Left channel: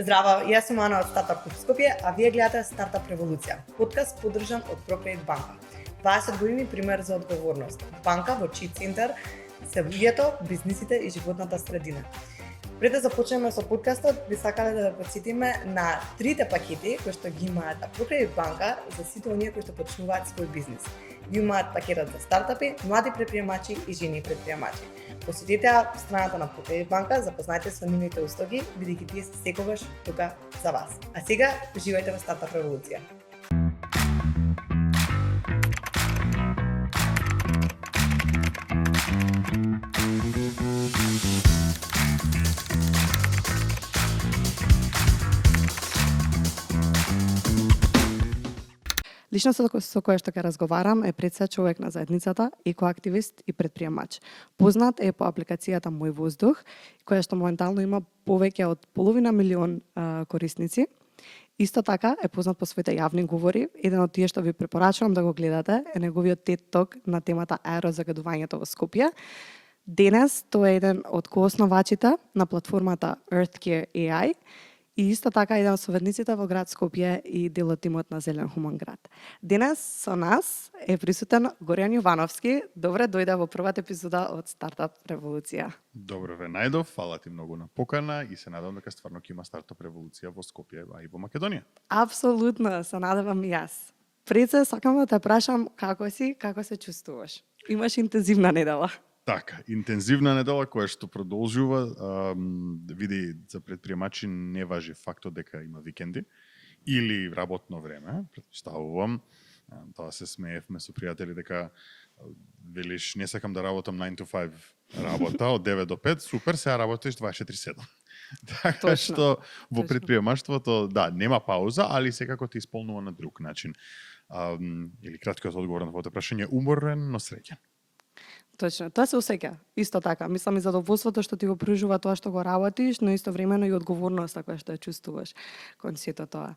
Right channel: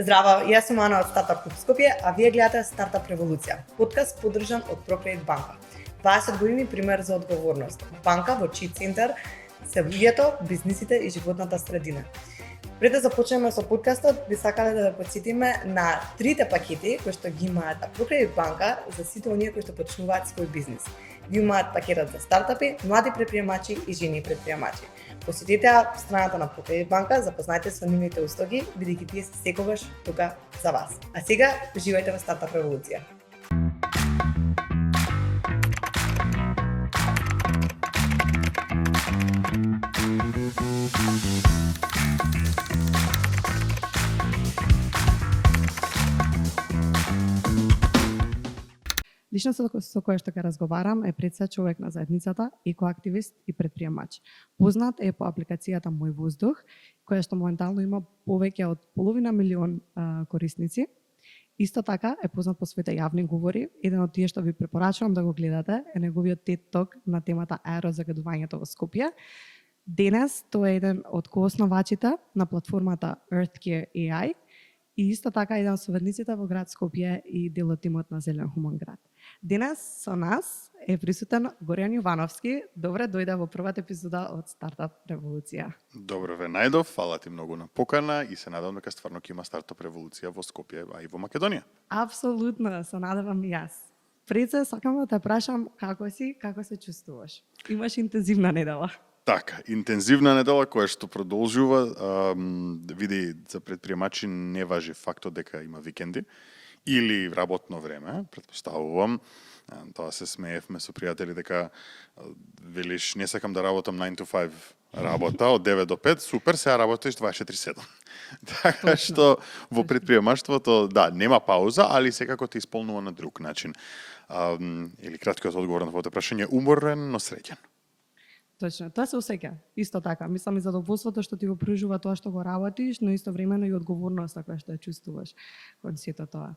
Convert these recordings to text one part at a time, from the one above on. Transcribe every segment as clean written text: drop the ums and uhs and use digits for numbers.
Здраво, јас сум Ана од Стартап Клуб Скопје, а вие гледате Стартап Револуција, подкаст поддржан од ProCredit банка. 20 години пример за одговорност. Банка во чиј центар се луѓето, бизнисите и животната средина. Пред да започнеме со подкастот, би сакале да ве потсетиме на трите пакети кои што ги имаат ProCredit банка за сите оние кои што почнуваат свој бизнис. Ги имаат пакетот за стартапи, млади предприемачи и жени предприемачи. Посетете страната на ProCredit банка, запознајте со нивните услуги, бидејќи тие се секогаш тука за вас. А сега, уживајте во Стартап Револуција. Личноста со која што ќе разговарам е пред се човек на заедницата, екоактивист и предприемач. Познат е по апликацијата Мој воздух, која што моментално има повеќе од 500.000 корисници. Исто така е познат по своите јавни говори. Еден од тие што ви препорачувам да го гледате е неговиот TED Talk на темата аерозагадувањето во Скопје. Денес тој е еден од коосновачите на платформата EarthCare AI. И исто така еден од советниците во град Скопје и дел од тимот на Зелен Хуман град. Денес со нас е присутен Горијан Јовановски. Добре дојде во првата епизода од Стартап Револуција. Добро ве најдов, фала ти многу на покана и се надевам дека стварно ќе има Стартап Револуција во Скопје, а и во Македонија. Апсолутно, се надевам и јас. Пред се сакам да те прашам како си, како се чувствуваш? Имаш интензивна недела. Така, интензивна недела која што продолжува, види за предприемачи не важи фактот дека има викенди или работно време, претпоставувам. Тоа се смеевме со пријатели дека велиш не сакам да работам 9 to 5 работа од 9 до 5, супер, сега работиш 24/7. Така што во предприемаштвото, да, нема пауза, али секако те исполнува на друг начин. Или краткиот одговор на твоето прашање, уморен, но среќен. Точно, тоа се осеќа. Исто така, мислам и задоволството што ти го пружува тоа што го работиш, но истовремено и одговорноста која што ја чувствуваш кон сето тоа.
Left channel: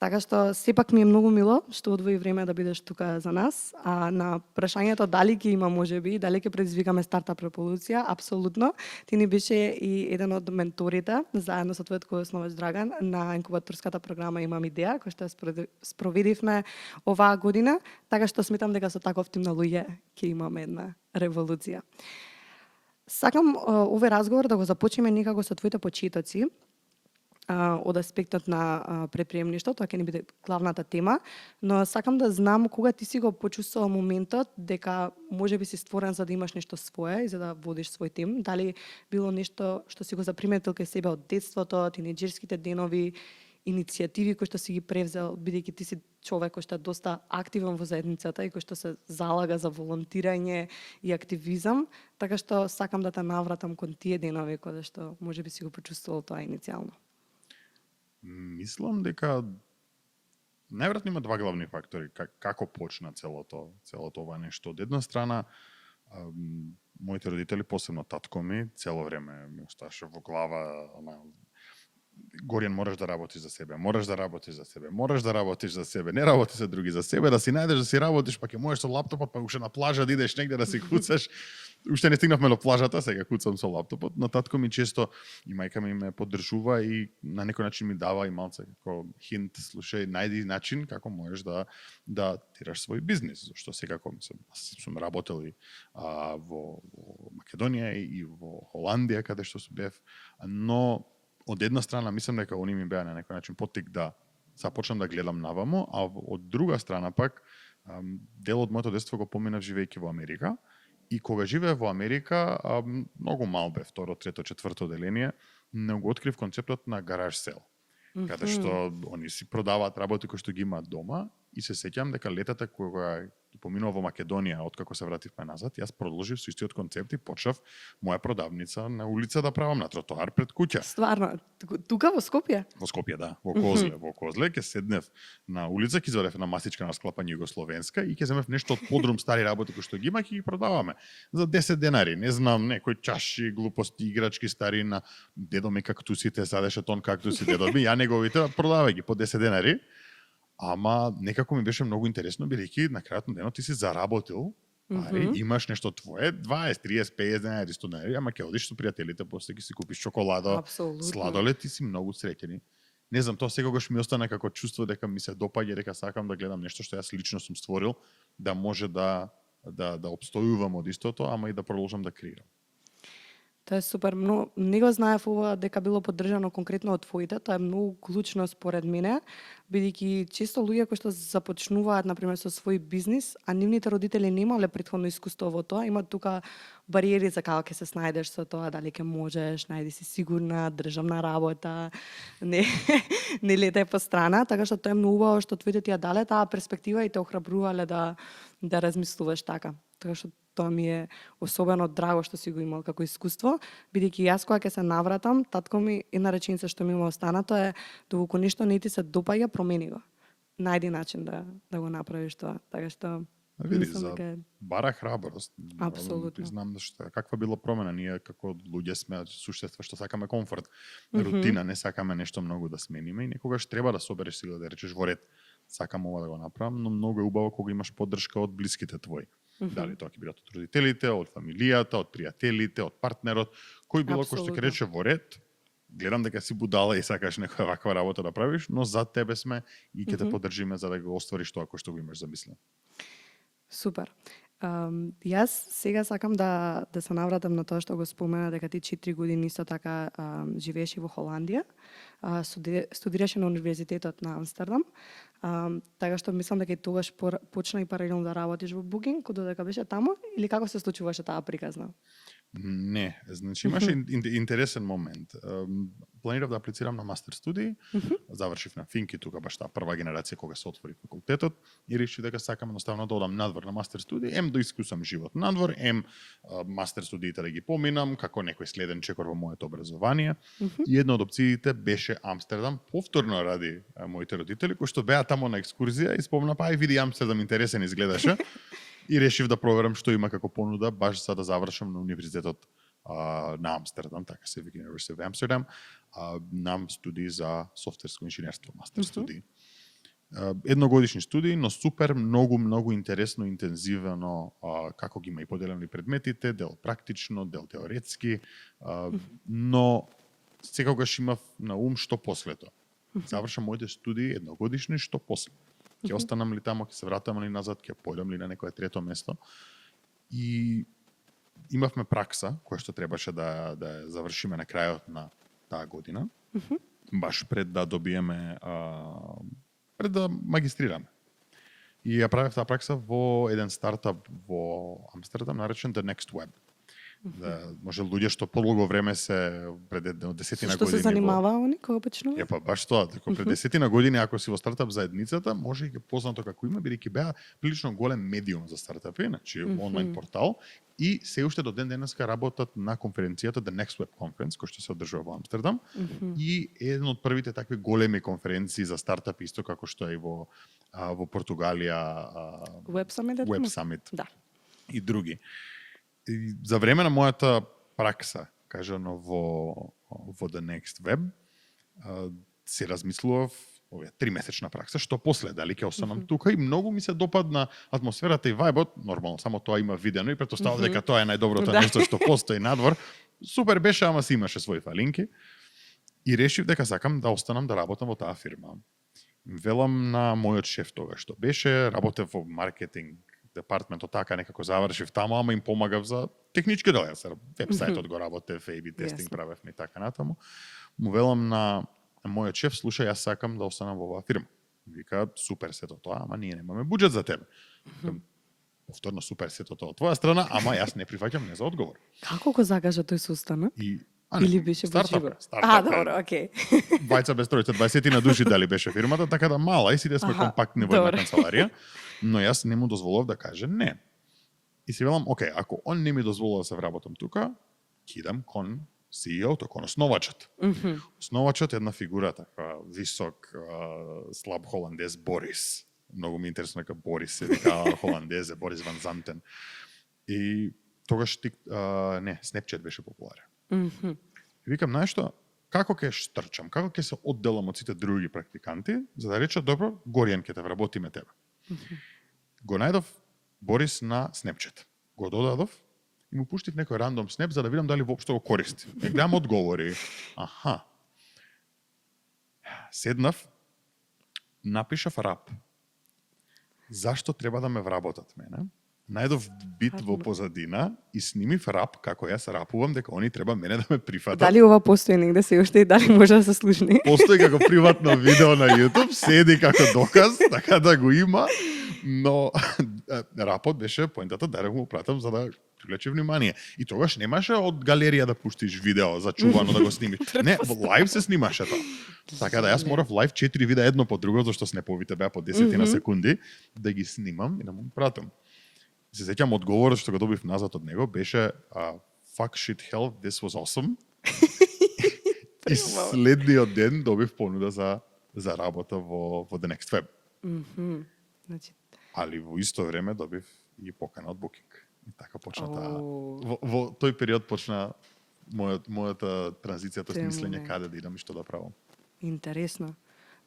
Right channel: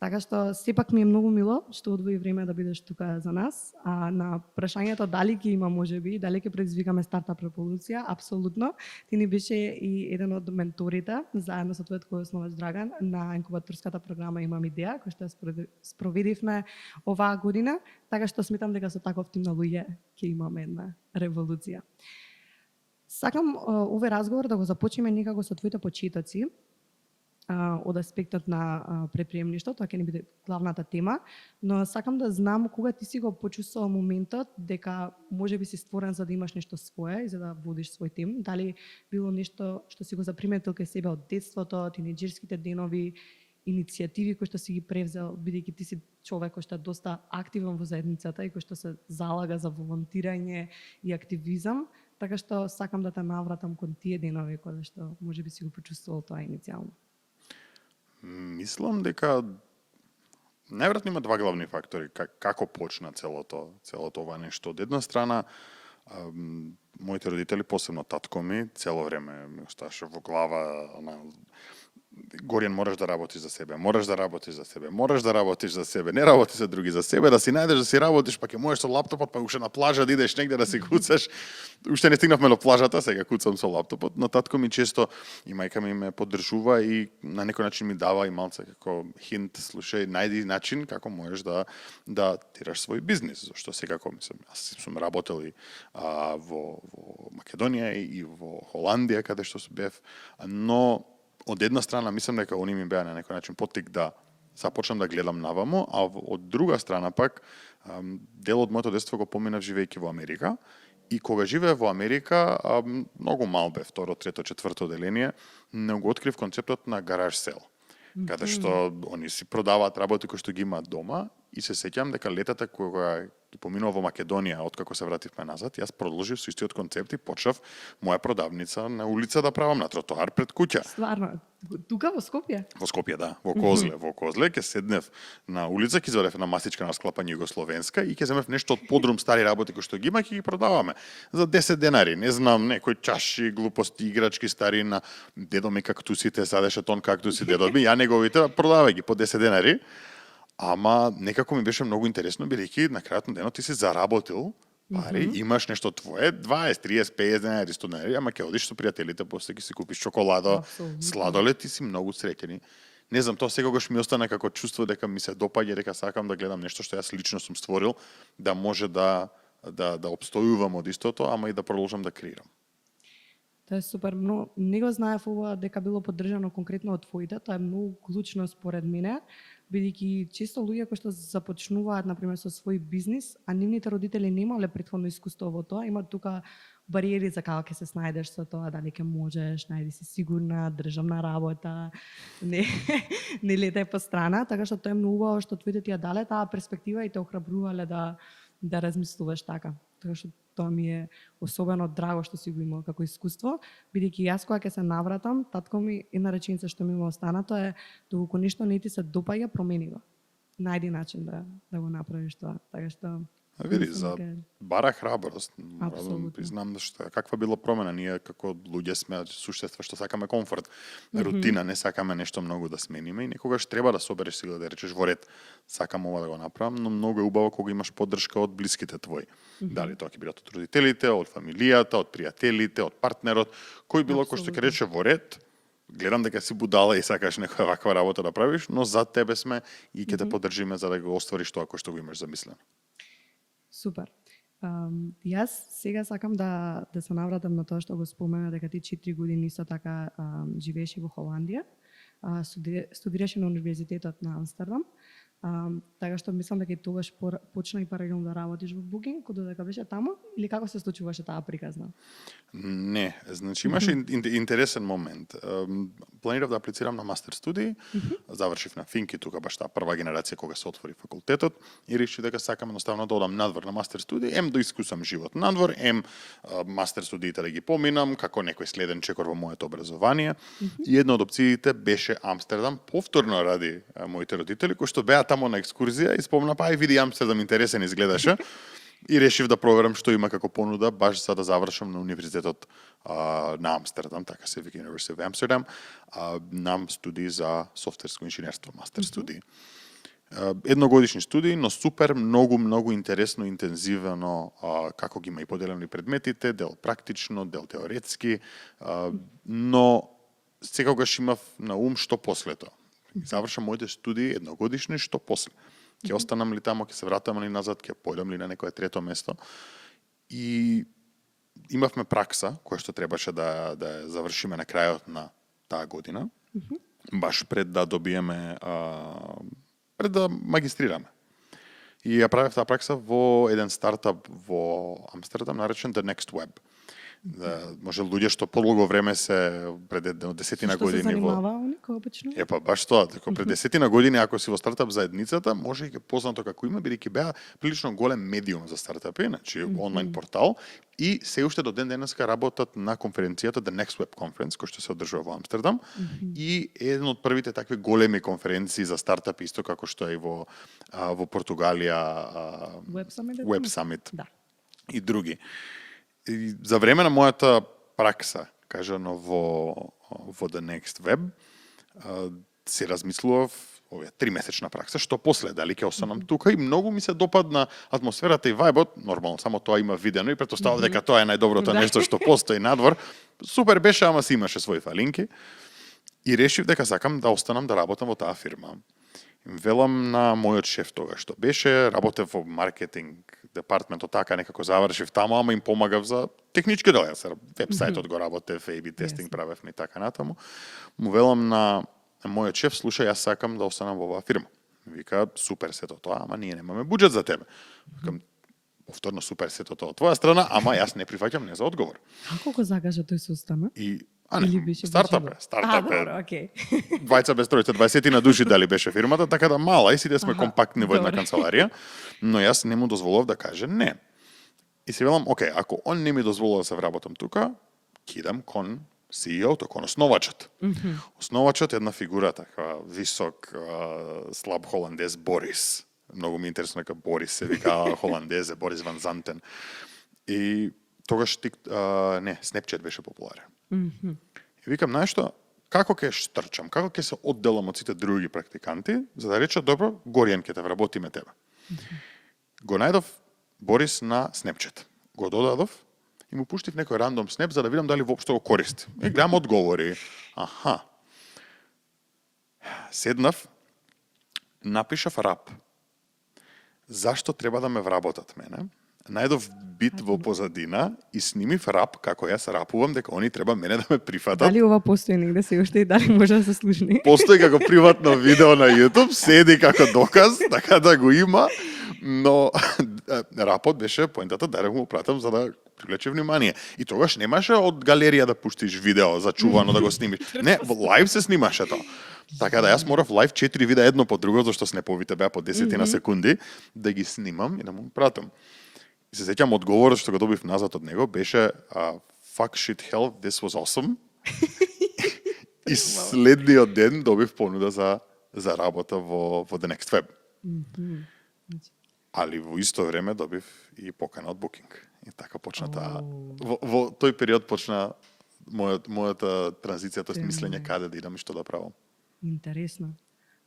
Така што сепак ми е многу мило што одвои време да бидеш тука за нас. А на прашањето дали ќе има можеби, дали ќе предизвикаме Стартап Револуција, апсолутно. Ти ни беше и еден од менторите, заедно со твојот коосновач Драган, на инкубаторската програма Имам идеја, која што спроведивме оваа година, така што сметам дека со таков тим на луѓе ќе имаме една револуција. Сакам овој разговор да го започнеме некако со твоите почетоци, од аспектот на предприемништво, тоа ќе ни биде главната тема, но сакам да знам кога ти си го почувствувал моментот дека можеби си створен за да имаш нешто свое и за да водиш свој тим, дали било нешто што си го заприметил кај себе од детството, тинеџерските денови, иницијативи кои што си ги превзел, бидејќи ти си човек кој што е доста активен во заедницата и кој што се залага за волонтирање и активизам, така што сакам да те навратам кон тие денови кога што можеби си го почувствувал тоа иницијално. Мислам дека најверојатно има два главни фактори како почна целото ова нешто. Од една страна, моите родители, посебно татко ми, цело време ми оставаше во глава Горијан, мораш да работиш за себе, мораш да работиш за себе, мораш да работиш за себе, не работи за други, за себе, да си најдеш да си работиш, па ќе можеш со лаптопот, па уште на плажа да идеш негде да си куцаш. Уште не стигнавме до плажата, сега куцам со лаптопот, но татко ми често и мајка ми ме поддржува и на некој начин ми дава и малце како хинт, слушај, најди начин како можеш да тираш свој бизнис, зашто секако мислам, јас сум работел и во Македонија и во Холандија каде што бев, но од една страна мислам дека они ми беа на некој начин поттик да започнам да гледам навамо, а од друга страна пак дел од моето детство го поминав живејќи во Америка и кога живеев во Америка, многу мал бев, второ, трето, четврто деление, не го открив концептот на гараж сел, каде што они си продаваат работи кои што ги имаат дома и се сеќам дека летата кога поминува во Македонија, откако се вративме назад, јас продолжив со истиот концепт и почнав моја продавница на улица да правам на тротоар пред куќа. Стварно, тука во Скопје? Во Скопје, да, во Козле. Во Козле ќе седнев на улица, ќе извадев една масичка на склапање југословенска и ќе земев нешто од подрум стари работи кои што ги има, ќе ги продаваме за 10 денари. Не знам, некои чаши, глупости, играчки стари на дедо ми кактусите, садеше тон кактуси дедо ми, ја неговите продавај ги по 10 денари. Ама некако ми беше многу интересно, бидејќи на крајот на денот ти си заработил пари, имаш нешто твое, 20, 30, 50 денари, 100 денари, ама ќе одиш со пријателите, после ќе си купиш чоколадо, Апсолутно. сладолед и си многу среќен. Не знам, тоа секогаш ми остана како чувство дека ми се допаѓа, дека сакам да гледам нешто што јас лично сум створил, да може да обстојувам од истото, ама и да продолжам да креирам. Тоа е супер, но не го знаев ова дека било поддржано конкретно од твоите, тоа е многу клучно според мене, бидејќи често луѓе кои што започнуваат например со свој бизнис, а нивните родители немале претходно искуство во тоа, имаат тука бариери за како ќе се снајдеш со тоа, дали ќе можеш, најди си сигурна, државна работа, не не летај по страна, така што тоа е многу убаво што твоите ти ја дале таа перспектива и те охрабрувале да размислуваш така. Така што тоа ми е особено драго што си го имал како искуство, бидејќи јас кога ќе се навратам, татко ми една реченица што ми има останато е доколку нешто не ти се допаѓа, промени го. Најди начин да го направиш тоа. Така што Види, мислам за дека е- бара храброст. Апсолутно. Признам што каква била промена, ние како луѓе сме суштества што сакаме комфорт, рутина, не сакаме нешто многу да смениме и некогаш треба да собереш сила да речеш во ред, сакам ова да го направам, но многу е убаво кога имаш поддршка од блиските твои. Дали тоа ќе бидат од родителите, од фамилијата, од пријателите, од партнерот, кој било кој што ќе Апсолутно. рече во ред, гледам дека си будала и сакаш некоја ваква работа да правиш, но за тебе сме и ќе те поддржиме за да го оствариш тоа кој што го имаш замислено. Супер. Јас сега сакам да се навратам на тоа што го спомена дека ти 4 години исто така живееш во Холандија, студираше на Универзитетот на Амстердам, така што мислам дека и тогаш почна и паралелно да работиш во Booking, додека беше таму, или како се случуваше таа приказна? Не, значи имаше интересен момент. Планирав да аплицирам на мастер студии, завршив на Финки, тука баш таа прва генерација кога се отвори факултетот и решив дека сакам едноставно да одам надвор на мастер студии, да искусам живот надвор, мастер студиите да ги поминам како некој следен чекор во моето образование. И една од опциите беше Амстердам, повторно ради моите родители кои што беа таму на екскурзија и спомна па ај види Амстердам интересен изгледаше. И решив да проверам што има како понуда баш за да завршам на Универзитетот на Амстердам, така се вика University of Amsterdam, на студии за софтверско инженерство, мастер студии. Едногодишни студии, но супер, многу интересно, интензивно, како ги има и поделени предметите, дел практично, дел теоретски, но секогаш имав на ум што после тоа. Завршам моите студии едногодишни, што после. Ќе останам ли тамо, ќе се вратам ли назад, ќе појдам ли на некое трето место. И имавме пракса, која што требаше да ја завршиме на крајот на таа година, баш пред да добиеме, пред да магистрираме. И ја правев таа пракса во еден стартап во Амстердам, наречен The Next Web. Да, може луѓе што подолго време се пред десетина Што години се занимава они кога почнува? Епа баш тоа, дека пред десетина години ако си во стартап заедницата, може и ке познато како има, бидејќи беа прилично голем медиум за стартапи, значи онлайн портал и се уште до ден денеска работат на конференцијата The Next Web Conference, која што се одржува во Амстердам и еден од првите такви големи конференции за стартапи исто како што е и во Португалија Web Summit? Web Summit Да. и други. И за време на мојата пракса, кажано во The Next Web, се размислував овие 3-месечна пракса, што после, дали ќе останам тука и многу ми се допадна атмосферата и вајбот, нормално, само тоа има видено и претпоставав дека тоа е најдоброто Да. нешто што постои надвор. Супер беше, ама си имаше своји фалинки. И решив дека сакам да останам да работам во таа фирма. Велам на мојот шеф тогаш што беше, работев во маркетинг департментот, така некако завршив таму, ама им помагав за технички дел. Јас вебсајтот го работев, A/B тестинг Јасно. правевме и така натаму. Му велам на мојот шеф, слушај, јас сакам да останам во оваа фирма. Вика, супер сето тоа, ама ние немаме буџет за тебе. Викам, повторно супер сето тоа од твоја страна, ама јас не прифаќам не за одговор. Како го закажа тој состана? И Или беше стартап во е, живо? стартап е. добро, окей. Двајца без тројца, 20 на души дали беше фирмата, така да мала и сите сме Аха, компактни во една добро. канцеларија, но јас не му дозволов да каже не. И се велам, окей, ако он не ми дозволува да се вработам тука, кидам кон CEO-то, кон основачот. Основачот е една фигура така висок, слаб холандез Борис. Многу ми е интересно дека Борис се вика холандезе, Борис Ван Зантен. И тогаш Snapchat беше популарен. И викам, знаеш што, како ќе штрчам, како ќе се одделам од сите други практиканти, за да рече, добро, Горијан ќе те вработиме тебе. Го најдов Борис на Snapchat. Го додадов и му пуштив некој рандом снеп за да видам дали воопшто го користи. И гледам одговори. Аха. Седнав, напишав рап. Зашто треба да ме вработат мене? Најдов бит во позадина и снимив рап како јас рапувам дека они треба мене да ме прифатат. Дали ова постои негде се уште и дали може да се слушне? Постои како приватно видео на YouTube, седи како доказ, така да го има, но рапот беше поентата да го пратам за да привлече внимание. И тогаш немаше од галерија да пуштиш видео зачувано да го снимиш. Не, во лайв се снимаше тоа. Така да јас морав лайв 4 видеа едно по друго, зашто снеповите беа по 10 на секунди, да ги снимам и да му пратам. И се сеќам одговорот што го добив назад од него беше fuck shit hell, this was awesome. И следниот ден добив понуда за работа во The Next Web. Значи, Али во исто време добив и покана од Booking. И така почна таа. Во тој период почна мојата транзиција, тоест мислење каде да идам и што да правам. интересно.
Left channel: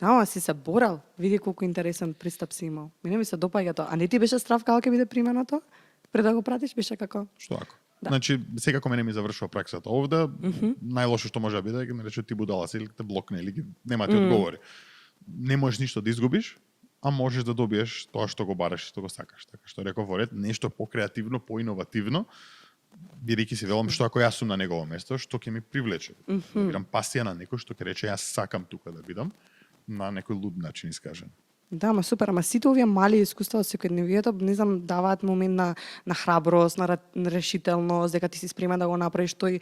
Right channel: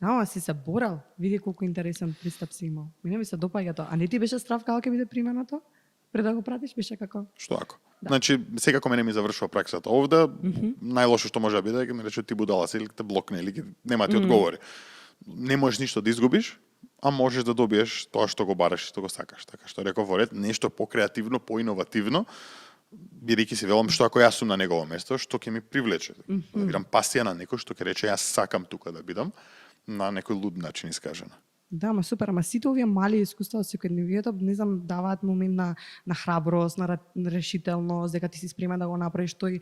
Да, ама си се борал. Види колку интересен пристап си имал. Мене ми се допаѓа тоа. А не ти беше страв како ќе биде примено тоа? Пред да го пратиш беше како? Што ако? Да. Значи, секако мене ми завршува праксата овде, најлошо што може да биде е ме рече ти будала си или те блокне или нема ти одговори. Не можеш ништо да изгубиш, а можеш да добиеш тоа што го бараш и што го сакаш. Така што реков во ред, нешто покреативно, поиновативно, бидејќи си велам што ако јас сум на негово место, што ќе ми привлече. Да видам пасија на некој што ќе рече јас сакам тука да бидам, на некој луд начин искажена. Да, ма супер, ама сите овие мали искуства од секојдневието, не знам, даваат момент на храброст, на решителност, дека ти си спремен да го направиш тој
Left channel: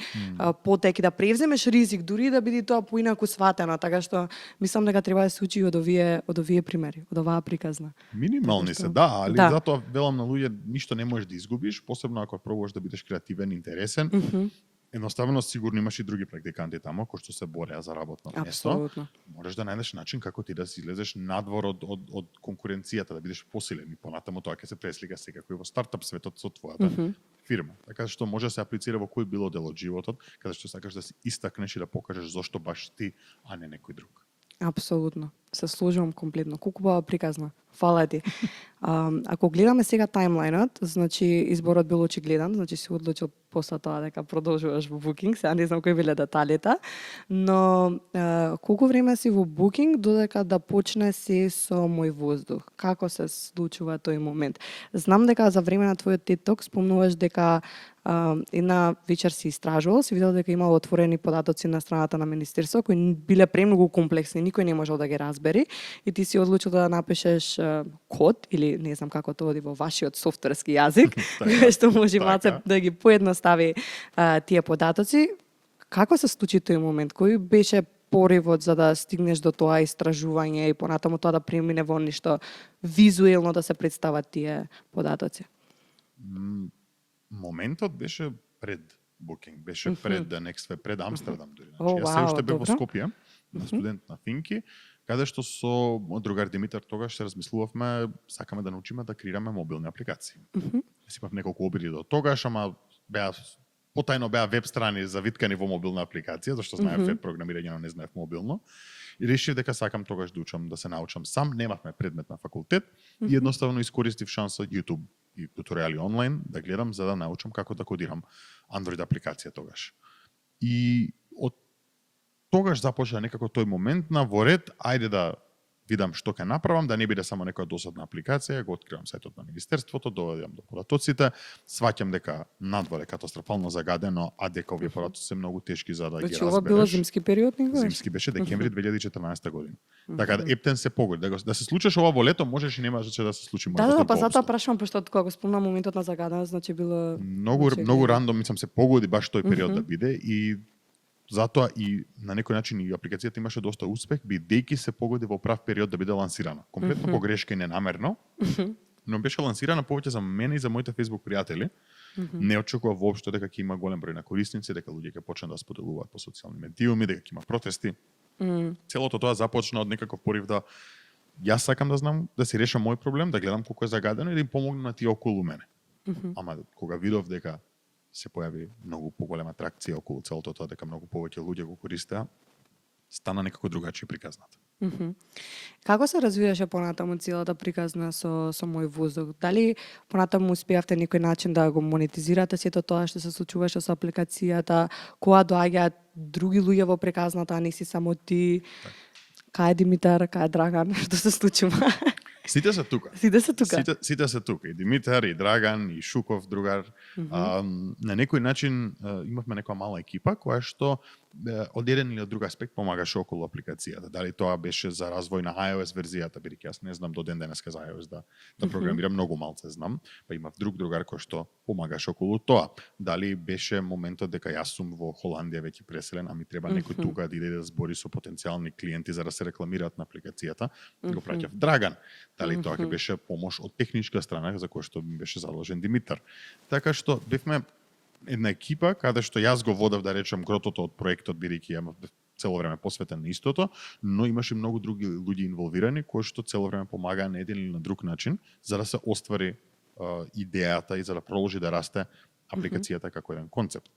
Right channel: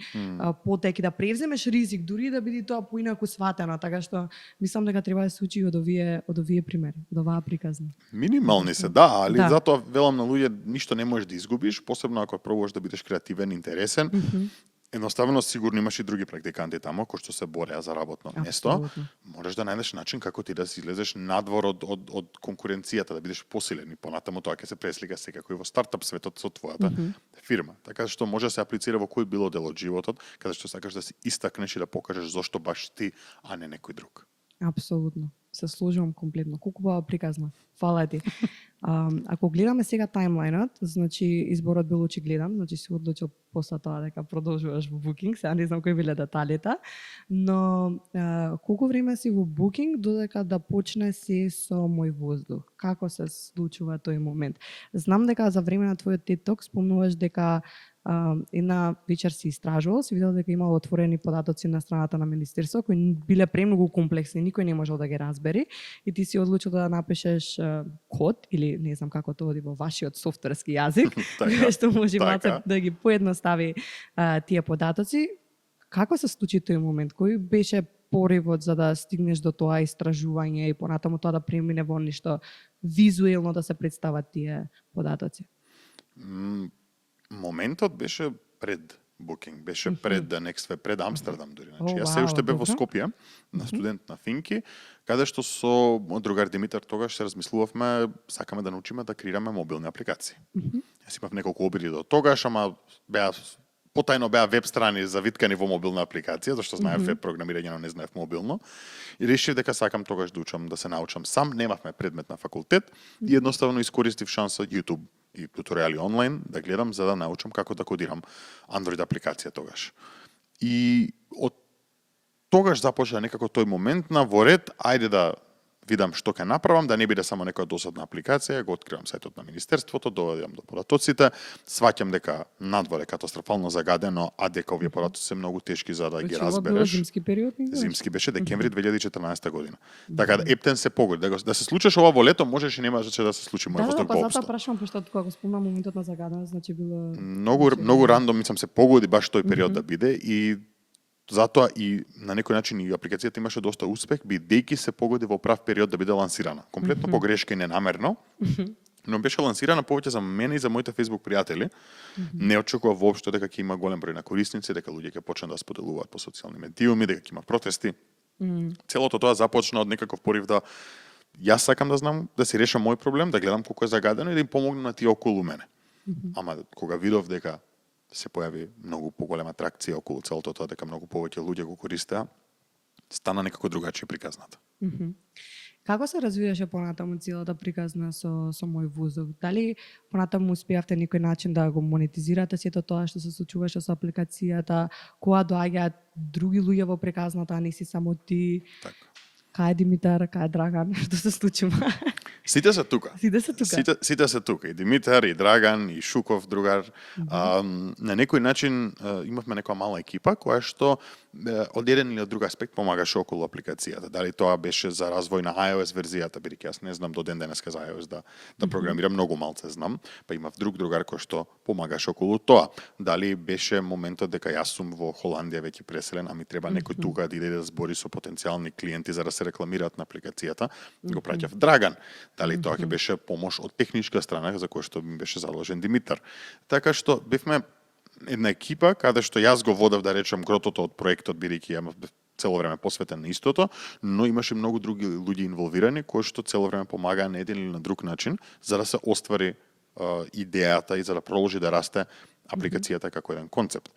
потек и да превземеш ризик, дури да биде тоа поинаку сватено, така што мислам дека треба да се учи од овие примери, од оваа приказна. Минимални се, да, али Да. затоа велам на луѓе, ништо не можеш да изгубиш, посебно ако пробуваш да бидеш креативен, интересен. Едноставно сигурно имаш и други практиканти тамо кои што се бореа за работно место. Апсолутно. Можеш да најдеш начин како ти да си излезеш надвор од конкуренцијата, да бидеш посилен и понатаму тоа ќе се преслика секако и во стартап светот со твојата фирма. Така што може да се аплицира во кој било дел од животот, каде што сакаш да се истакнеш и да покажеш зошто баш ти, а не некој друг. Апсолутно. Се сложувам комплетно. Колку бава приказна. Фала ти. Ако гледаме сега таймлајнот, значи изборот бил очигледен, значи си одлучил после тоа дека продолжуваш во Booking, сега не знам кои биле деталите, но колку време си во Booking додека да почне се со Мој воздух? Како се случува тој момент? Знам дека за време на твојот TED Talk спомнуваш дека една вечер си истражувал, си видел дека имало отворени податоци на страната на Министерство кои биле премногу комплексни, никој не можел да ги разбери и ти си одлучил да напишеш код или не знам како тоа оди во вашиот софтверски јазик, што може малце да ги поедностави тие податоци. Како се случи тој момент? Кој беше поривот за да стигнеш до тоа истражување и понатаму тоа да премине во нешто визуелно да се представат тие податоци? Моментот беше пред Booking, беше пред The Next Web, пред Амстердам дури. Значи, О, јас се уште бев во добро. Скопје, на студент на Финки, каде што со мој другар Димитар тогаш се размислувавме, сакаме да научиме да креираме мобилни апликации. Јас имав неколку обиди до тогаш, ама потајно беа веб страни завиткани во мобилна апликација, зашто знаев веб програмирање, но не знаев мобилно. И решив дека сакам тогаш да учам, да се научам сам. Немавме предмет на факултет и едноставно искористив шанса YouTube и туторијали онлайн да гледам за да научам како да кодирам Android апликација тогаш. И од тогаш започна некако тој момент на во ред, ајде да видам што ќе направам, да не биде само некоја досадна апликација, го откривам сајтот на Министерството, доведам до податоците, сваќам дека надвор е катастрофално загадено, а дека овие податоци се многу тешки за да ги Значи ова било разбереш. зимски период, не Зимски беше декември 2014 година. Така да ептен се погоди. Да се случиш ова во лето, можеш и немаше да се случи Да, мојот да, па затоа поопшто. прашувам, пошто кога го спомна моментот на загаденост, значи било... Многу рандом мислам се погоди баш тој период да биде и затоа и на некој начин и апликацијата имаше доста успех, бидејќи се погоди во прав период да биде лансирана. Комплетно погрешка и ненамерно, но беше лансирана повеќе за мене и за моите Facebook пријатели. Не очекував воопшто дека ќе има голем број на корисници, дека луѓе ќе почнат да споделуваат по социјални медиуми, дека ќе има протести. Целото тоа започна од некаков порив да јас сакам да знам, да си решам мој проблем, да гледам колку е загадено и да им помогнам на тие околу мене. Ама кога видов дека се појави многу поголема атракција околу целото тоа, дека многу повеќе луѓе го користеа, стана некако другачи приказната. Како се развиваше понатаму целата приказна со мој воздух? Дали понатаму успеавте некој начин да го монетизирате сето тоа што се случуваше со апликацијата, кога доаѓаат други луѓе во приказната, а не си само ти? Така. Кај е Димитар, кај е Драган, што се случува? Сите се тука. Сите се тука. Сите се тука. И Димитар, и Драган, и Шуков, другар. На некој начин имавме некоја мала екипа која што од еден или од друг аспект помагаше околу апликацијата. Дали тоа беше за развој на iOS верзијата, бидејќи јас не знам до ден денеска за iOS да програмирам, многу малце знам, па имав друг другар кој што помагаше околу тоа. Дали беше моментот дека јас сум во Холандија веќе преселен, а ми треба некој тука да иде да збори со потенцијални клиенти за да се рекламираат на апликацијата, го праќав Драган. Дали тоа ќе беше помош од техничка страна за која што ми беше заложен Димитар. Така што бевме една екипа каде што јас го водев, да речем, гротото од проектот, бидејќи ја цело време посветен на истото, но имаше многу други луѓе инволвирани кои што цело време помагаа на еден или на друг начин за да се оствари идејата и за да продолжи да расте апликацијата како еден концепт.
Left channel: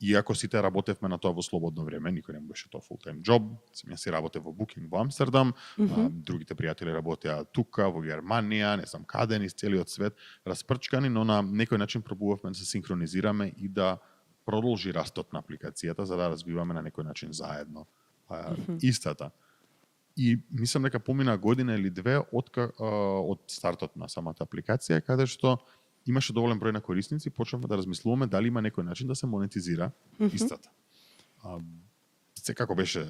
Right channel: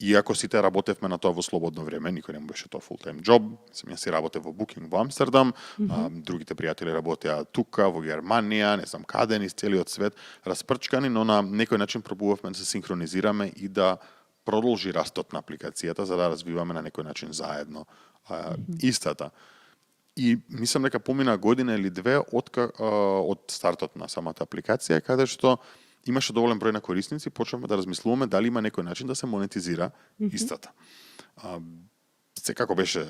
Иако сите работевме на тоа во слободно време, никој не беше тоа full-time job, сам јас си работев во Booking во Амстердам, другите пријатели работеа тука, во Германија, не знам каде, низ целиот свет, распрчкани, но на некој начин пробувавме да се синхронизираме и да продолжи растот на апликацијата, за да развиваме на некој начин заедно истата. И мислам дека помина година или две од стартот на самата апликација, каде што имаше доволен број на корисници, почнавме да размислуваме дали има некој начин да се монетизира истата. Секако беше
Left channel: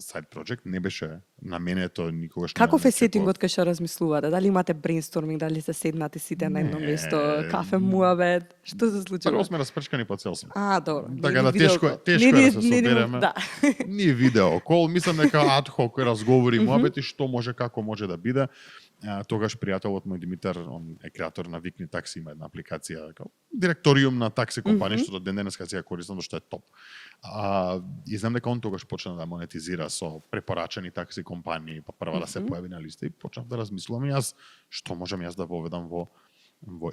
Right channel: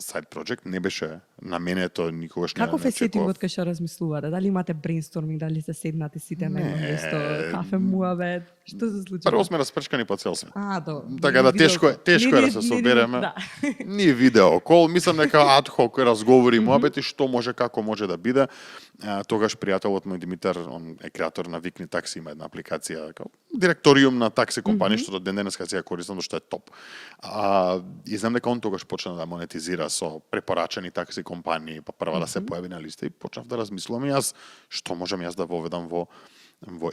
side project, не беше наменето никогаш. Каков е сетингот кај што размислувате? Дали имате брейнсторминг, дали се седнате сите на едно место, кафе муабет? Што се случува? Прво сме распрчкани по цел свет. Добро. Така да тешко е да се собереме. Да. Ние видео кол, мислам дека адхок разговори муабети што може како може да биде. Тогаш пријателот мој Димитар, он е креатор на Викни такси, има една апликација, директориум на такси компанија, што до ден денеска си ја користам, што е топ. И знам дека он тогаш почна да монетизира со препорачани такси компании, па прва да се појави на листа и почнав да размислувам јас што можам јас да воведам во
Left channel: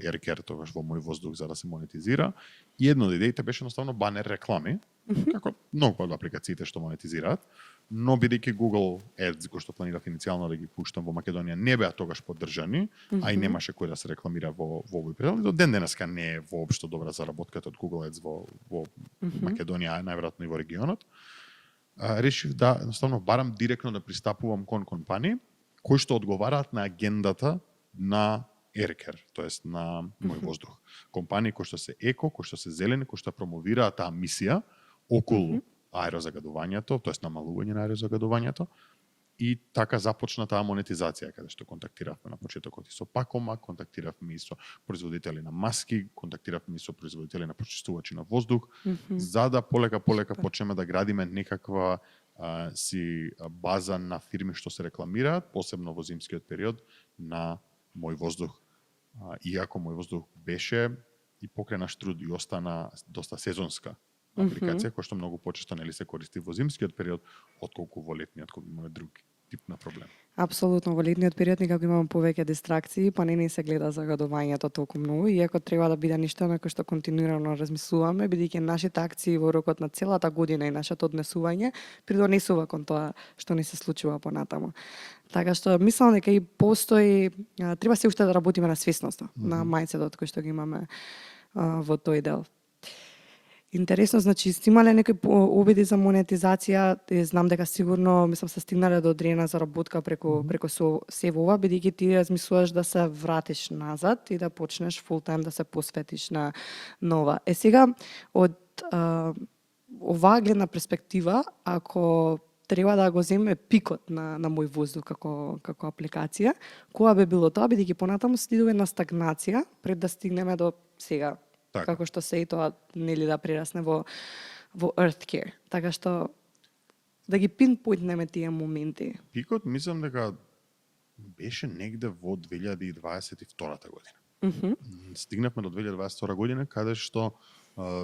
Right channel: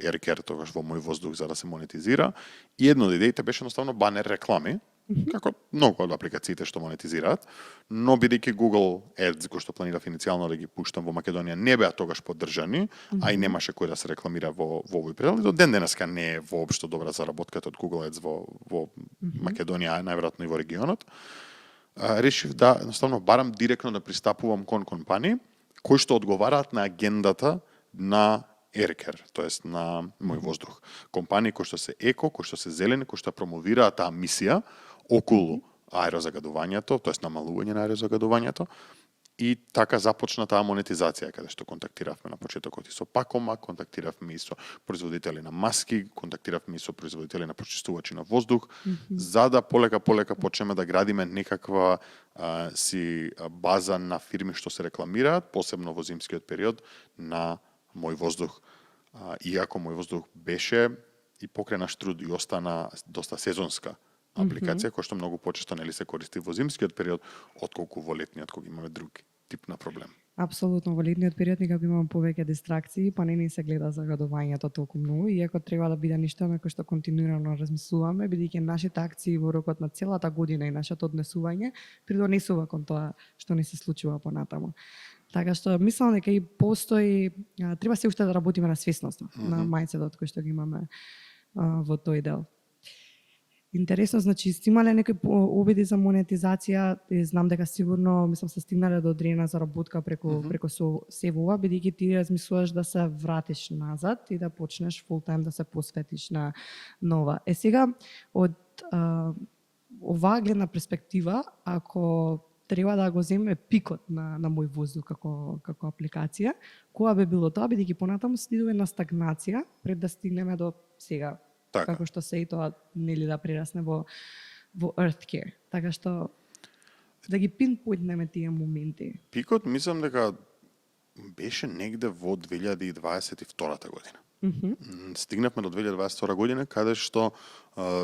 Aircare, тогаш во мој воздух за да се монетизира. И едно од идеите беше едноставно банер реклами, како многу од апликациите што монетизираат, но бидејќи Google Ads, кој што планирав иницијално да ги пуштам во Македонија, не беа тогаш поддржани, а и немаше кој да се рекламира во овој предел. До ден денеска не е воопшто добра заработката од Google Ads во Македонија, најверојатно и во регионот. Решив да едноставно барам директно да пристапувам кон компании кои што одговараат на агендата на Aircare, тоест на мој воздух. Компании кои што се еко, кои што се зелени, кои што промовираат таа мисија околу аерозагадувањето, тоест намалување на аерозагадувањето. И така започна таа монетизација, каде што контактиравме на почетокот и со Пакома, контактиравме и со производители на маски, контактиравме и со производители на прочистувачи на воздух, за да полека почнеме да градиме некаква си база на фирми што се рекламираат, посебно во зимскиот период на мој воздух. Иако мој воздух беше и покрај наш труд и остана доста сезонска апликација, која што многу почесто нели се користи во зимскиот период, отколку во летниот, кога имаме друг тип на проблем. Апсолутно, во летниот период никако имаме повеќе дистракции, па не се гледа загадувањето толку многу, иако треба да биде нешто на кој што континуирано размислуваме, бидејќи нашите акции во рокот на целата година и нашето однесување придонесува кон тоа што не се случува понатаму. Така што мислам дека и постои, треба се уште да работиме на свесноста, на мајндсетот кој што ги имаме во тој дел. Интересно, значи, сте имале некои обиди за монетизација, знам дека сигурно, мислам, се стигнале до одредена заработка преку се ова, бидејќи ти размислуваш да се вратиш назад и да почнеш фул тајм да се посветиш на нова. Сега, од оваа гледна перспектива, ако треба да го земе пикот на мој воздух како апликација, кога би било тоа, бидејќи понатаму следува една стагнација пред да стигнеме до сега. Така. Како што се и тоа нели да прерасне во Earthcare. Така што да ги пинпоинтнеме тие моменти. Пикот мислам дека беше негде во 2022 година. Стигнавме до 2022 година каде што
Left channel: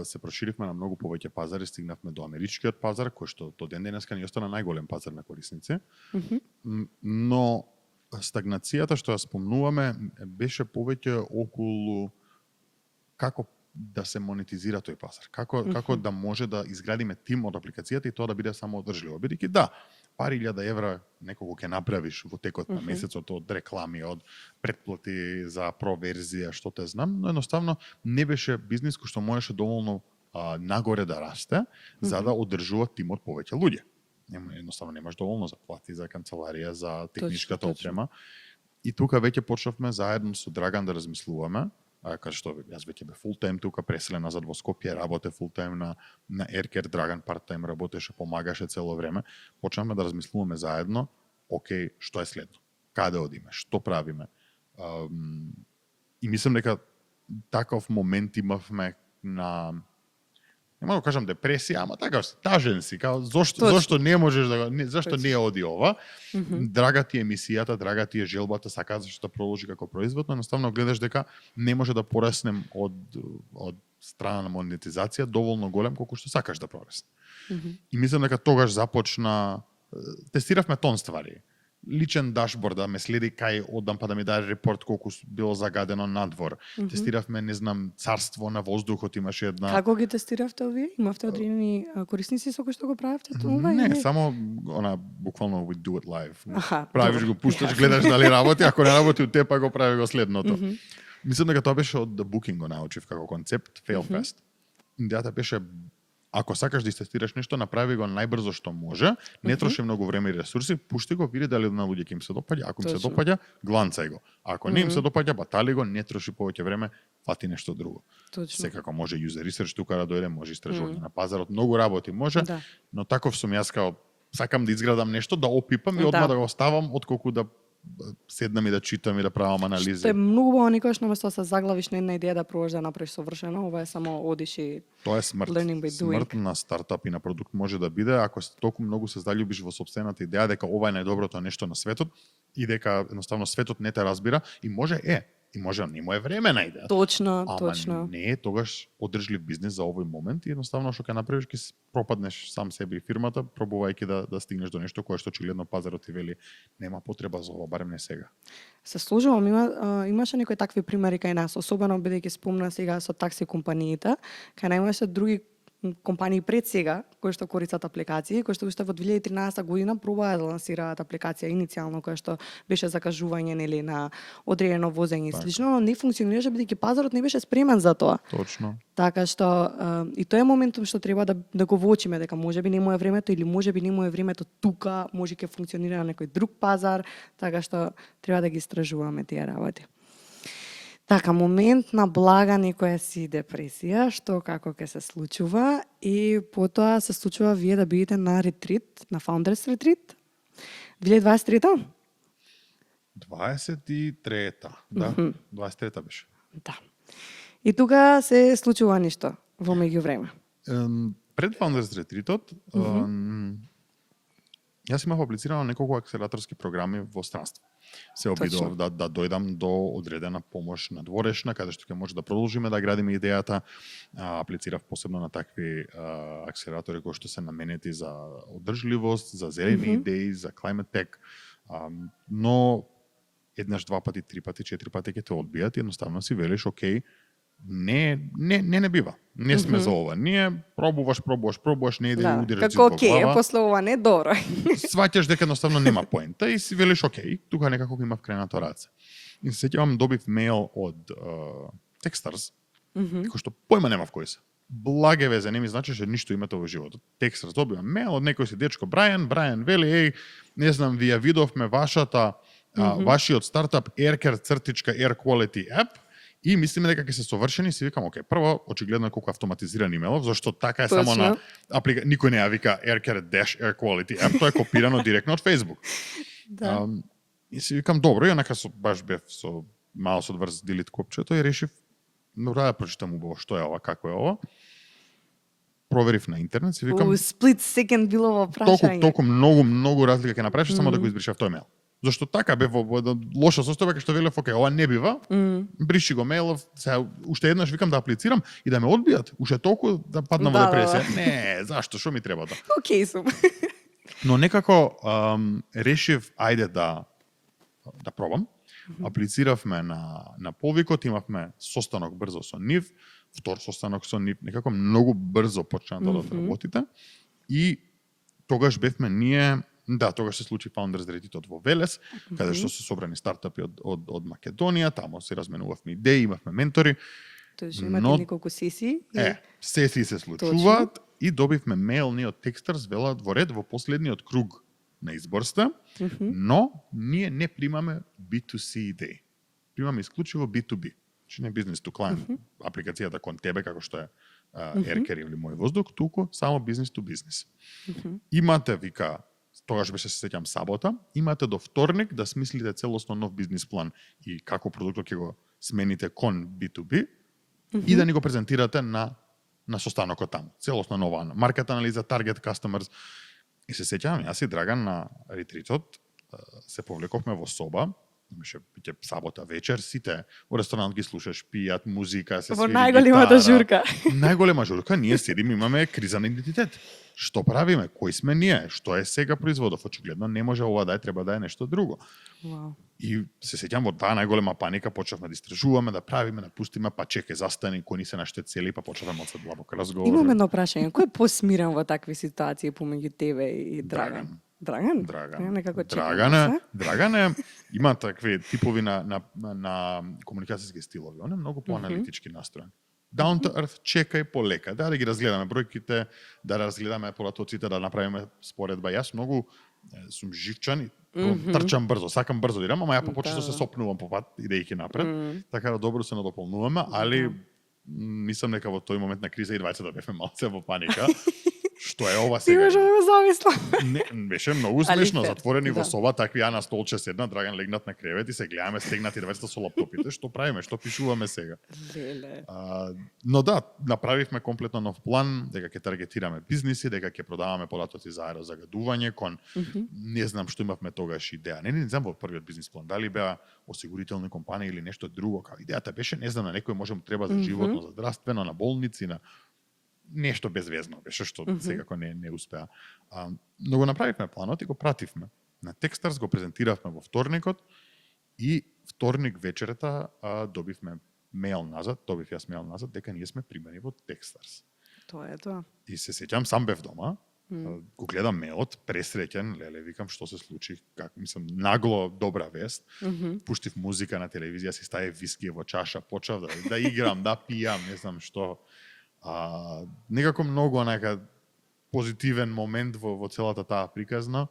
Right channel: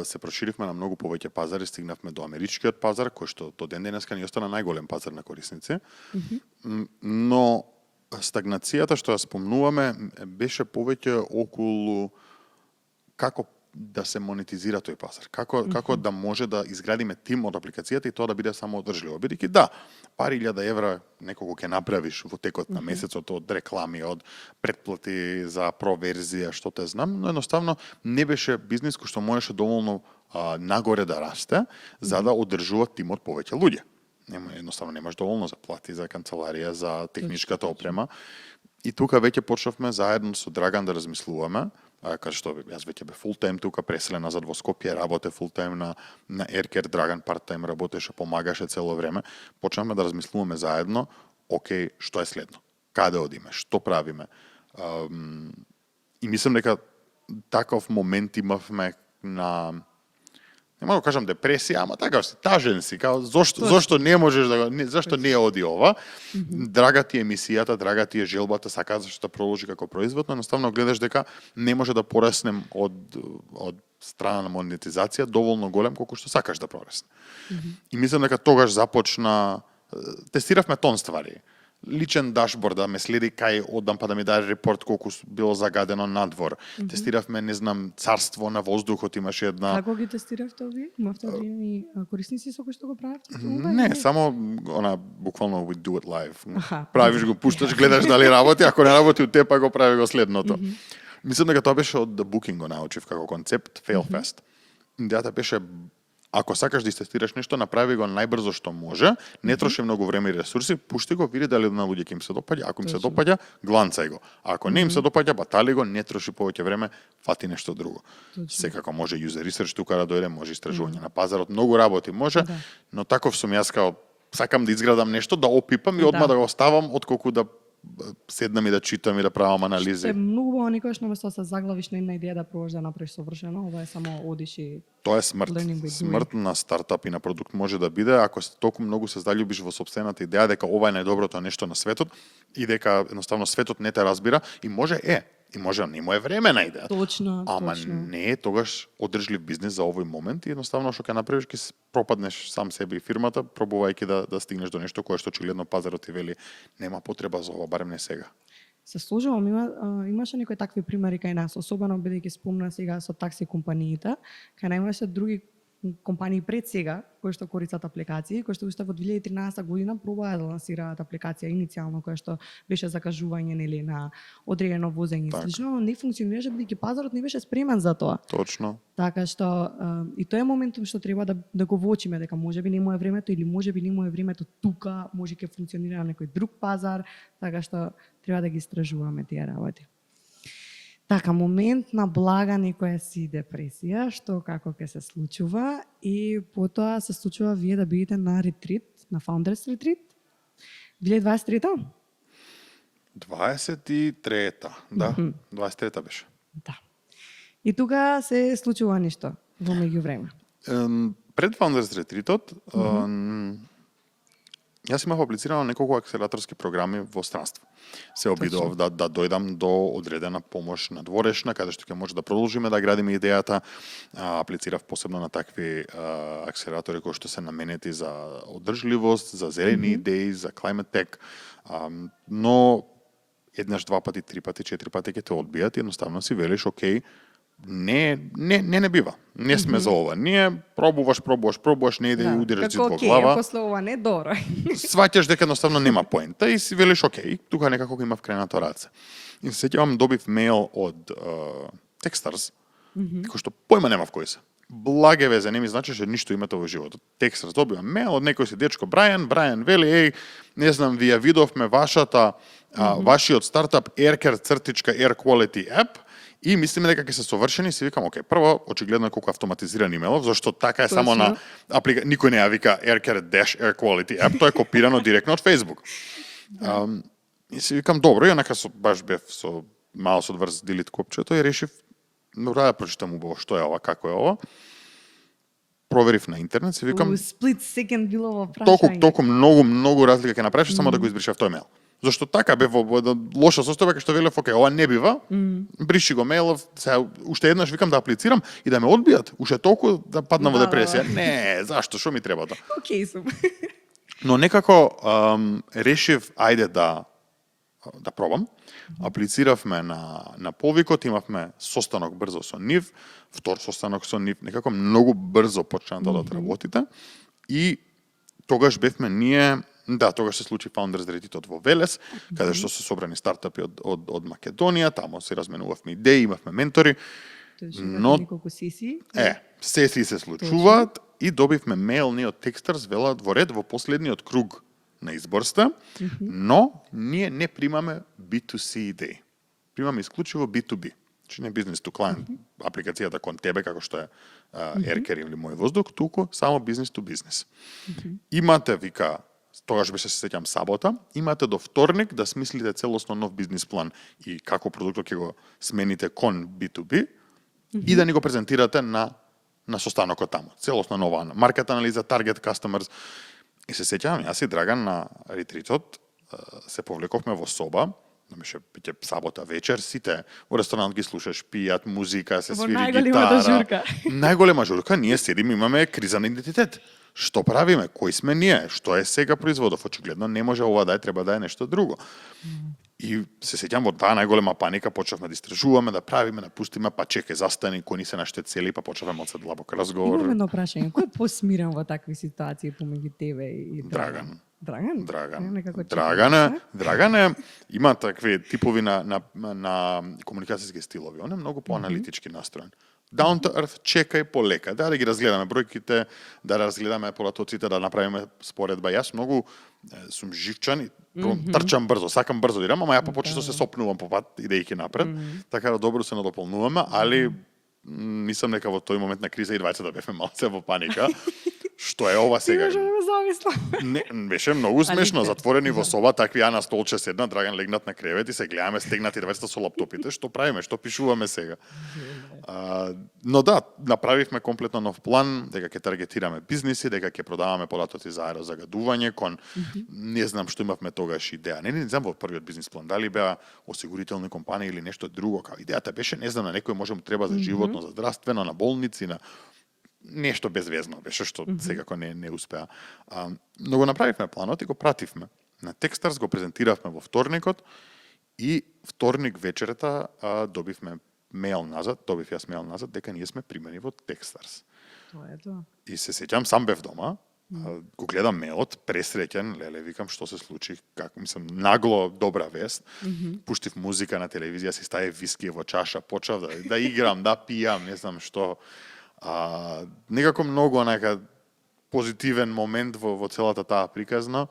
се проширивме на многу повеќе пазари, стигнавме до америчкиот пазар кој што до ден денеска ни остана најголем пазар на корисници. Но стагнацијата што ја спомнуваме беше повеќе околу како да се монетизира тој пазар? Како да може да изградиме тим од апликацијата и тоа да биде само одржливо? Бидејќи да, пари 1000 евра некого ќе направиш во текот на месецот од реклами, од претплати за проверзија, што те знам, но едноставно не беше бизнис кој што можеше доволно нагоре да расте за да одржува тимот повеќе луѓе. Едноставно немаш доволно за плати, за канцеларија, за техничката опрема. И тука веќе почнавме заедно со Драган да размислуваме, каде што јас веќе бе фултайм тука, преселен назад во Скопје, работе фултайм на Aircare, Драган парттайм работеше, помагаше цело време. Почнавме да размислуваме заедно, окей, што е следно? Каде одиме? Што правиме? И мислам дека таков момент имавме на не мога да кажам депресија, ама така тажен си, као зошто не можеш да зашто не оди ова? Драга ти емисијата, драга ти е желбата, сакаш да продолжи како производ, но едноставно гледаш дека не може да пораснем од страна на монетизација доволно голем колку што сакаш да порасне. И мислам дека тогаш започна тестиравме тон ствари. Личен дашборд да ме следи кај одам па да ми даде репорт колку било загадено надвор. Тестиравме, не знам, царство на воздухот, имаше една. Како ги тестиравте овие? Имавте одредени корисници со кои што го правевте тоа? Не, само она буквално we do it live. Правиш го, пушташ, гледаш дали работи, ако не работи од тепа го прави го следното. Мислам дека тоа беше од The Booking го научив како концепт, fail fast. Идејата беше ако сакаш да истестираш нешто, направи го најбрзо што може, не троши многу време и ресурси, пушти го, види дали на луѓе ќе им се допаѓа, ако им се допаѓа, гланцај го. Ако не им се допаѓа, батали го, не троши повеќе време, фати нешто друго. Секако може user research тука да дојде, може истражување на пазарот, многу работи може, но таков сум јас као сакам да изградам нешто, да опипам и одма да го оставам, отколку да седнам и да читам и да правам анализи. Што е многу убаво никогаш наместо да се заглавиш на една идеја да пробаш да направиш совршено, ова е само одиш и тоа е смрт. Смрт на стартап и на продукт може да биде ако толку многу се заљубиш во сопствената идеја дека ова е најдоброто нешто на светот и дека едноставно светот не те разбира и може и може не му е време на идеја. Точно. Не е тогаш одржлив бизнис за овој момент и едноставно што ќе направиш ќе пропаднеш сам себе и фирмата, пробувајќи да стигнеш до нешто кое што очигледно пазарот ти вели нема потреба за ова, барем не сега. Се служувам, имаше некои такви примери кај нас, особено бидејќи спомна сега со такси компаниите, кај нас имаше други компании пред сега кои што користат апликации, кои што уште во 2013 година пробаа да лансираат апликација иницијално која што беше закажување нели на одредено возење и слично, но не функционираше бидејќи пазарот не беше спремен за тоа. Точно. Така што и тоа е моментот што треба да го воочиме дека можеби не му е времето или можеби не му е времето тука, може ќе функционира на некој друг пазар, така што треба да ги истражуваме тие работи. Така, момент на блага некоја си депресија, што како ќе се случува и потоа се случува вие да бидете на ретрит, на Founders Retreat, 2023-та? 23-та, да, 23-та беше. Да. И тука се случува нешто во меѓувреме. Пред Founders Retreat-от, јас имав аплицирано неколку акселераторски програми во странство. Се обидов да дојдам до одредена помош надворешна, каде што ќе може да продолжиме да градиме идејата. Аплицирав посебно на такви акселератори кои што се наменети за одржливост, за зелени идеи, за climate tech, но еднаш, два пати, три пати, четири пати ќе те одбијат и едноставно си велиш, окей, не бива. Не сме за ова. Ние пробуваш, не иде и удираш зид во глава. Како после ова не добро. Сваќаш дека едноставно нема поента и си велиш, окей, тука некако имав кренато раце. И се сеќавам, добив мејл од Techstars, кој што појма немав кој се. Благе везе, не ми значеше ништо името во животот. Techstars добивам мејл од некој си дечко Брајан вели, не знам, вие видовме вашиот стартап Air Quality App, и мислиме дека ќе се совршени, си викам, окей, прво, очигледно колку автоматизиран имейлов, зашто така е само на никој не ја вика Air Quality App, тоа е копирано директно од Facebook. И си викам, добро, и онака баш бев со мало со врз delete копчето и решив, да прочитам убаво што е ова, како е ова. Проверив на интернет, си викам... Split second било во прашање. Толку многу разлика ќе направиш, само да го избришав тој мејл. Зашто така бе во лоша состојба, кај што велев, окей, ова не бива, бриши го мејлов, уште еднаш викам да аплицирам и да ме одбијат, уште толку да паднам во депресија. Не, зашто, што ми треба тоа? Окей сум. Но некако решив, ајде да пробам. Аплициравме на повикот, имавме состанок брзо со нив, втор состанок со нив, некако многу брзо почна да работите. И тогаш бевме ние, тогаш се случи Founders Retreat во Велес, каде што се собрани стартапи од Македонија, тамо се разменувавме идеи, имавме ментори. Тоест имате Но неколку сесии. сесии се случуваат и добивме мејл ние од Techstars, велат во ред во последниот круг на изборста, но ние не примаме B2C идеи. Примаме исклучиво B2B. Значи не бизнес to client, апликацијата кон тебе, како што е Еркер или Мој воздух, туку само бизнес to бизнес. Имате, вика, тогаш беше, се сеќам, сабота, имате до вторник да смислите целосно нов бизнес план и како продуктот ќе го смените кон B2B и да ни го презентирате на состанокот таму. Целосно нова маркет анализа, target customers. И се сеќавам, јас и Драган на ретритот се повлековме во соба, беше биќе сабота вечер, сите во ресторант ги слушаш, пијат музика, се свири гитара. Во најголемата журка. Најголема журка, ние седиме, имаме криза на идентитет. Што правиме? Кои сме ние? Што е сега производов? Очигледно не може ова да е, треба да е нешто друго. Wow. И се сеќам во таа најголема паника, почнавме да истражуваме, да правиме, да пустиме, па чекај, застани, кои ни се нашите цели, па почнавме од длабок разговор. Имам едно прашање, кој е посмирен во такви ситуации помеѓу тебе и Драган? Драган? Драган има такви типови на комуникацијски стилови. Он е многу поаналитички настроен. Down to earth, чекај полека, да ги разгледаме бројките, да разгледаме полатоците, да направиме споредба. Јас многу сум живчан и трчам брзо, сакам брзо да идам, ама ја почесто се сопнувам по пат идејќи напред, така да добро се надополнуваме, али мислам дека во тој момент на криза и двајцата бевме малце во паника. Што е ова сега? Ти го замислам. Не, беше многу смешно, затворени во соба, такви ја на столче седна, Драган легнат на кревет и се гледаме стегнати двајцата со лаптопите, што правиме, што пишуваме сега. Но да, направивме комплетно нов план, дека ќе таргетираме бизниси, дека ќе продаваме полатоци за аерозагадување кон не знам што имавме тогаш идеја. Не знам во првиот бизнис план дали беа осигурителни компании или нешто друго, као идејата беше, не знам, на некој можем треба за животно, за здравствено, на болници, на нешто безвезно беше, што секако не успеа. Но го направивме планот и го пративме. На Techstars го презентиравме во вторникот и вторник вечерта добив јас мејл назад дека ние сме примени во Techstars. Тоа е тоа. И се сеќам, сам бев дома, го гледам мејлот, пресреќен, леле, викам што се случи, како мислам, нагло добра вест. Пуштив музика на телевизија, си ставив виски во чаша, почав да играм, да пијам, не знам што. Некако многу онака позитивен момент во целата таа приказна.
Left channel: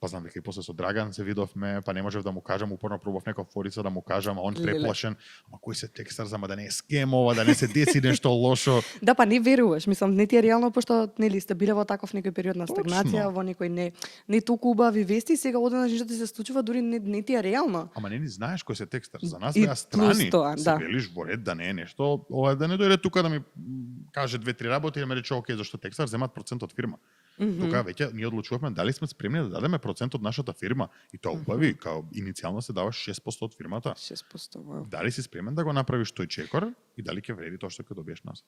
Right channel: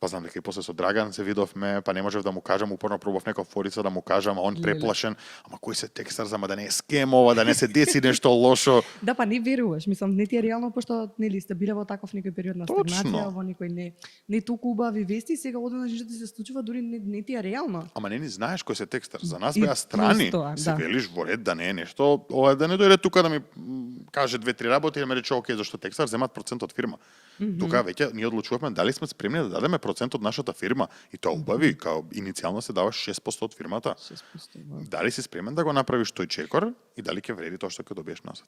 Па знам дека и после со Драган се видовме, па не можев да му кажам, упорно пробав некоја форица да му кажам, а он преплашен, ама кој се Techstars, ама да не е скемова, да не се деси нешто лошо. Да, па не веруваш, мислам, не ти е реално, пошто нели сте биле во таков некој период на стагнација, во некој не толку убави вести, сега одеднаш нешто ти се случува, дури не ти е реално. Ама не знаеш кој се Techstars, за нас беа страни. Се велиш во ред да не е нешто, ова да не дојде тука да ми каже 2-3 работи и да ме рече окей, зашто Techstars земат процент од фирма. Тука веќе ние одлучувавме дали сме спремни да дадеме процент од нашата фирма и тоа убави, као иницијално се дава 6% од фирмата. 6%. Дали си спремен да го направиш тој чекор и дали ќе вреди тоа што ќе добиеш назад?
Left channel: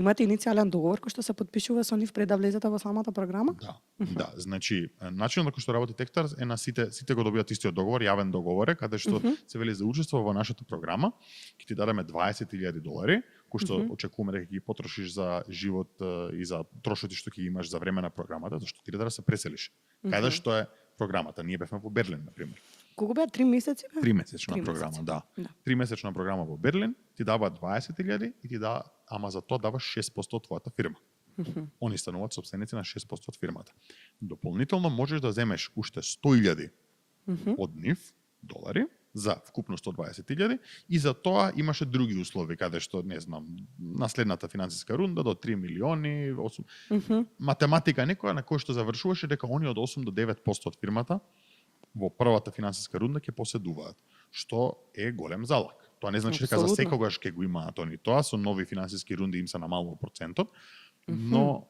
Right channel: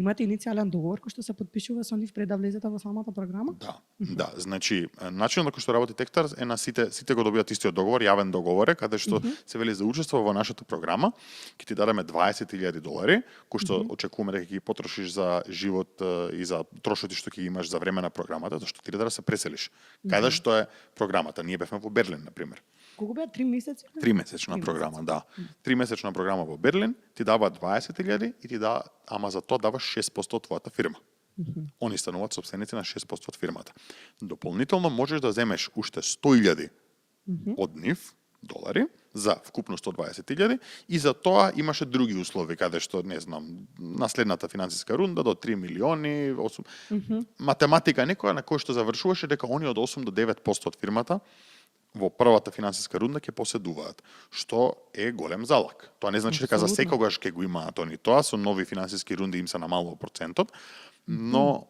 Имате иницијален договор кој што се потпишува со нив пред да влезете во самата програма? Да, значи начинот на кој што работи Techstars е на сите го добијат истиот договор, јавен договор е, каде што се вели за учество во нашата програма, ќе ти дадеме $20,000, кои што очекуваме дека ќе ги потрошиш за живот и за трошоци што ќе имаш за време на програмата, зашто ти да се преселиш. Каде што е програмата? Ние бевме во Берлин, на пример. Колку беа 3 месеци? 3 месечна програма, да. 3 месечна програма во Берлин, ти дава 20,000 и ти дава, ама за тоа даваш 6% од твојата фирма. Они стануваат собственици на 6% од фирмата. Дополнително можеш да земеш уште 100,000 од нив долари за вкупно 120,000 и за тоа имаше други услови каде што не знам наследната финансиска рунда до 3 милиони, 8 математика некоја на кој што завршуваше дека они од 8 до 9% од фирмата во првата финансиска рунда ќе поседуваат, што е голем залак. Тоа не значи дека за секогаш ќе го имаат они тоа, со нови финансиски рунди им се намалува процентот, но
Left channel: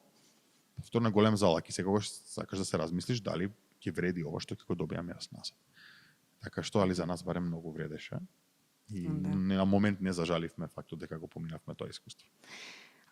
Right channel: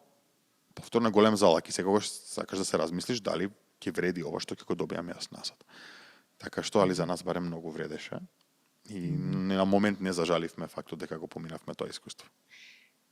повторно голем залак и секогаш сакаш да се размислиш дали ќе вреди ова што ќе го добијам јас назад. Така што, али за нас барем многу вредеше и на момент не зажаливме фактот дека го поминавме тоа искуство.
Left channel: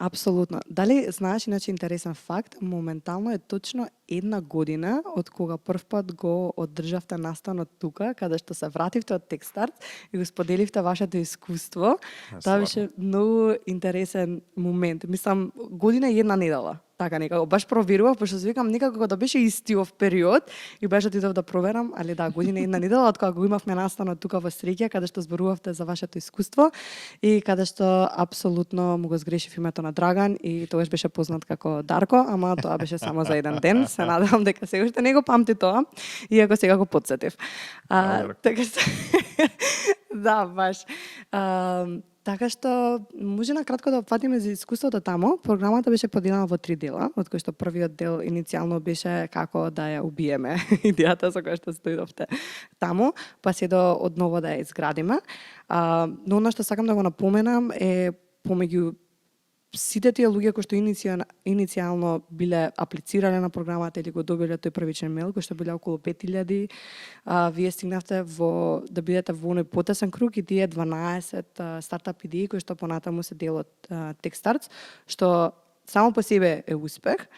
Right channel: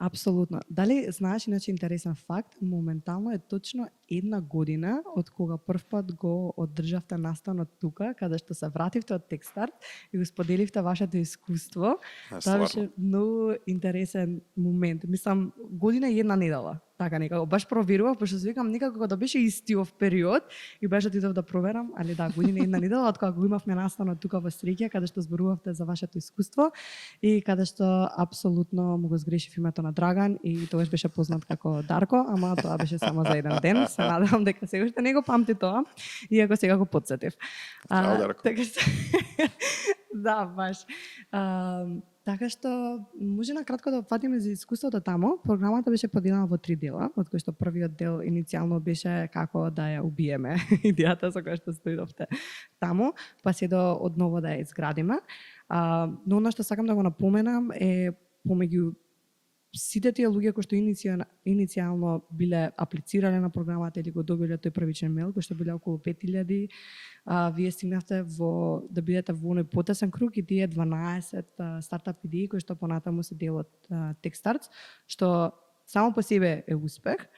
Апсолутно. Дали знаеш, иначе интересен факт, моментално е точно 1 година од кога прв пат го одржавте настанот тука, каде што се вративте од Techstars и го споделивте вашето искуство. Тоа Стварно. беше многу интересен момент. Мислам, година и 1 недела. Така некако. Баш проверував, пошто си викам некако да беше истиов период и беше отидов да проверам, али да, година и 1 недела од кога го имавме настанот тука во Среќа, каде што зборувавте за вашето искуство и каде што апсолутно му го сгрешив името на Драган и тогаш беше познат како Дарко, ама тоа беше само за 1 ден. Се надевам дека се уште не го памти тоа, иако сега го потсетив. Браво, Дарко. Така што да, баш. Така што може на кратко да опфатиме за искуството тамо. Програмата беше поделена во 3 дела, од кои што првиот дел иницијално беше како да ја убиеме, идејата со која што стоидовте таму, па се до одново да ја изградиме. Но она што сакам да го напоменам е помеѓу сите тие луѓе кои што иницијално биле аплицирале на програмата или го добиле тој првичен мејл, кои што биле околу 5000, вие стигнавте да бидете во оној потесен круг и тие 12 стартап идеи кои што понатаму се дел од Techstars, што само по себе е успех.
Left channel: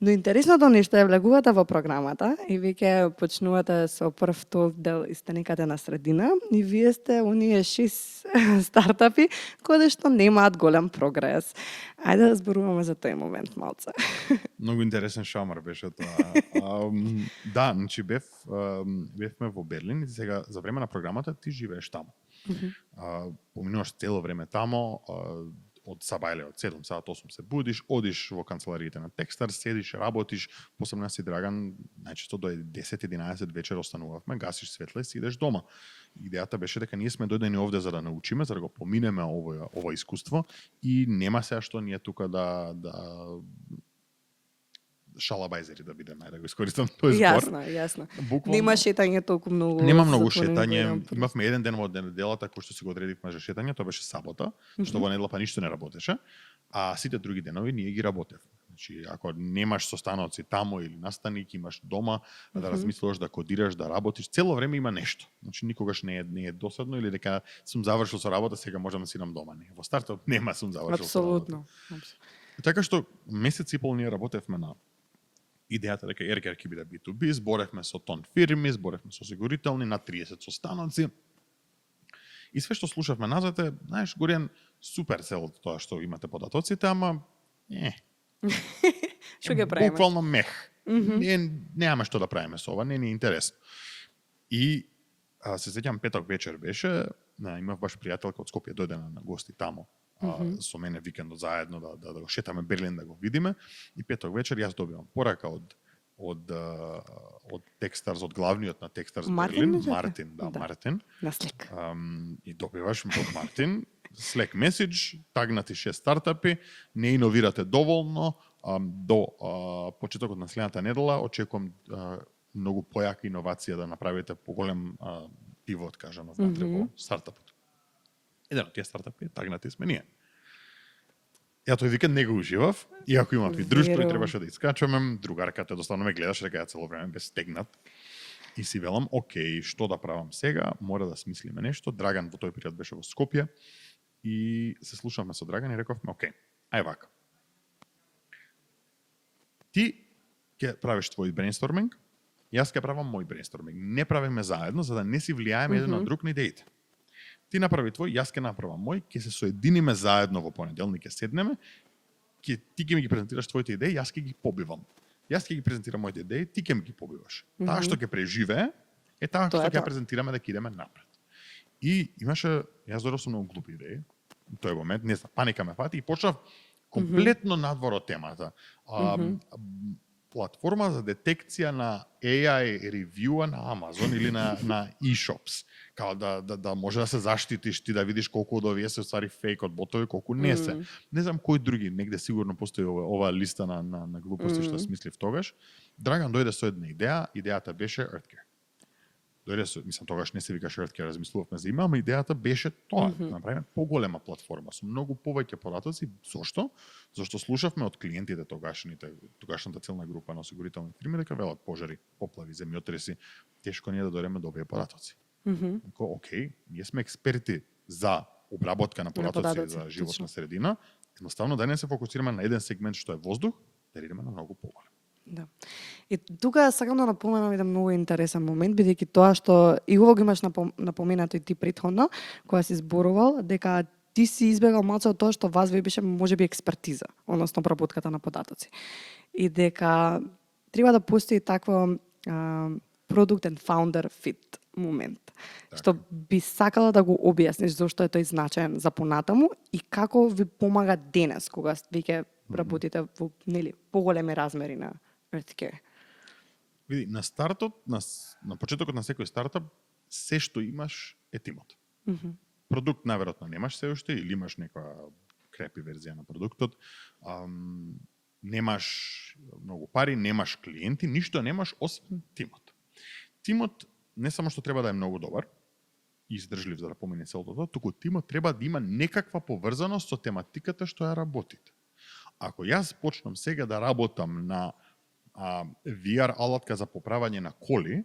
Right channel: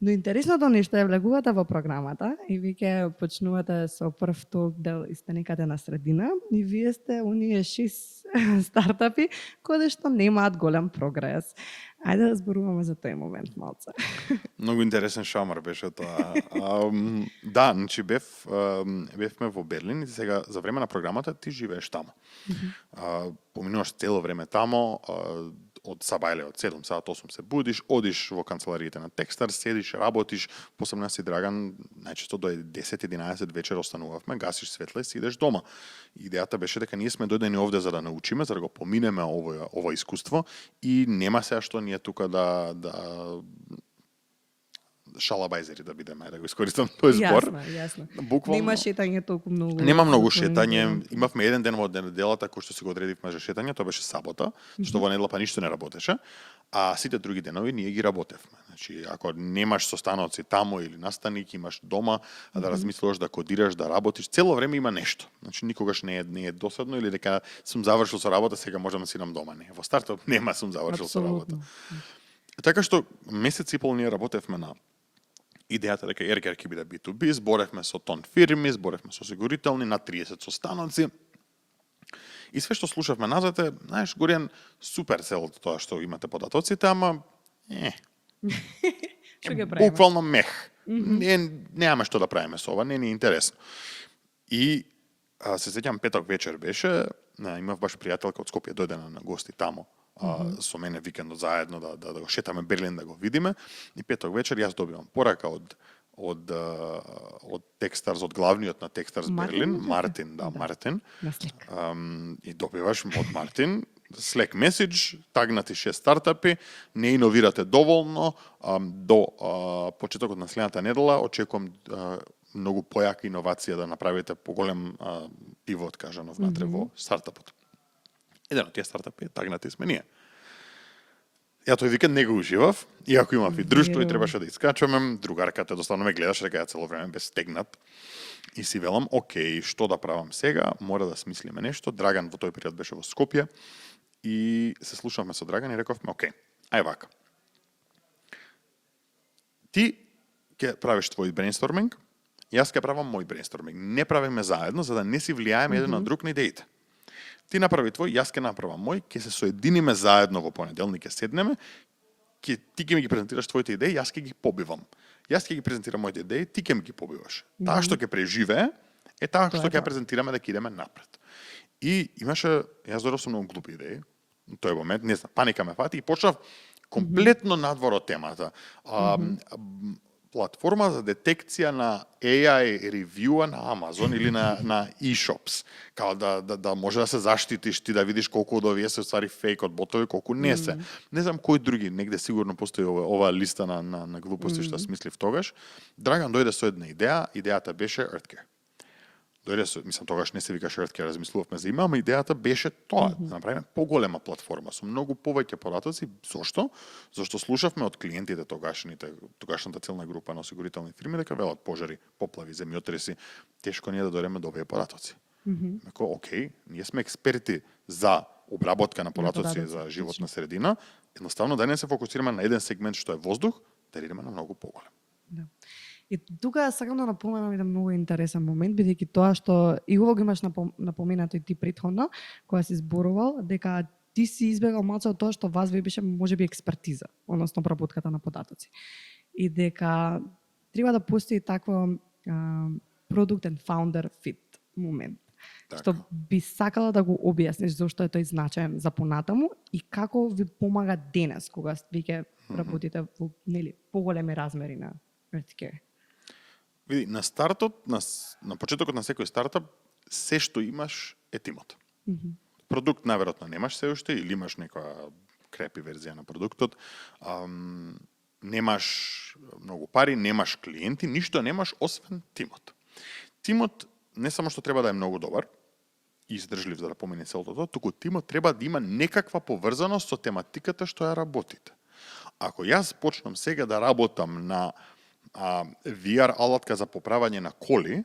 Но интересното нешто е влегувате во програмата и веќе почнувате со прв дел и сте некаде на средина и вие сте оние 6 стартапи кои што немаат голем прогрес. Ајде да зборуваме за тој момент малце. Многу интересен шамар беше тоа. Да, значи бевме во Берлин и сега за време на програмата ти живееш таму. Поминуваш цело време тамо, од саба или од 7 саат, 8 се будиш, одиш во канцелариите на Techstars, седиш, работиш, посебно си Драган, најчесто до 10-11 вечер останувавме, гасиш светле и си идеш дома. Идејата беше дека ние сме дојдени овде за да научиме, за да го поминеме ова искуство и нема сега што ние тука да шалабајзери да бидеме, да го искористам тој збор. Јасно. Буквално Нема шетање толку многу. Нема многу затворени шетање. денови. Имавме еден ден во неделата кој што си го одредивме за шетање, тоа беше сабота, што во недела па ништо не работеше, а сите други денови ние ги работевме. Значи, ако немаш состаноци тамо или настаник, имаш дома, да размислуваш, да кодираш, да работиш, цело време има нешто. Значи никогаш не е досадно или дека сум завршил со работа, сега можам да сидам дома. Не, во стартап нема сум завршил со работа. Апсолутно. Така што месец и пол ние работевме на идејата дека Ергер ќе биде B2B, зборевме со тон фирми, зборевме со осигурителни, на 30 состаноци. И све што слушавме назад е, знаеш, Горијан, супер целото тоа што имате податоците, ама Што ќе правиме? буквално мех. Немаме што да правиме со ова, не ни е интересно. И се сеќам петок вечер беше, имав баш пријателка од Скопје дојде на гости тамо. Со мене викендот заедно да го шетаме Берлин да го видиме и петок вечер јас добивам порака од Techstars, од главниот на Techstars Берлин, Мартин, Мартин. На Slack. И добиваш од Мартин Slack message, тагнати 6 стартапи, не иновирате доволно, до почетокот на следната недела очекувам многу појака иновација да направите поголем пивот, кажано, внатре во стартапот. Еден од тие стартапи тагнати сме ние. Ја тој викенд не го уживав, иако имав и друштво и требаше да искачаме, другарката доставно ме гледаше дека ја цело време бе стегнат. И си велам, окей, што да правам сега, мора да смислиме нешто. Драган во тој период беше во Скопје и се слушавме со Драган и рековме, окей, ај вака. Ти ќе правиш твој брейнсторминг, јас ќе правам мој брейнсторминг. Не правиме заедно, за да не си влијаеме еден на друг на идеите. Ти направи твој, јас ќе направам мој, ќе се соединиме заедно во понеделник, ќе седнеме, ти ќе ми ги презентираш твоите идеи, јас ќе ги побивам. Јас ќе ги презентирам моите идеи, ти ќе ми ги побиваш. Таа што ќе преживее е таа што ќе презентираме дека идеме напред. И имаше, јас додов со многу глупи идеи, во тој момент, не знам, паника ме фати и почнав комплетно надвор од темата. Платформа за детекција на AI ревјуа на Amazon или на e-shops. Као да може да се заштитиш ти да видиш колку од овие се ствари фейк од ботови, колку не се. Не знам кој други, негде сигурно постои ова листа на глупости што смислив тогаш. Драган дојде со една идеја, идејата беше EarthCare. Дојде со, мислам тогаш не се викаше EarthCare, размислувавме за име, ама идејата беше тоа, да направиме поголема платформа со многу повеќе податоци. Зошто? Зашто слушавме од клиентите тогашната целна група на осигурителни фирми дека велат пожари, поплави, земјотреси, тешко ние да дојдеме до овие податоци. Окей, ние сме експерти за обработка на податоци за животна средина, Едноставно да не се фокусираме на еден сегмент што е воздух, да идеме на многу поголем. Да. И тука сакам да напоменам еден многу интересен момент, бидејќи тоа што и ово го имаш напоменато и ти претходно, кога си зборувал, дека ти си избегал малце од тоа што вас ви беше можеби експертиза, односно обработката на податоци. И дека треба да постои такво product and founder fit момент. Така. Што би сакала да го објасниш зошто е тој значаен за понатаму и како ви помага денес кога веќе работите во нели поголеми размери на Earthcare. Види, на стартот, на почетокот на секој стартап, се што имаш е тимот. Продукт наверојатно немаш се уште или имаш некоја крепи верзија на продуктот. Немаш многу пари, немаш клиенти, ништо немаш освен тимот. Тимот не само што треба да е многу добар и издржлив за да помине целото тоа, туку тимот треба да има некаква поврзаност со тематиката што ја работите. Ако јас почнам сега да работам на VR алатка за поправање на коли,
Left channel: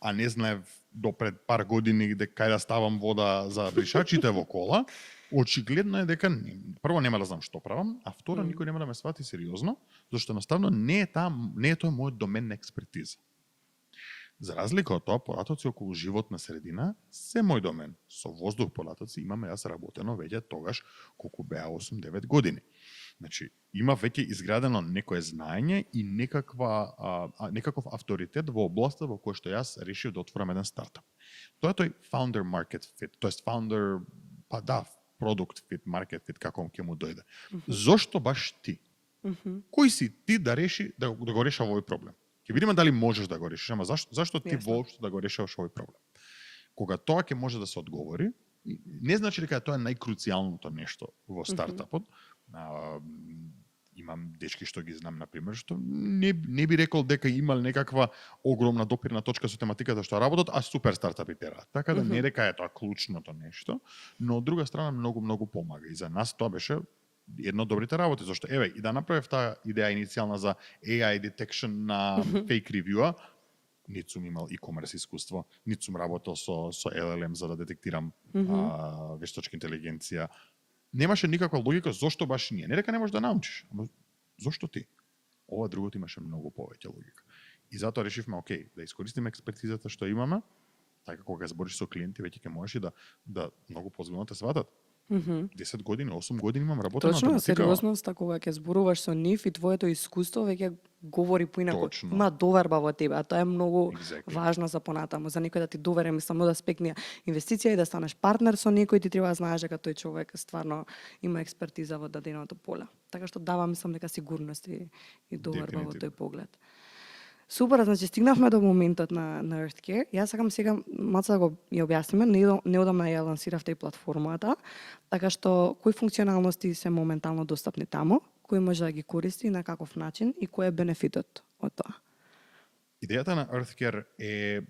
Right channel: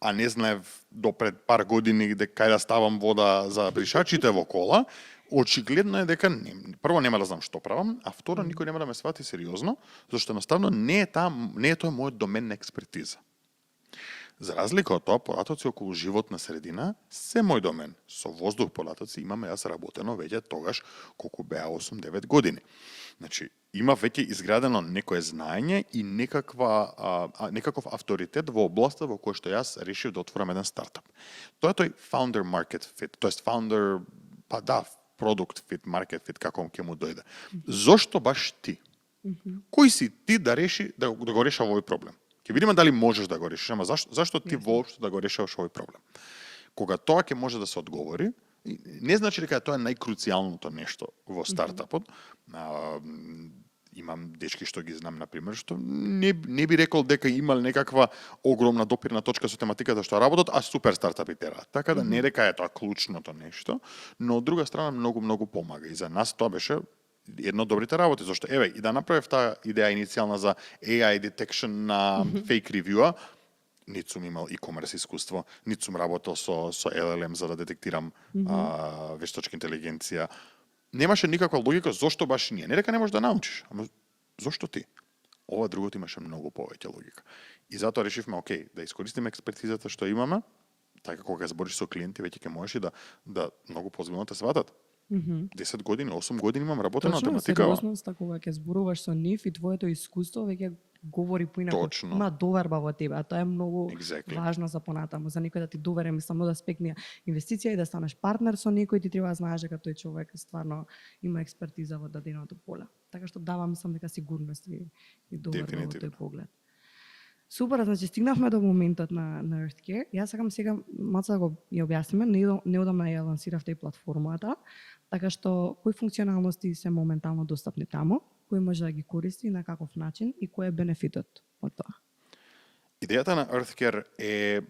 а не знаев до пред пар години кај да ставам вода за бришачите во кола, очигледно е дека прво нема да знам што правам, а второ никој нема да ме свати сериозно, зашто едноставно не е тоа мојот домен на експертиза. За разлика од тоа, податоци околу животна средина се мој домен. Со воздух податоци имаме јас работено веќе тогаш колку беа 8-9 години. Значи, има веќе изградено некое знаење и некаков авторитет во областа во која што јас решив да отворам еден стартап. Тоа е тој founder market fit, тоест founder, product fit, market fit, како ќе му дојде. Зошто баш ти? Кој си ти да реши да го решава овој проблем? Ќе видиме дали можеш да го решиш, ама зашто ти воопшто да го решаваш овој проблем? Кога тоа ќе може да се одговори, не значи дека тоа е најкруцијалното нешто во стартапот. Имам дечки што ги знам, например, што не би рекол дека имал некаква огромна допирна точка со тематиката што работат, а супер стартапи тера. Така да не дека е тоа клучното нешто, но од друга страна многу помага. И за нас тоа беше едно од добрите работи, зашто еве и да направев таа идеја иницијална за AI detection на fake review-а, нит сум имал e-commerce искуство, нит сум работел со LLM за да детектирам вештачка интелигенција. Немаше никаква логика зошто баш ние. Не дека не можеш да научиш, ама зошто ти? Ова другото имаше многу повеќе логика. И затоа решивме, окей, да искористиме експертизата што имаме, така кога збориш со клиенти, веќе ќе можеш и да многу позбилно те сватат. 10 години, 8 години имам работа на тематика. Сериозноста кога ќе зборуваш со нив и твоето искуство веќе говори поинаку. Има доверба во тебе, а тоа е многу важно за понатаму. За некој да ти довере, само да спекне инвестиција и да станеш партнер со некој, ти треба да знаеш дека тој човек стварно има експертиза во даденото поле. Така што дава, мислам дека сигурност и доверба во тој поглед. Супер, значи стигнавме до моментот на Earthcare. Јас сакам сега малку да го ја објасниме. Неодамна ја лансиравте и платформата, така што кои функционалности се моментално достапни таму, кој може да ги користи и на каков начин и кој е бенефитот од тоа? Идејата на Earthcare е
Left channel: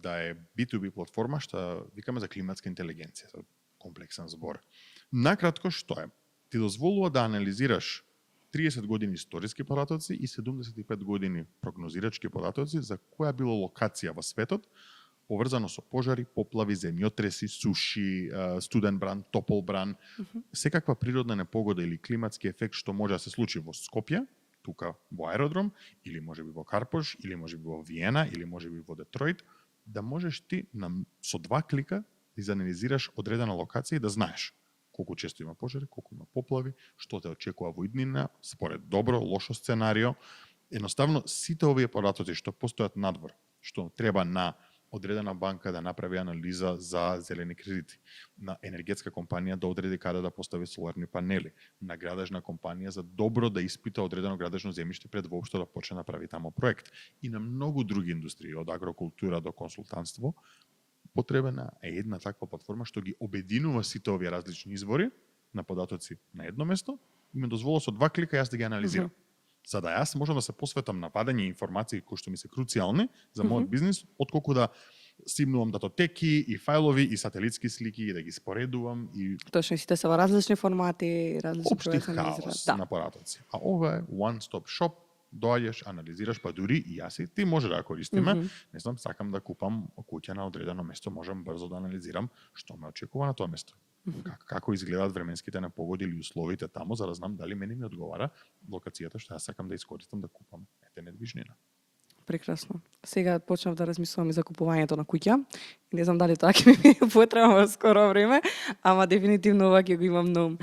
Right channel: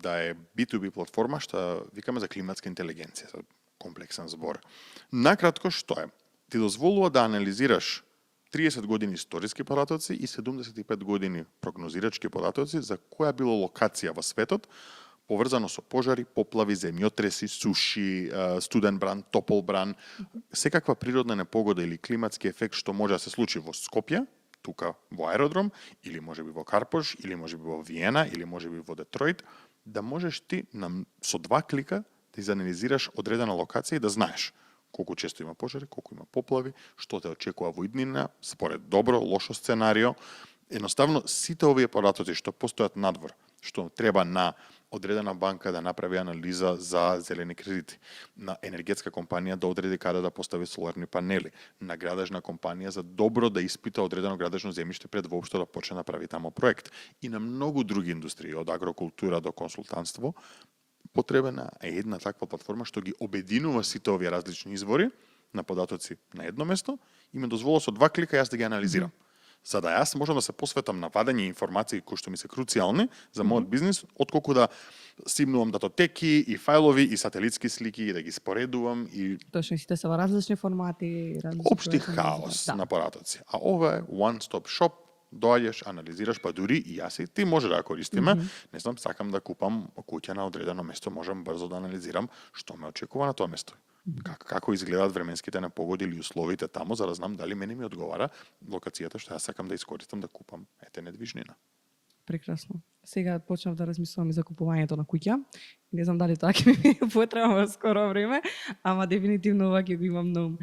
да е B2B платформа што викаме за климатска интелигенција, комплексен збор. Накратко што е? Ти дозволува да анализираш 30 години историски податоци и 75 години прогнозирачки податоци за која било локација во светот, поврзано со пожари, поплави, земјотреси, суши, студен бран, топол бран, секаква природна непогода или климатски ефект што може да се случи во Скопје, тука во аеродром, или можеби во Карпош, или можеби во Виена, или можеби во Детройт, да можеш ти со 2 клика да изанализираш одредена локација и да знаеш колку често има пожари, колку има поплави, што те очекува во иднина, според добро, лошо сценарио. Едноставно, сите овие податоци што постојат надвор, што треба на одредена банка да направи анализа за зелени кредити, на енергетска компанија да одреди каде да постави соларни панели, на градежна компанија за добро да испита одредено градежно земјиште пред воопшто да почне да прави тамо проект, и на многу други индустрии, од агрокултура до консултантство, потребна е една таква платформа што ги обединува сите овие различни извори на податоци на едно место и ме дозволува со 2 клика јас да ги анализирам. За да јас можам да се посветам на вадење информации кои што ми се круцијални за мојот бизнис, отколку да симнувам датотеки и фајлови и сателитски слики и да ги споредувам и точно сите се во различни формати, различни општи хаос на податоци. А ова е one stop shop доаѓаш, анализираш, па дури и јас и ти може да ја користиме. Не знам, сакам да купам куќа на одредено место, можам брзо да анализирам што ме очекува на тоа место. Како изгледаат временските непогоди или условите таму, за да знам дали мене ми одговара локацијата што јас сакам да искористам да купам недвижнина. Прекрасно. Сега почнав да размислувам и за купувањето на куќа. Не знам дали тоа ќе ми е потреба во скоро време, ама дефинитивно ова ќе го имам на ум.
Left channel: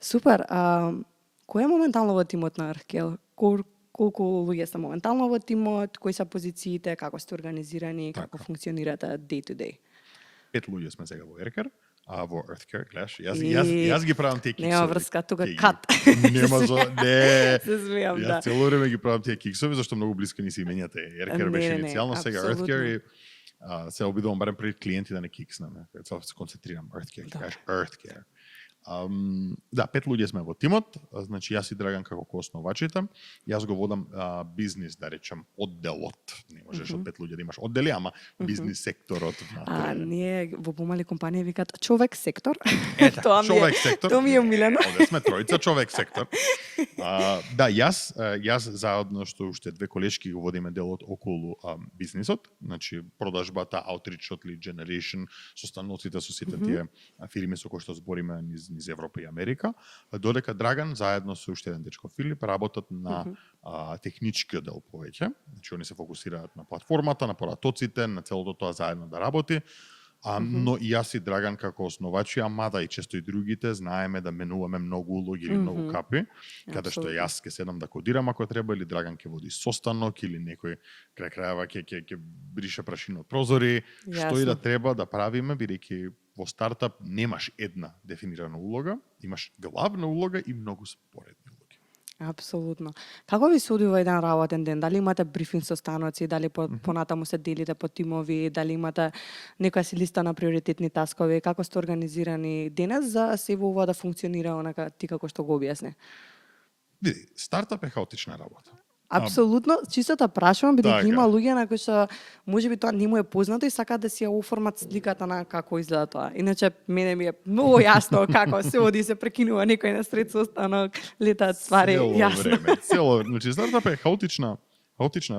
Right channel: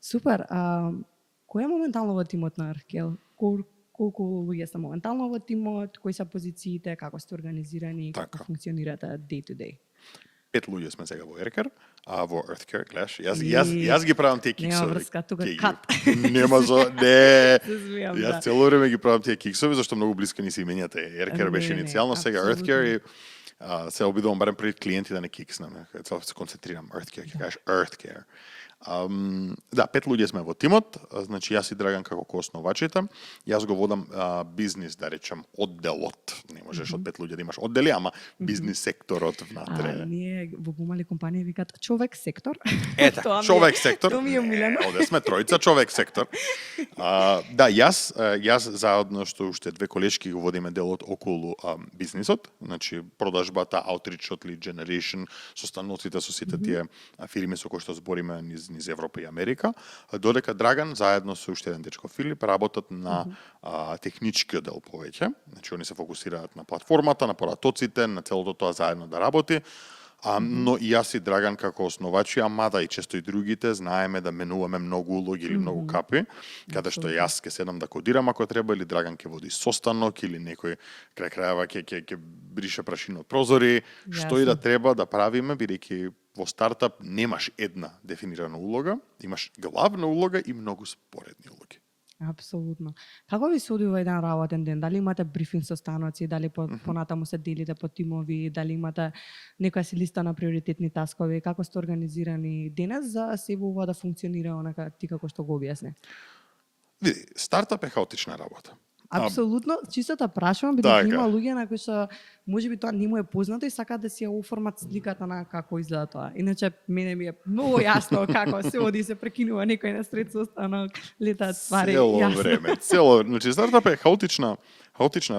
Супер. Кој е моментално во тимот на Earthcare? Колку луѓе се моментално во тимот? Кои се позициите? Како сте организирани? Како функционирате day to day? 5 луѓе сме сега во Earthcare, а во Earthcare, гледаш, јас ги правам тие киксови. Нема врска, тука кат. Нема не. Се смеам, да. Јас цело време ги правам тие киксови, зашто многу блиско ни се именјата. Earthcare беше иницијално, сега Earthcare и се обидувам барем пред клиенти да не кикснам. Цело се концентрирам. Earthcare, ќе кажеш Earthcare. Да, 5 луѓе сме во тимот, значи јас и Драган како коосновачите. Јас го водам бизнис, да речем, одделот. Не можеш од 5 луѓе да имаш оддели, ама бизнис секторот внатре. Ние во помали компанија викаат човек сектор. Ете, човек сектор. Тоа ми е умилено. Оде сме тројца човек сектор. Да, јас заедно што уште две колешки го водиме делот околу бизнисот, значи продажбата, аутричот, lead generation, состаноците со сите тие фирми со кои што збориме низ Европа и Америка, додека Драган заедно со уште еден дечко Филип работат на техничкиот дел повеќе. Значи они се фокусираат на платформата, на поратоците, на целото тоа заедно да работи. Но и јас и Драган како основачи, мада и често и другите, знаеме да менуваме многу улоги или многу капи, каде што јас ќе седам да кодирам ако треба, или Драган ќе води состанок, или некој крај крајава ќе брише прашина од прозори, што и да треба да правиме, бидејќи во стартап немаш една дефинирана улога, имаш главна улога и многу споредни улоги. Апсолутно. Како ви се одвива еден работен ден? Дали имате брифинг состаноци, дали понатаму се делите по тимови, дали имате некоја си листа на приоритетни таскови, како сте организирани денес за се ова да функционира онака ти како што го објасни? Види, стартап е хаотична работа. Апсолутно, чисто та прашувам, бидејќи има Така. луѓе на кои што можеби тоа не му е познато и сакаат да си ја оформат сликата на како изгледа тоа. Иначе мене ми е многу јасно како се оди се прекинува некој на сред состанок, летаат ствари, јасно. Цело, значи стартап е хаотична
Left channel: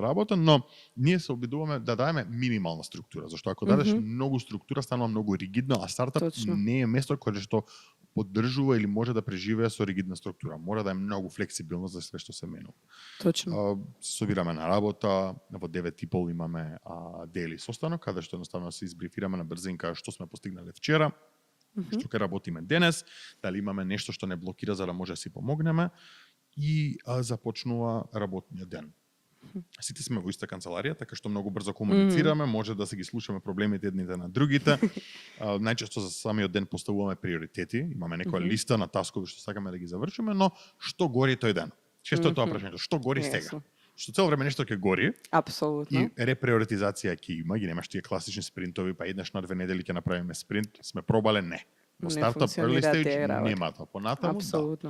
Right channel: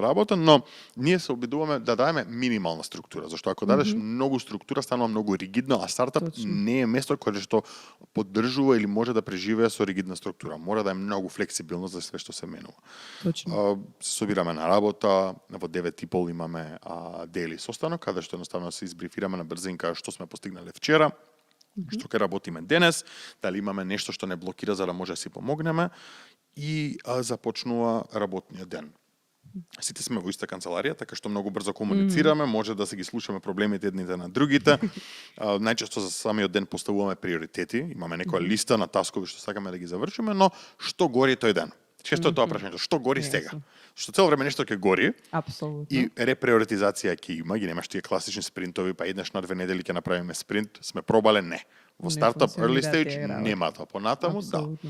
работа, но ние се обидуваме да даеме минимална структура, зашто ако дадеш многу структура станува многу ригидно, а стартап не е место кое што поддржува или може да преживее со ригидна структура. Мора да е многу флексибилно за све што се менува. Точно. Се собираме на работа, во 9:30 имаме дели состанок, каде што едноставно се избрифираме на брзинка што сме постигнале вчера, што ќе работиме денес, дали имаме нешто што не блокира за да може да си помогнеме и започнува работниот ден. Сите сме во иста канцеларија, така што многу брзо комуницираме, може да се ги слушаме проблемите едните на другите. Најчесто за самиот ден поставуваме приоритети, имаме некоја листа на таскови што сакаме да ги завршиме, но што гори тој ден? Често е тоа прашањето, што гори сега? Што цело време нешто ќе гори. Апсолутно. И реприоритизација ќе има, ги немаш тие класични спринтови, па еднаш на 2 недели ќе направиме спринт, сме пробале не. Во стартап early stage нема тоа, понатаму да.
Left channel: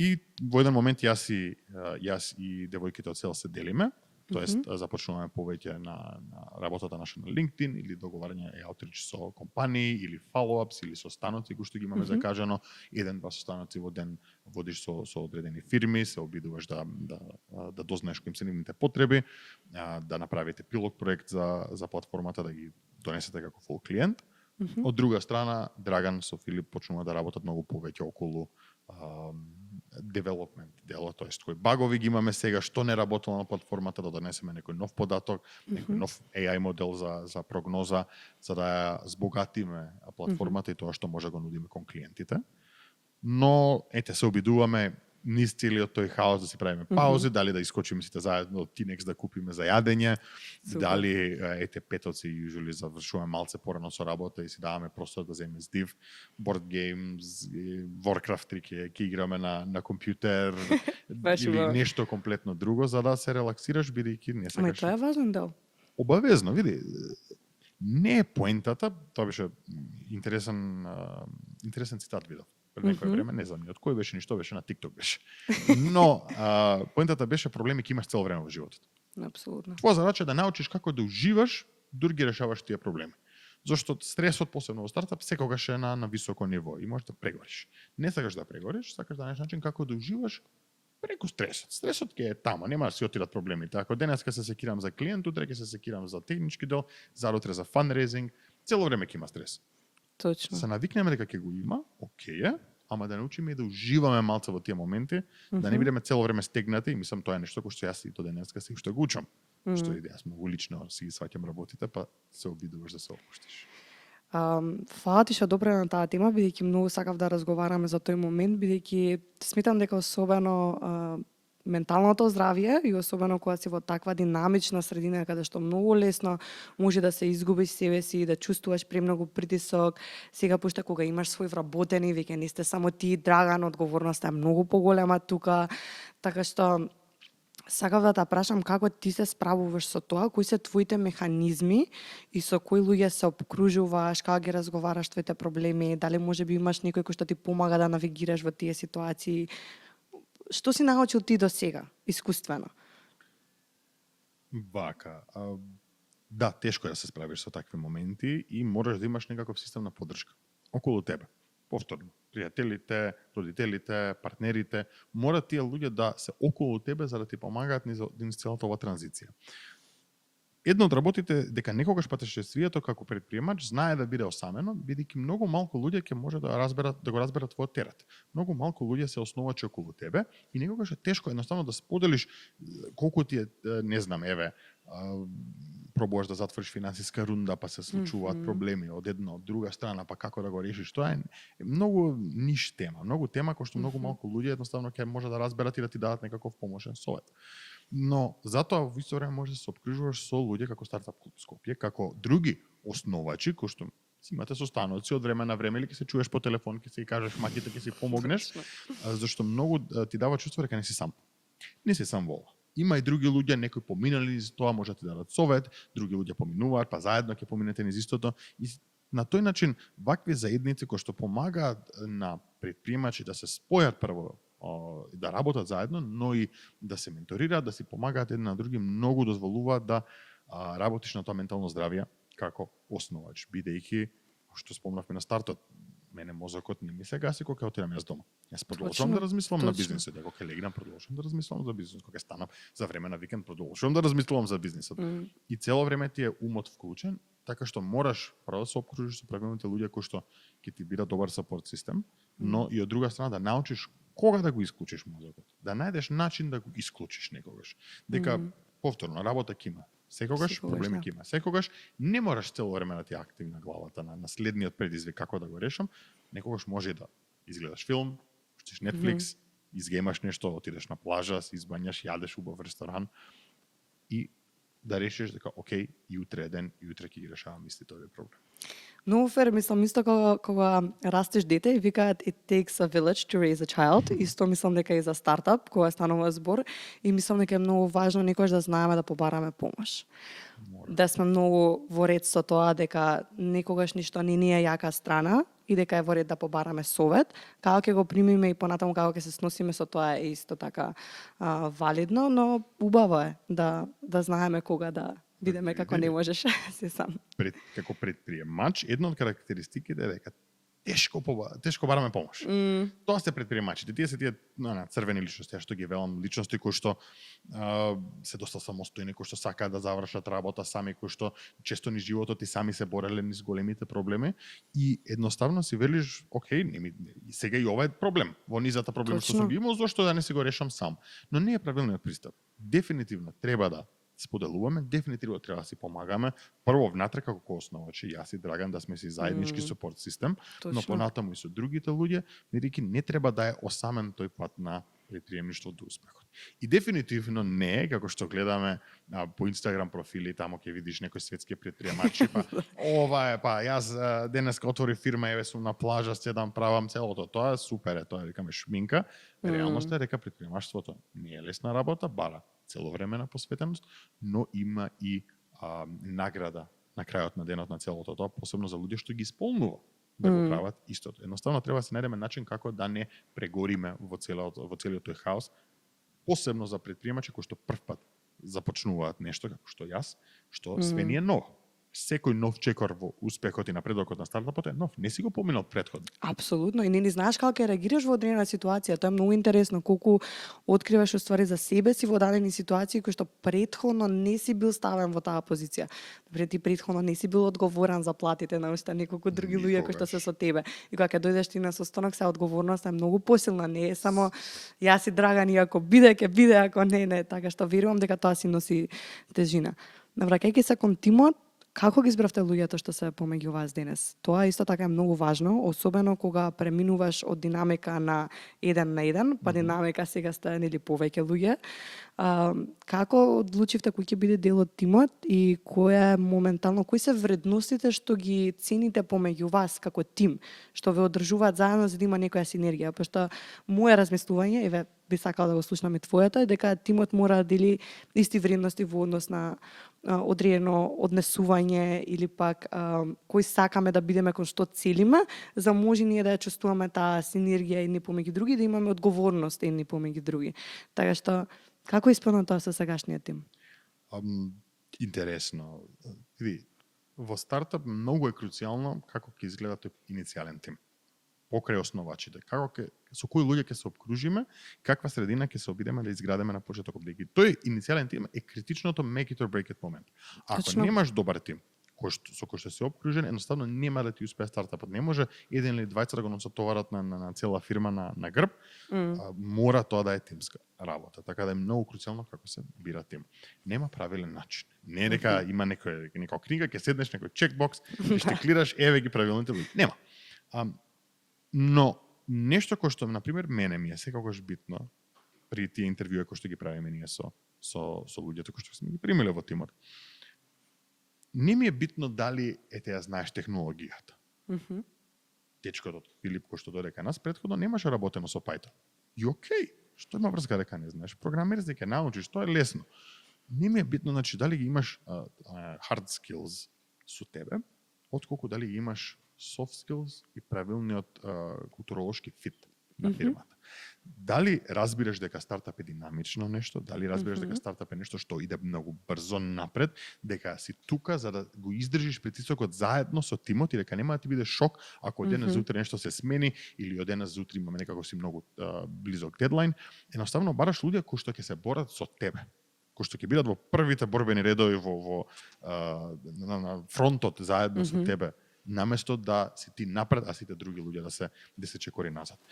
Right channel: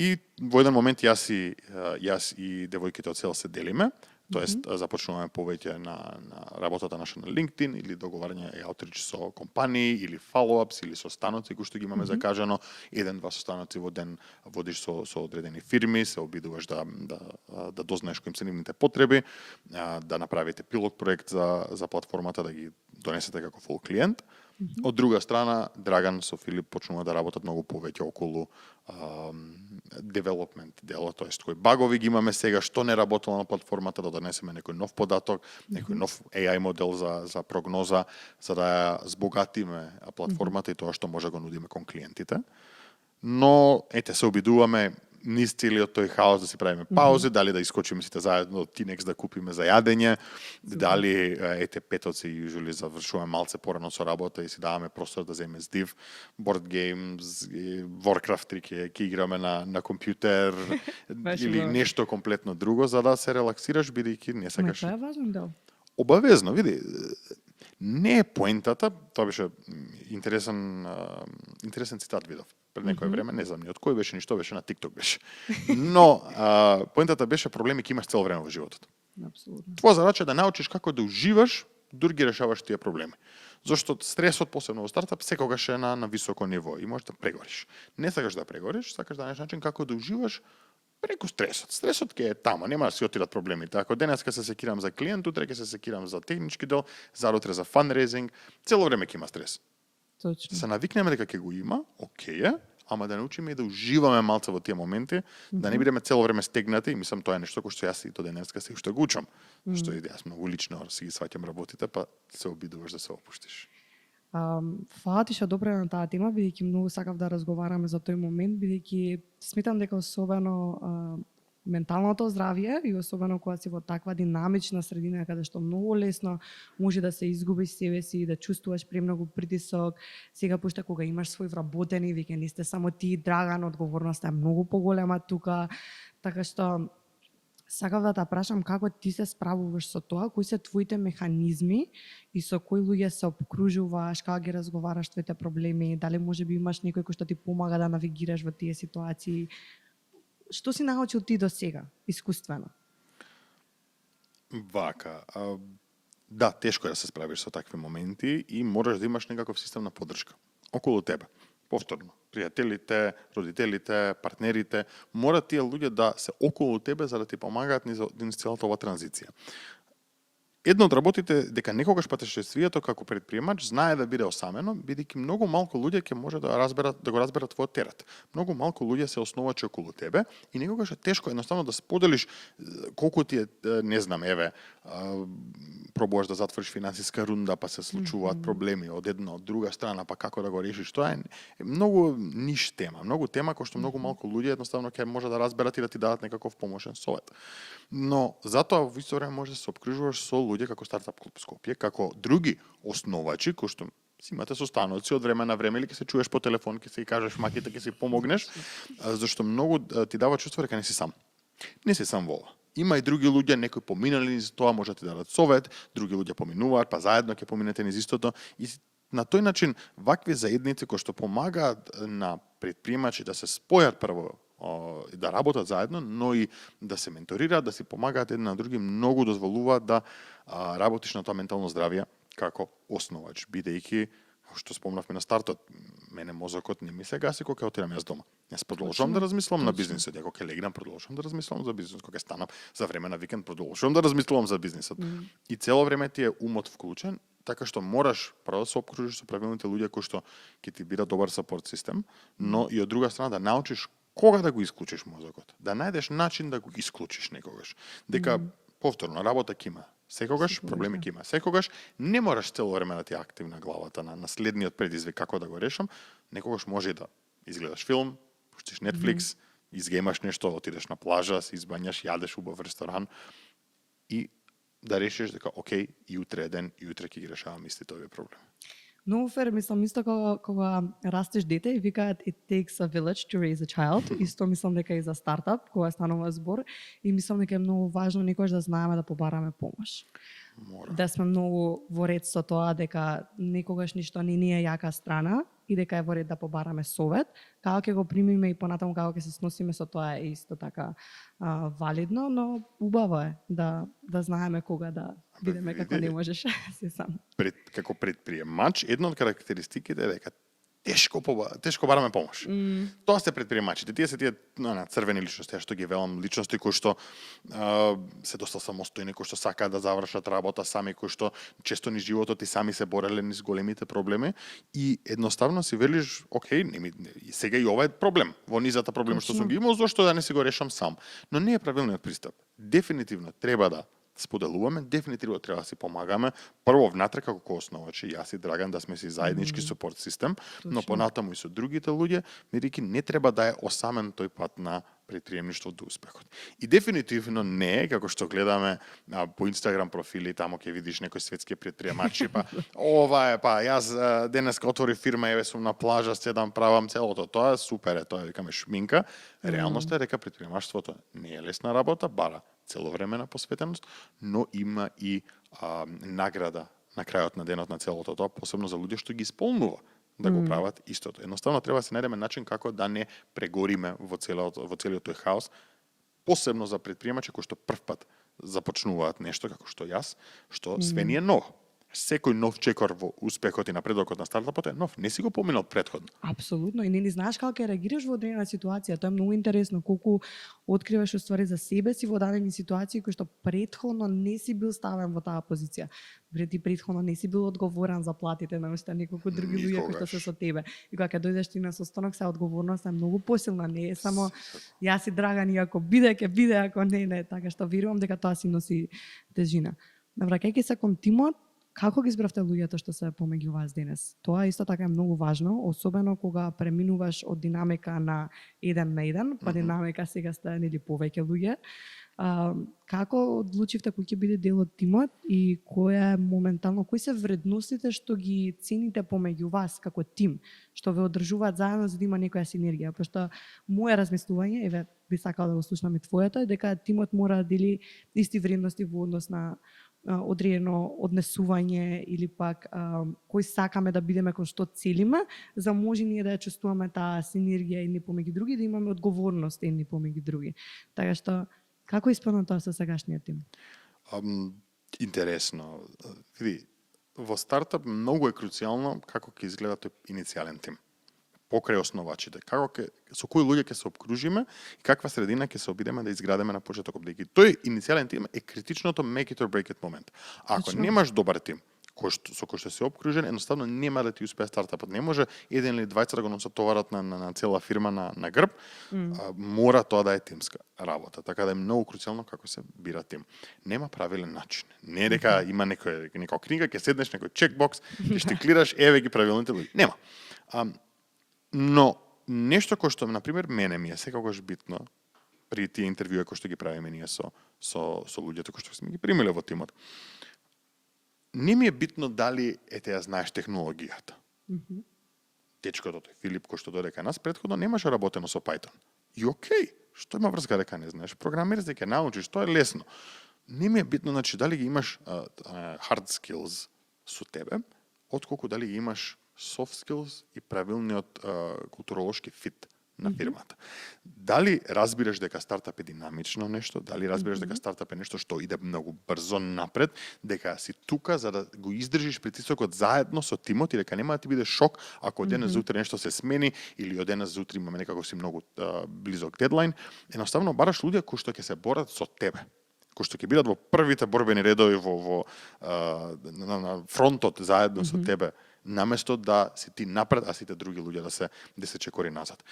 И во еден момент јас и девојките од цел се делиме, тоест започнуваме повеќе на работата наша на LinkedIn или договарање и outreach со компании или follow-ups или состаноци кои што ги имаме закажано, 1-2 состаноци во ден водиш со одредени фирми, се обидуваш да дознаеш кои им се нивните потреби, да направите пилот проект за платформата да ги донесете како full клиент. Од друга страна, Драган со Филип почнува да работат многу повеќе околу development дело, тоест кои багови ги имаме сега, што не работело на платформата, да донесеме некој нов податок, некој нов AI модел за прогноза, за да ја збогатиме платформата и тоа што може да го нудиме кон клиентите. Но, се обидуваме низ целиот тој хаос да си правиме паузи, дали да искочиме сите заедно од Тинекс да купиме за јадење, дали петоци јужули завршуваме малце порано со работа и си даваме простор да земеме здив, board games, Warcraft 3 ќе играме на компјутер или нешто комплетно друго за да се релаксираш бидејќи не сакаш. Тоа е важен дел. Обавезно, види. Не е поентата, тоа беше интересен цитат видов пред некој време, не знам ни од кој беше, ништо беше на TikTok беше. Но поентата беше проблеми ќе имаш цело време во животот. Апсолутно. Твоја задача е да научиш како да уживаш, дури ги решаваш тие проблеми. Зошто стресот посебно во стартап секогаш е на високо ниво и можеш да прегориш. Не сакаш да прегориш, сакаш да најдеш начин како да уживаш Преку стресот. Стресот ќе е тама, нема да си отидат проблемите. Ако денеска се секирам за клиент, утре ќе се секирам за технички дел, зарутре за фанрейзинг, цело време ќе има стрес. Точно. Се навикнеме дека ќе го има, окей е, ама да научиме и да уживаме малце во тие моменти, да не бидеме цело време стегнати, и мислам тоа е нешто кој што јас и до денеска се уште го учам. Што и јас многу лично си ги сваќам работите, па се обидуваш да се опуштиш. Фала ти што добре на таа тема, бидејќи многу сакав да разговараме за тој момент, бидејќи сметам дека особено менталното здравје и особено кога си во таква динамична средина каде што многу лесно може да се изгубиш себе си, да чувствуваш премногу притисок, сега пошто кога имаш свој вработени, веќе не сте само ти, Драган, одговорноста е многу поголема тука, така што сакав да те прашам како ти се справуваш со тоа, кои се твоите механизми и со кои луѓе се обкружуваш, како ги разговараш твоите проблеми, дали можеби имаш некој кој што ти помага да навигираш во тие ситуации. Што си научил ти до сега, искуствено? Вака, да, тешко е да се справиш со такви моменти и можеш да имаш некаков систем на поддршка околу тебе. Повторно, пријателите, родителите, партнерите, мора тие луѓе да се околу тебе за да ти помагаат низ целата оваа транзиција. Едно од работите дека некогаш патешествието како предприемач знае да биде осамено, бидејќи многу малку луѓе ќе може да го разберат твојот терет. Многу малку луѓе се основачи околу тебе и некогаш е тешко едноставно да споделиш колку ти е, не знам, еве, пробуваш да затвориш финансиска рунда, па се случуваат проблеми од една од друга страна, па како да го решиш. Тоа е многу ниш тема, многу тема кој што многу малку луѓе едноставно ќе може да разберат и да ти дадат некаков помошен совет. Но затоа во исто време може да се обкружуваш со луѓе како Стартап клуб Скопје, како други основачи кои што си имате состаноци од време на време или ќе се чуеш по телефон, ќе се кажеш маките, ќе си помогнеш, зашто многу ти дава чувство дека не си сам. Не си сам во ова. Има и други луѓе, некои поминали низ тоа, може да ти дадат совет, други луѓе поминуваат, па заедно ќе поминете низ истото и на тој начин вакви заедници кои што помагаат на предприемачи да се спојат прво да работат заедно, но и да се менторираат, да си помагаат едни на други, многу дозволуваат да работиш на тоа ментално здравје како основач, бидејќи што спомнавме на стартот, мене мозокот не ми се гаси кога ќе отидам јас дома. Јас продолжувам да размислувам на бизнисот, ако ќе легнам продолжувам да размислувам за бизнисот, кога ќе станам за време на викенд продолжувам да размислувам за бизнисот. И цело време ти е умот вклучен, така што мораш прво да се обкружиш со правилните луѓе кои што ќе ти бидат добар сапорт систем, но и од друга страна да научиш кога да го исклучиш мозокот, да најдеш начин да го исклучиш некогаш. Дека повторно работа ќе има секогаш, проблеми ќе има секогаш, не мораш цело време да ти е активна главата на следниот предизвик како да го решам, некогаш може и да изгледаш филм, пуштиш Netflix, изгемаш нешто, отидеш на плажа, се избањаш, јадеш убав ресторан и да решиш дека окей, и утре е ден, и утре ќе ги решавам истите овие проблеми. Многу фер, мислам, исто кога растеш дете и викаат it takes a village to raise a child, исто мислам дека и за стартап, кога станува збор, и мислам дека е многу важно некојаш да знаеме да побараме помош. Мора. Да сме многу во ред со тоа дека некогаш ништо не ни е јака страна и дека е во ред да побараме совет. Како ќе го примиме и понатаму како ќе се сносиме со тоа е исто така валидно, но убаво е да знаеме кога да видиме како не можеш се сам. Како предприемач, една од карактеристиките е дека тешко бараме помош. Тоа се предприемачите, тие се тие црвени личности, што ги велам, личности кои што се доста самостојни, кои што сакаат да завршат работа сами, кои што често низ животот и сами се бореле низ големите проблеми и едноставно си велиш, окей, сега и ова е проблем. Во низата проблеми што сум ги имал, зошто да не си го решам сам? Но не е правилниот пристап. Дефинитивно треба да споделуваме, дефинитивно треба да си помагаме. Прво внатре како основачи, јас и Драган да сме си заеднички супорт систем, но понатаму и со другите луѓе, бидејќи не треба да е осамен тој пат на предприемништво до успехот. И дефинитивно не е, како што гледаме по Инстаграм профили, тамо ќе видиш некои светски предприемачи, па ова е, па јас денеска отвори фирма, еве сум на плажа, седам, правам целото, тоа е супер, тоа викаме шминка. Реалноста е дека предприемаштвото не е лесна работа, бара целовремена посветеност, но има и награда на крајот на денот на целото тоа, посебно за луѓе што ги исполнува да го прават истото. Едноставно треба да се најдеме начин како да не прегориме во целиот тој хаос, посебно за предприемачи кои што прв пат започнуваат нешто како што јас, што све ни е ново. Секој нов чекор во успехот и напредокот на стартапот е нов, не си го поминал претходно. Апсолутно. И не знаеш како ќе реагираш во одредена ситуација. Тоа е многу интересно колку откриваш уствари за себе си во дадени ситуации кои што претходно не си бил ставен во таа позиција. Например, ти претходно не си бил одговорен за платите на уште неколку други луѓе кои што се со тебе. И кога ќе дојдеш ти на состанок, се одговорноста е многу посилна, не е само јас и Драган и ако биде ќе биде, ако не, така што верувам дека тоа си носи тежина. Навраќајќи се кон тимот, како ги избравте луѓето што се помеѓу вас денес? Тоа исто така е многу важно, особено кога преминуваш од динамика на 1 на 1, па динамика сега сте нели повеќе луѓе. Како одлучивте кој ќе биде дел од тимот и кои се вредностите што ги цените помеѓу вас како тим, што ве одржуваат заедно за да има некоја синергија? Пошто мое размислување, еве би сакала да го слушнам и твоето, е дека тимот мора да дели исти вредности во однос на одредено однесување или пак кој сакаме да бидеме, кон што целиме, за може ние да ја чувствуваме таа синергија едни помеѓу други, да имаме одговорност едни помеѓу други. Така што, како исполнува тоа со сегашниот тим? Интересно. Види, во стартап многу е круцијално како ќе изгледа тој иницијален тим. Покрај основачите, со кои луѓе ќе се обкружиме и каква средина ќе се обидеме да изградиме на почетокот. Тој иницијален тим е критичното make it or break it момент. Ако Точно. немаш добар тим, со кој што си обкружен, едноставно нема да ти успее стартапот. Не може еден или двајца да го носат товарот на цела фирма на грб. Мора тоа да е тимска работа. Така да е многу круцијално како се бира тим. Нема правилен начин. Не е дека има некоја книга, ќе седнеш некој чекбокс, ќе штиклираш, еве ги правилните луѓе. Нема. Но нешто кој што, например, мене ми е секогаш битно при тие интервјуи кои што ги правиме ние со луѓето кои што сме ги примиле во тимот. Не ми е битно дали ја знаеш технологијата. Дечкото тој Филип кој што дојде кај нас претходно немаше работено со Python. И окей, што има врска дека не знаеш? Програмер ќе научиш, тоа е лесно. Не ми е битно значи дали ги имаш hard skills со тебе, отколку дали ги имаш soft skills и правилниот културолошки фит на фирмата. Дали разбираш дека стартап е динамично нешто, дали разбираш дека стартап е нешто што иде многу брзо напред, дека си тука за да го издржиш притисокот заедно со тимот и дека нема да ти биде шок ако од денес за утре нешто се смени или од денес за утре имаме некако си многу близок дедлайн. Едноставно бараш луѓе кои што ќе се борат со тебе, кои што ќе бидат во првите борбени редови на фронтот заедно со тебе, наместо да си ти напред, а сите други луѓе да се чекори назад.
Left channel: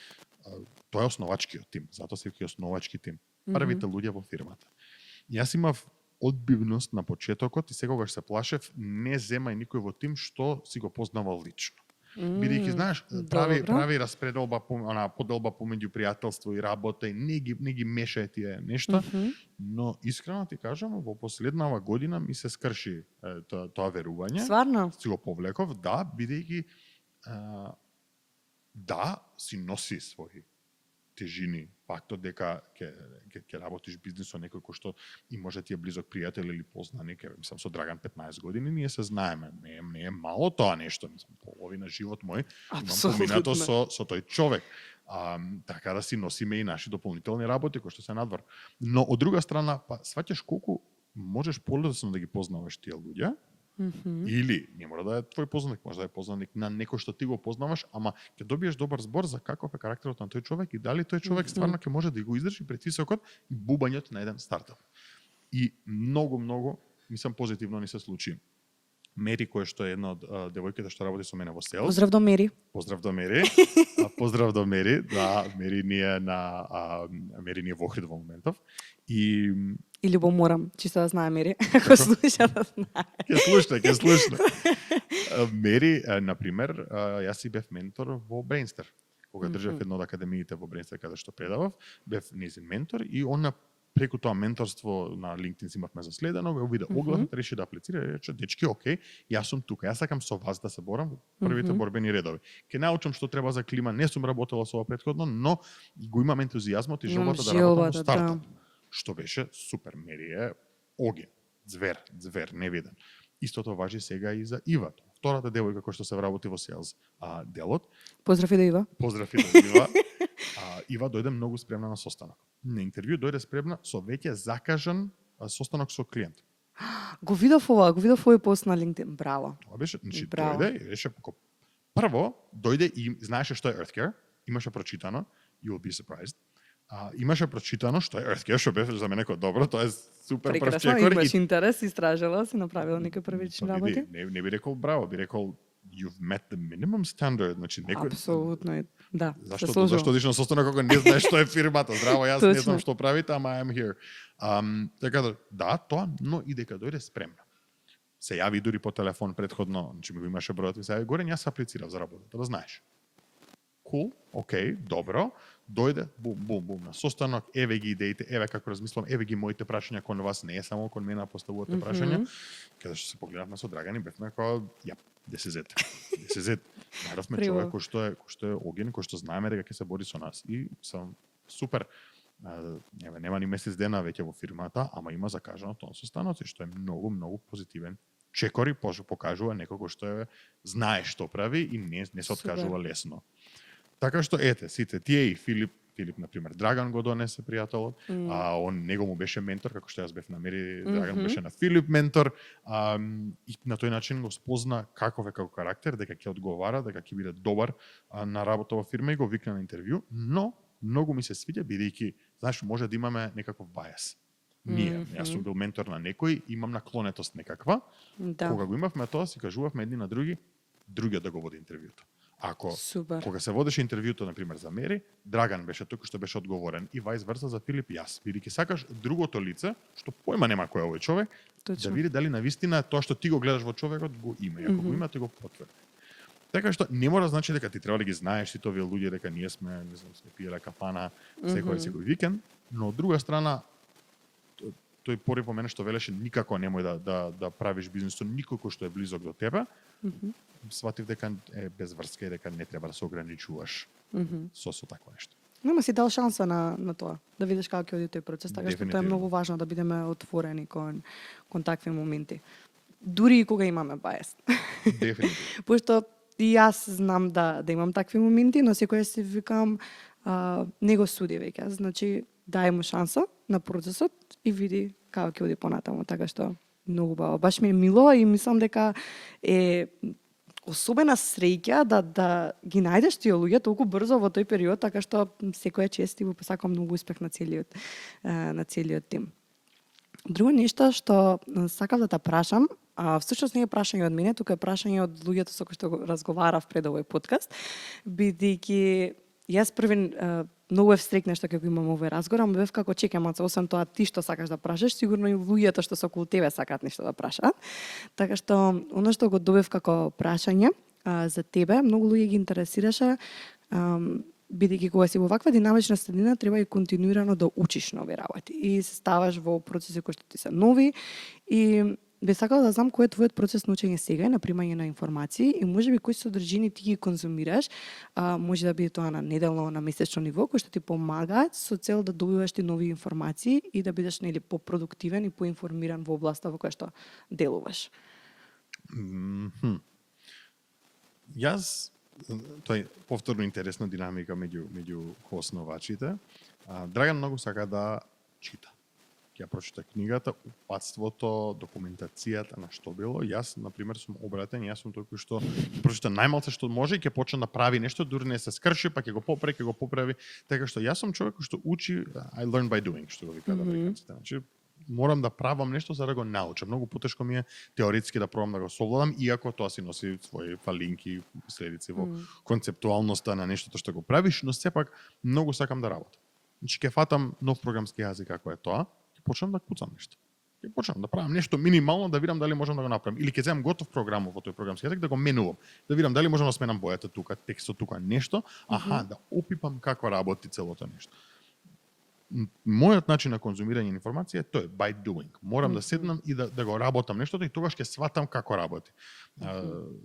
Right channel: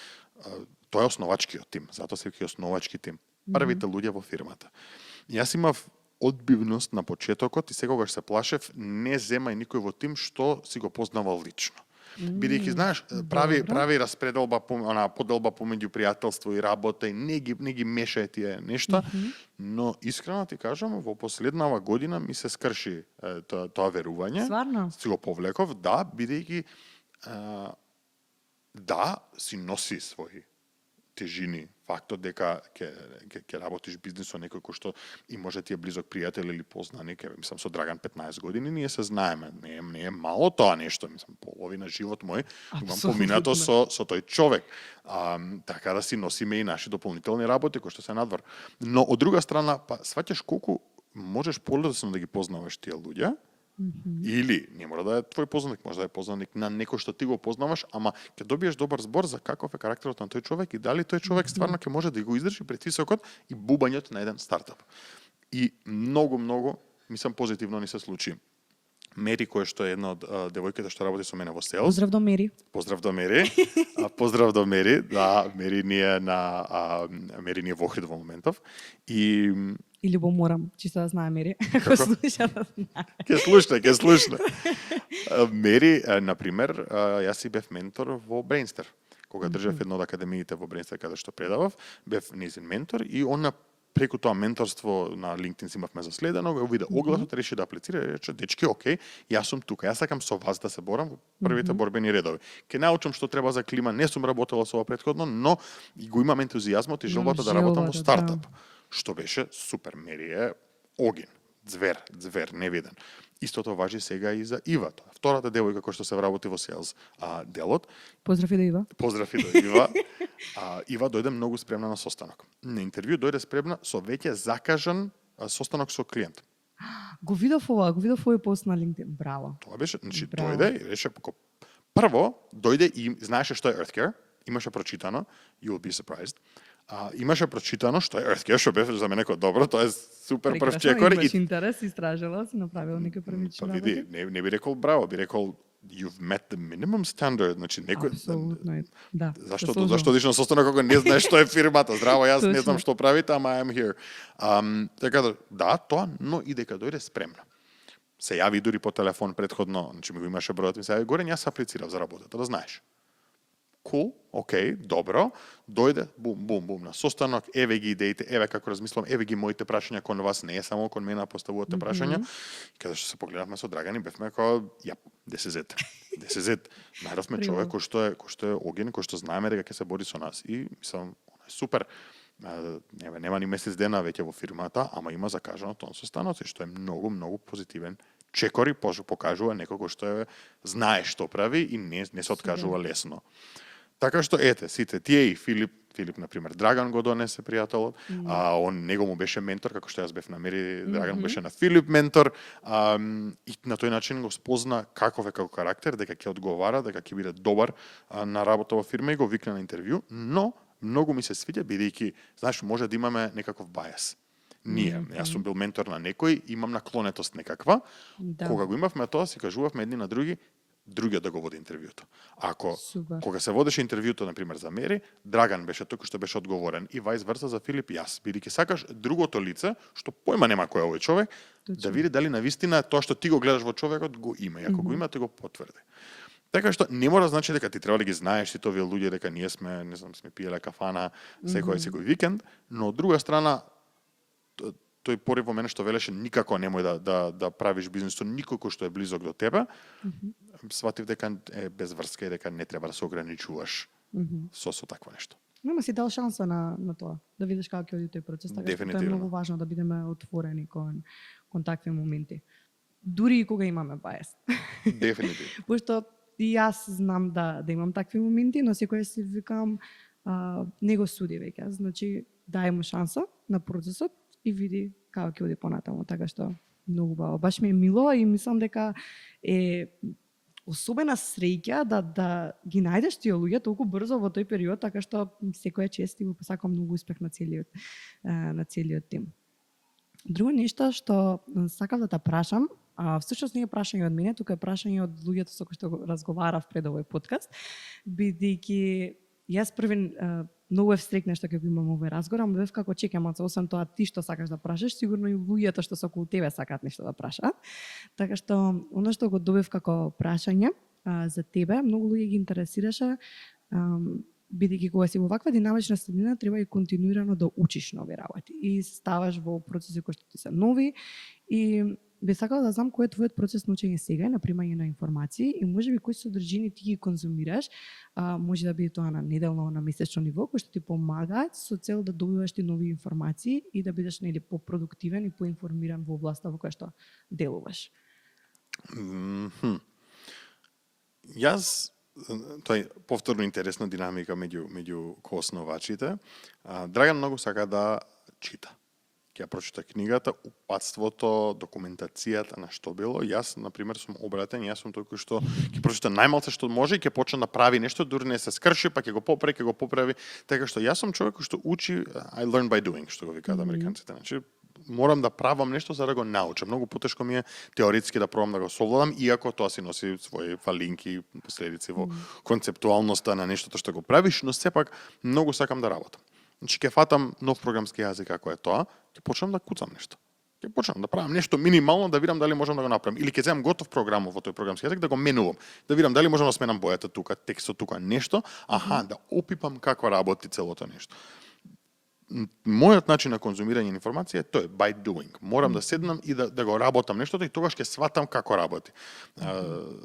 Тоа е основачкиот тим, затоа се вика основачки тим. Првите луѓе во фирмата. Јас имав одбивност на почетокот и секогаш се плашев не земај никој во тим што си го познавал лично. Бидејќи знаеш, прави распределба, поделба помеѓу пријателство и работа и не ги мешај тие нешта, но искрено ти кажам, во последнава година ми се скрши тоа верување. Стварно? Си го повлеков, да, бидејќи си носи своји тежини, фактот дека ќе работиш бизнис со некој кој што и може ти е близок пријател или познаник, мислам со Драган 15 години, ние се знаеме, не е мало тоа нешто, мислам половина живот мој имам поминато со тој човек. Така да си носиме и наши дополнителни работи кои што се надвор. Но од друга страна, па сваќаш колку можеш полесно да ги познаваш тие луѓе. Или не мора да е твој познаник, може да е познаник на некој што ти го познаваш, ама ќе добиеш добар збор за каков е карактерот на тој човек и дали тој човек стварно ќе може да го издржи притисокот и бубањето на еден стартап. И многу, мислам позитивно ни се случи. Мери, која што е една од девојките што работи со мене во Sales. Поздрав до Мери. Поздрав до Мери. Поздрав до Мери. Да, Мери ни е во Охрид во моментов. Или во Морам, чисто да знае Мери. Ако слуша да знае. Ќе слушне. Мери, например, јас си бев ментор во Brainster. Кога држав една од академиите во Brainster каде што предавав, бев низин ментор и она преку тоа менторство на LinkedIn си имавме заследено, го виде огласот, реши да аплицира и рече, дечки, окей, јас сум тука, јас сакам со вас да се борам во првите борбени редови. Ке научам што треба за клима, не сум работела со ова претходно, но го имам ентузијазмот и желбата да работам во стартап. Што беше супер, Мери е оген, звер, невиден. Истото важи сега и за Ива, втората девојка која што се вработи во Sales делот. Поздрав и до Ива. Поздрав и до Ива. Ива дојде многу спремна на состанок. На интервју дојде спремна со веќе закажан состанок со клиент. Го видов овој пост на LinkedIn. Браво. Тоа беше, значи Браво. дојде и рече прво дојде и знаеше што е Earthcare, имаше прочитано, you will be surprised. Имаше прочитано што е Earthcare, што беше за мене како добро, тоа е супер прв Прекрасно, чекор имаш интерес, истражила, си направила некои првични па види, работи. не би рекол браво, би рекол you've met the minimum standard, значи некој Апсолутно, да. Зашто одиш на состанок кога не знаеш што е фирмата? Здраво, јас не знам Точно. што правите, ама I am here. Така да, тоа, но и дека дојде спремна. Се јави дури по телефон претходно, значи ми го имаше бројот, ми се јави горе, јас аплицирав за работата, да знаеш. Cool, окей, добро. Дојде, бум, на состанок, еве ги идеите, еве како размислам, еве ги моите прашања кон вас, не е само кон мене, поставувате прашања. Каде што се погледавме со Драган и бевме како, this is it. Најдовме човек кој што е оген, кој што знаеме дека ќе се бори со нас. И мислам, супер. Нема ни месец дена веќе во фирмата, ама има закажано тон состаноци, што е многу позитивен. Чекори покажува некој кој што знае што прави и не се откажува лесно. Така што ете, сите тие и Филип на пример Драган го донесе пријателот, он него му беше ментор како што јас бев на Мери, Драган беше на Филип ментор, и на тој начин го спозна каков е како карактер, дека ќе одговара, дека ќе биде добар на работа во фирма и го викна на интервју, но многу ми се свиѓа бидејќи, знаеш, може да имаме некаков бајас. Јас сум бил ментор на некој, имам наклонетост некаква. Да. Кога го имавме тоа, си кажувавме едни на други, другиот да го води интервјуто. Кога се водеше интервјуто, на пример за Мери, Драган беше тој кој што беше одговорен и вајс верса за Филип јас, бидејќи сакаш другото лице, што појма нема кој е овој човек, да види дали навистина тоа што ти го гледаш во човекот го има, и ако го има, тој го потврди. Така што не мора значи дека ти треба да ги знаеш сите овие луѓе, дека ние сме, не знам, сме пиеле кафана секој викенд, но од друга страна тој порив во мене што велеше никако немој да правиш бизнис со никој кој што е близок до тебе. Сватив дека е без врска и дека не треба да се ограничуваш со такво нешто. Нема си дал шанса на тоа, да видиш како ќе оди тој процес, така што тоа е многу важно да бидеме отворени кон такви моменти. Дури и кога имаме бајас. Дефинитивно. Пошто и јас знам да имам такви моменти, но секој си викам не го суди веќе. Значи, дај му шанса на процесот и види како ќе оди понатаму, така што многу баво. Баш ми е мило и мислам дека е особена среќа да ги најдеш тие луѓе толку брзо во тој период, така што секоја чест и го посакам многу успех на целиот тим. Друго нешто што сакав да те прашам, всушност не е прашање од мене, тука е прашање од луѓето со кои што разговарав пред овој подкаст, бидејќи јас први многу е встрекна што ќе го имам овој разговор, ама бев како чекам, освен тоа ти што сакаш да прашаш, сигурно и луѓето што се околу тебе сакаат нешто да прашаат. Така што оно што го добив како прашање за тебе, многу луѓе ги интересираше, бидејќи кога си во ваква динамична средина треба и континуирано да учиш нови работи и се ставаш во процеси кои што ти се нови и би сакала да знам кој е твојот процес на учење сега и на примање на информации и можеби кои содржини ти ги конзумираш, може да биде тоа на неделно, на месечно ниво, кои што ти помагаат со цел да добиваш ти нови информации и да бидеш нели попродуктивен и поинформиран во областа во која што делуваш. Јас тоа е повторно интересна динамика меѓу коосновачите. Драган многу сака да чита. Ќе прочита книгата, упатството, документацијата на што било. Јас, на пример, сум обратен, јас сум тој кој што ќе прочита најмалце што може и ќе почне да прави нешто, дури не се скрши, па ќе го поправи. Така што јас сум човек кој што учи, I learn by doing, што го викаат американците. Значи, морам да правам нешто за да го научам. Многу потешко ми е теоретски да пробам да го совладам, иако тоа си носи своји фалинки, последици во концептуалноста на нештото што го правиш, но сепак многу сакам да работам. Значи, ќе фатам нов програмски јазик како е тоа, ќе почнам да куцам нешто. Ќе почнам да правам нешто минимално, да видам дали можам да го направам. Или ќе земам готов програм во тој програмски јазик, да го менувам. Да видам дали можам да сменам бојата тука, текстот тука, нешто. Да опипам како работи целото нешто. Мојот начин на конзумирање на информација е тој, by doing. Морам да седнам и да го работам нештото и тогаш ќе сватам како работи.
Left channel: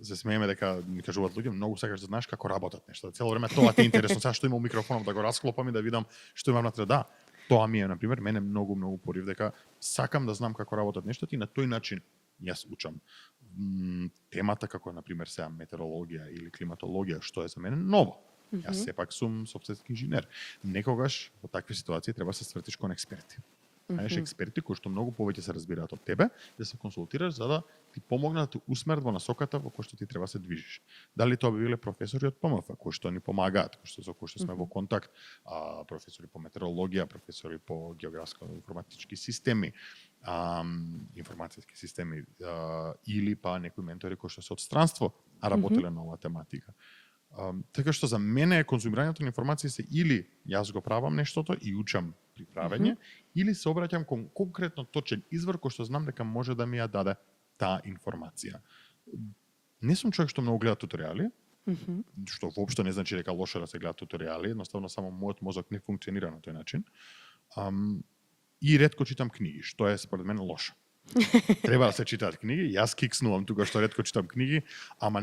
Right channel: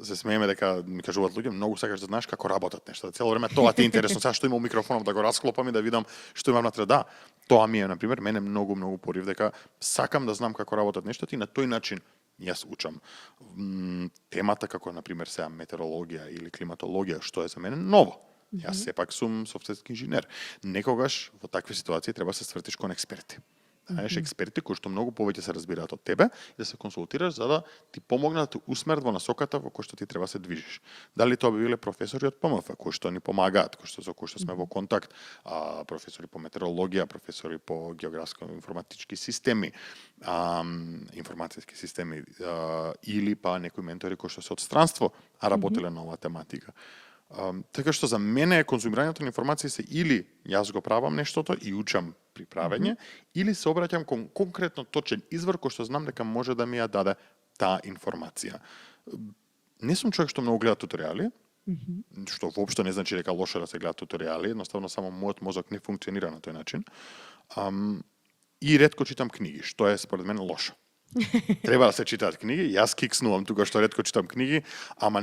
Се смееме дека ми кажуваат луѓе, многу сакаш да знаеш како работат нешта. Цело време тоа ти е интересно, сега што имам микрофонов да го расклопам и да видам што имам внатре. Да, тоа ми е, на пример, мене многу порив дека сакам да знам како работат нештата и на тој начин јас учам. Темата како на пример сега метеорологија или климатологија, што е за мене ново. Јас сепак сум софтверски инженер. Некогаш во такви ситуации треба да се свртиш кон експерти. најдеш експерти кои што многу повеќе се разбираат од тебе, и да се консултираш за да ти помогнат да те усмерат во насоката во која што ти треба се движиш. Дали тоа би биле професори од ПМФ кои што ни помагаат, со кои што сме во контакт, професори по метеорологија, професори по географско-информатички системи, информацијски системи, или па некои ментори кои што се од странство, а работеле на оваа тематика. Така што за мене конзумирањето на информации се или јас го правам нештото и учам при правење, или се обраќам кон конкретно точен извор кој што знам дека може да ми ја даде таа информација. Не сум човек што многу гледа туторијали, што воопшто не значи дека лошо да се гледа туторијали, едноставно само мојот мозок не функционира на тој начин. И ретко читам книги, што е според мен лошо. Треба да се читаат книги, јас кикснувам тука што ретко читам книги, ама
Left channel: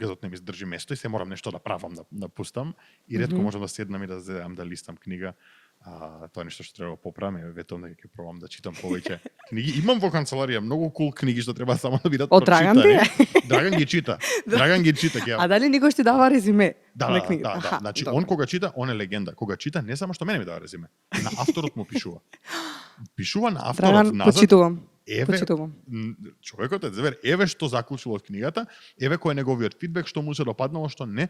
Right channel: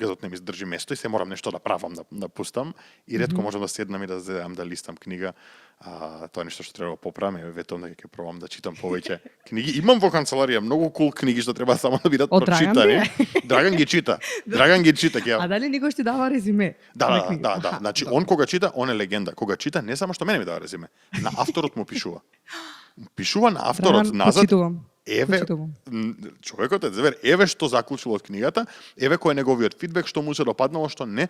газот не ми здржи место и се морам нешто да правам, да пустам и ретко можам да седнам и да зедам да листам книга. Тоа е нешто што треба да поправам, ветувам дека ќе пробам да читам повеќе книги. Имам во канцеларија многу кул книги што треба само да бидат прочитани. Драган ги чита. Драган ги чита. А дали никош ти дава резиме? Да. Значи он кога чита, он е легенда. Кога чита не само што мене ми дава резиме, на авторот му пишува. Пишува на авторот назад. Еве, човекот е зевер, еве што заклучил од книгата, еве кој е неговиот фидбек, што му се допаднало, што не.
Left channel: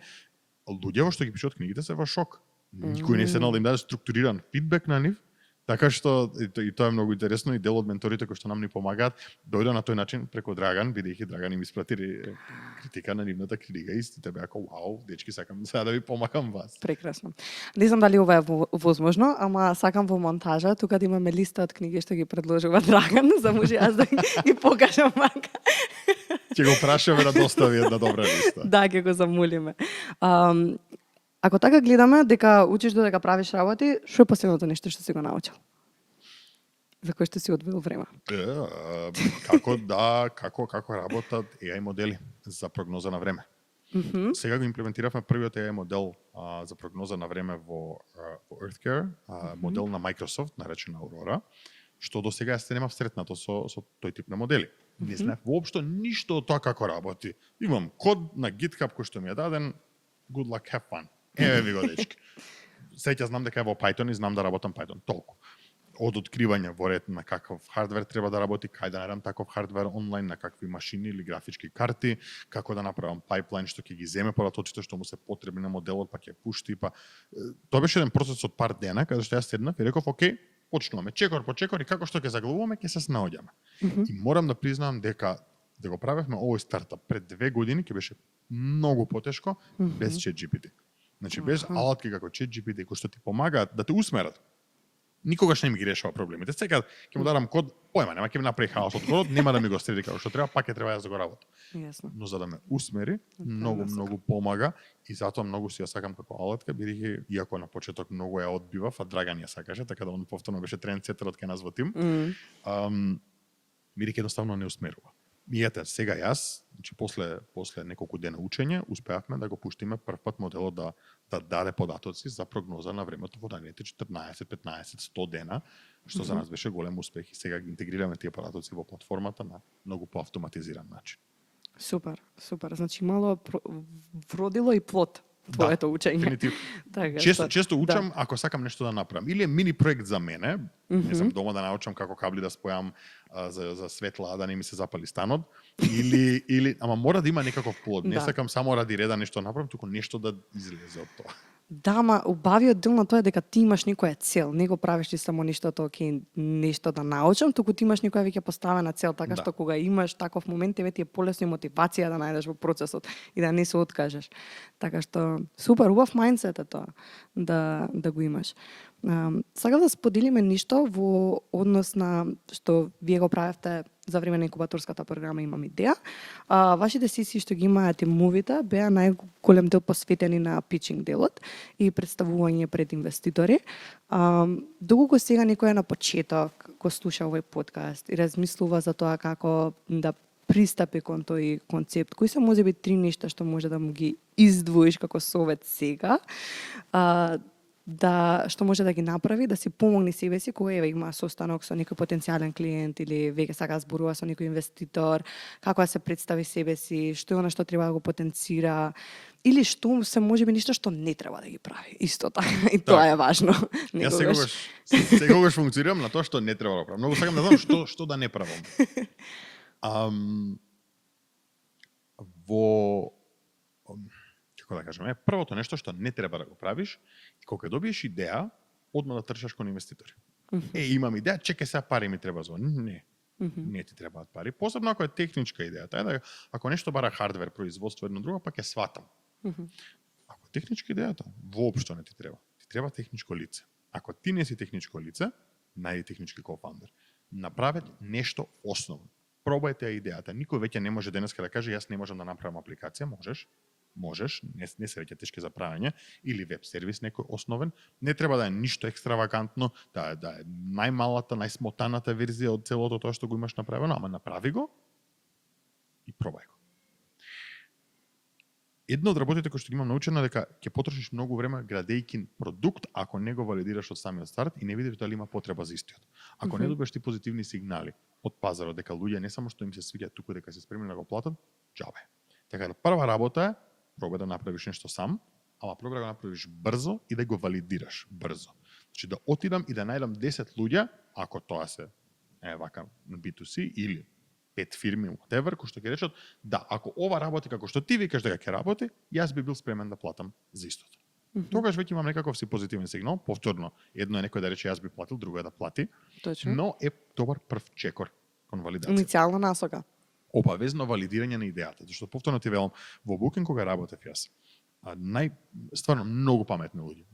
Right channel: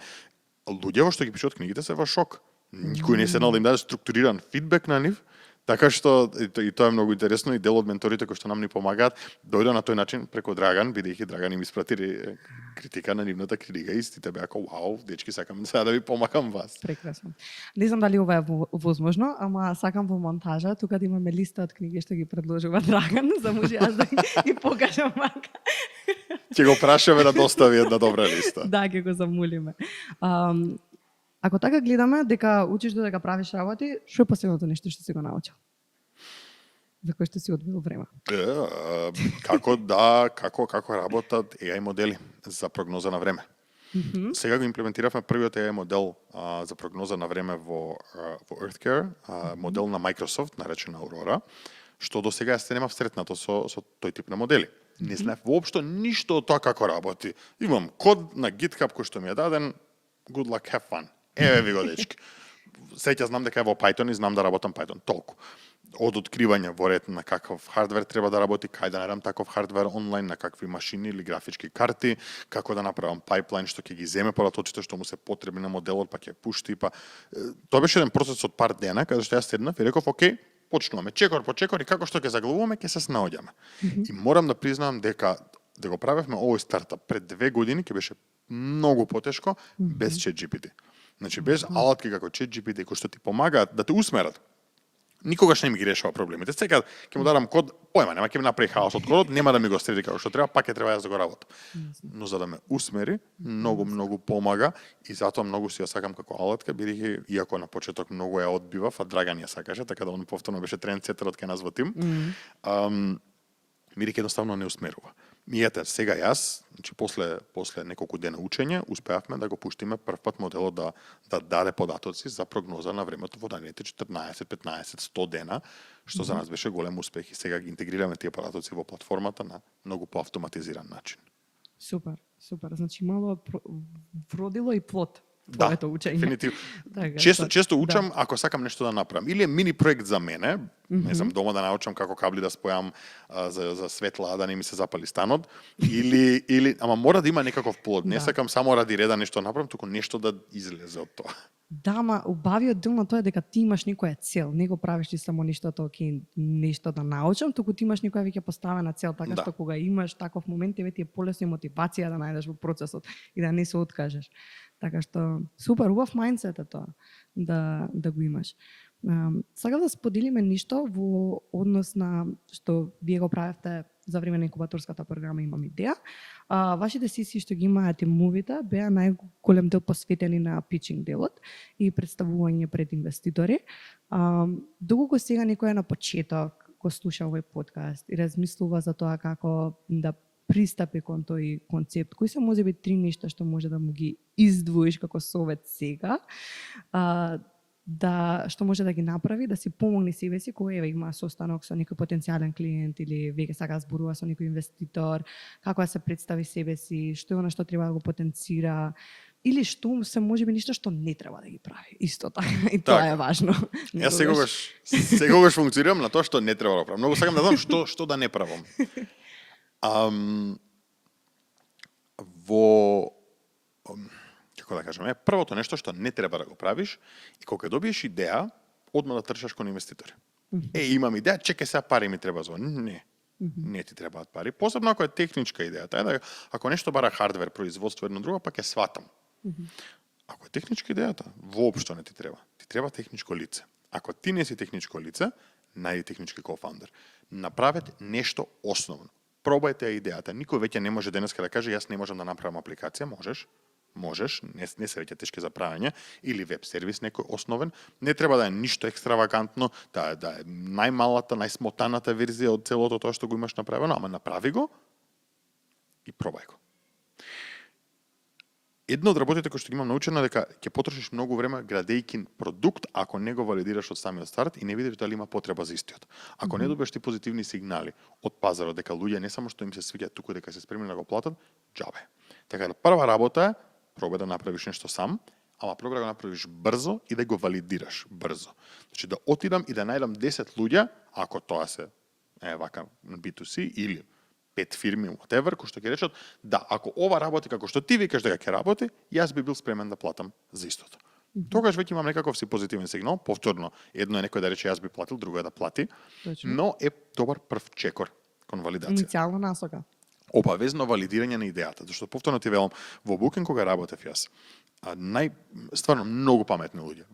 Луѓето што ги пишуваат книгите се во шок. Никој не се да им даде структуриран фидбек на нив, така што и тоа е многу интересно и дел од менторите кои што нам ни помагаат дојде на тој начин преку Драган, бидејќи Драган им испрати критика на нивната книга и сите беа како вау, дечки, сакам сега да ви помагам вас. Прекрасно. Не знам дали ова е возможно, ама сакам во монтажа тука да имаме листа од книги што ги предложува Драган, за може јас да ги покажам мака. Ќе го прашаме да достави една добра листа. Да, ќе го замолиме. Ако така гледаме дека учиш додека правиш работи, што е последното нешто што си го научил? За кој што си одвоил време? Како работат AI модели за прогноза на време. Сега го имплементиравме првиот AI модел за прогноза на време во EarthCare, модел на Microsoft, наречен Aurora, што до сега се немав сретнато со тој тип на модели. Не знаев воопшто ништо од тоа како работи. Имам код на GitHub кој што ми е даден, good luck, have fun. Еве ви го, дечки. Сеќа знам дека е во Python и знам да работам Python. Толку. Од откривање во ред на каков хардвер треба да работи, кај да наредам таков хардвер онлайн, на какви машини или графички карти, како да направам пайплайн што ќе ги земе податоците што му се потребни на моделот, па ќе пушти, па тоа беше еден процес од пар дена каде што јас седнав и реков, окей, почнуваме чекор по чекор и како што ќе заглавуваме, ќе се снаоѓаме. И морам да признам дека да го правевме овој стартап пред 2 години ќе беше многу потешко без ChatGPT. Значи без алатки како ChatGPT кои што ти помагаат да те усмерат. Никогаш не ми ги решава проблемите. Сега ќе му дадам код, појма, нема ќе ми направи хаос од кодот, нема да ми го среди како што треба, пак ќе треба јас да го работам. Но за да ме усмери, многу помага и затоа многу си ја сакам како алатка, бидејќи иако на почеток многу ја одбивав, а Драган ја сакаше, така да он повторно беше трендсетерот кај нас во тим. Бидејќи едноставно не усмерува. И ете, сега јас, значи после неколку дена учење, успеавме да го пуштиме првпат моделот да даде податоци за прогноза на времето во наредните 14, 15, 100 дена, што за нас беше голем успех и сега ги интегрираме тие податоци во платформата на многу поавтоматизиран начин. Супер. Значи мало вродило и плод твоето учење. Дефинитивно. Така, често учам ако сакам нешто да направам. Или е мини проект за мене, не знам, дома да научам како кабли да спојам за светла да не ми се запали станот, или ама мора да има некаков плод. Не сакам само ради реда нешто направам, туку нешто да излезе од тоа. Да, ама убавиот дел на тоа е дека ти имаш некоја цел, не го правиш ти само нештото, окей, нешто да научам, туку ти имаш некоја веќе поставена цел, така што кога имаш таков момент, тебе ти е полесно и мотивација да најдеш во процесот и да не се откажеш. Така што супер, убав мајндсет е тоа да го имаш. Сакам да споделиме ништо во однос на што вие го правевте за време на инкубаторската програма Имам идеја. Вашите сесии што ги имаат тимовите беа најголем дел посветени на питчинг делот и представување пред инвеститори. Доколку сега некој на почеток го слуша овој подкаст и размислува за тоа како да пристапи кон тој концепт, кои се можеби 3 нешта што може да му ги издвоиш како совет сега, што може да ги направи, да си помогне себе си, кога има состанок со некој потенцијален клиент или веќе сака да зборува со некој инвеститор, како да се представи себе си, што е она што треба да го потенцира Или што се можеби нешто што не треба да ги прави. Исто така. И тоа е важно. Јас секогаш функционирам на тоа што не треба да правам. Многу сакам да знам што да не правам. Како да кажеме, првото нешто што не треба да го правиш и кога добиеш идеја, одма да трчаш кон инвеститори. Имам идеја, чекај сега пари ми треба за. Не. Не ти требаат пари. Посебно ако е техничка идеја. Да, ако нешто бара хардвер, производство едно друго, пак ќе сватам. Ако е техничка идејата, воопшто не ти треба. Ти треба техничко лице. Ако ти не си техничко лице, најди технички кофаундер. Направете нешто основно. Пробајте идејата. Никој веќе не може денеска да каже јас не можам да направам апликација, можеш, не се веќе тешки за правење, или веб сервис некој основен, не треба да е ништо екстравагантно, да е најмалата, најсмотаната верзија од целото тоа што го имаш направено, ама направи го и пробај го. Едно од работите кои што ги имам научено дека ќе потрошиш многу време градејќи продукт ако не го валидираш од самиот старт и не видиш дали има потреба за истиот. Ако не добиеш ти позитивни сигнали од пазарот дека луѓе не само што им се свиѓа, туку дека се спремни да го платат, џабе. Така да прва работа е пробај да направиш нешто сам, ама пробај да го направиш брзо и да го валидираш брзо. Значи да отидам и да најдам 10 луѓе, ако тоа се вака B2C или 5 фирми, whatever, кои што ќе речат, да, ако ова работи како што ти викаш дека ќе работи, јас би бил спремен да платам за истото. Тогаш веќе имам некаков си позитивен сигнал, повторно, едно е некој да рече јас би платил, друго е да плати, Точно. но е добар прв чекор кон валидација. Иницијална насока. Обавезно валидирање на идејата, зашто повторно ти велам, во Booking кога работев јас, стварно многу паметни луѓе,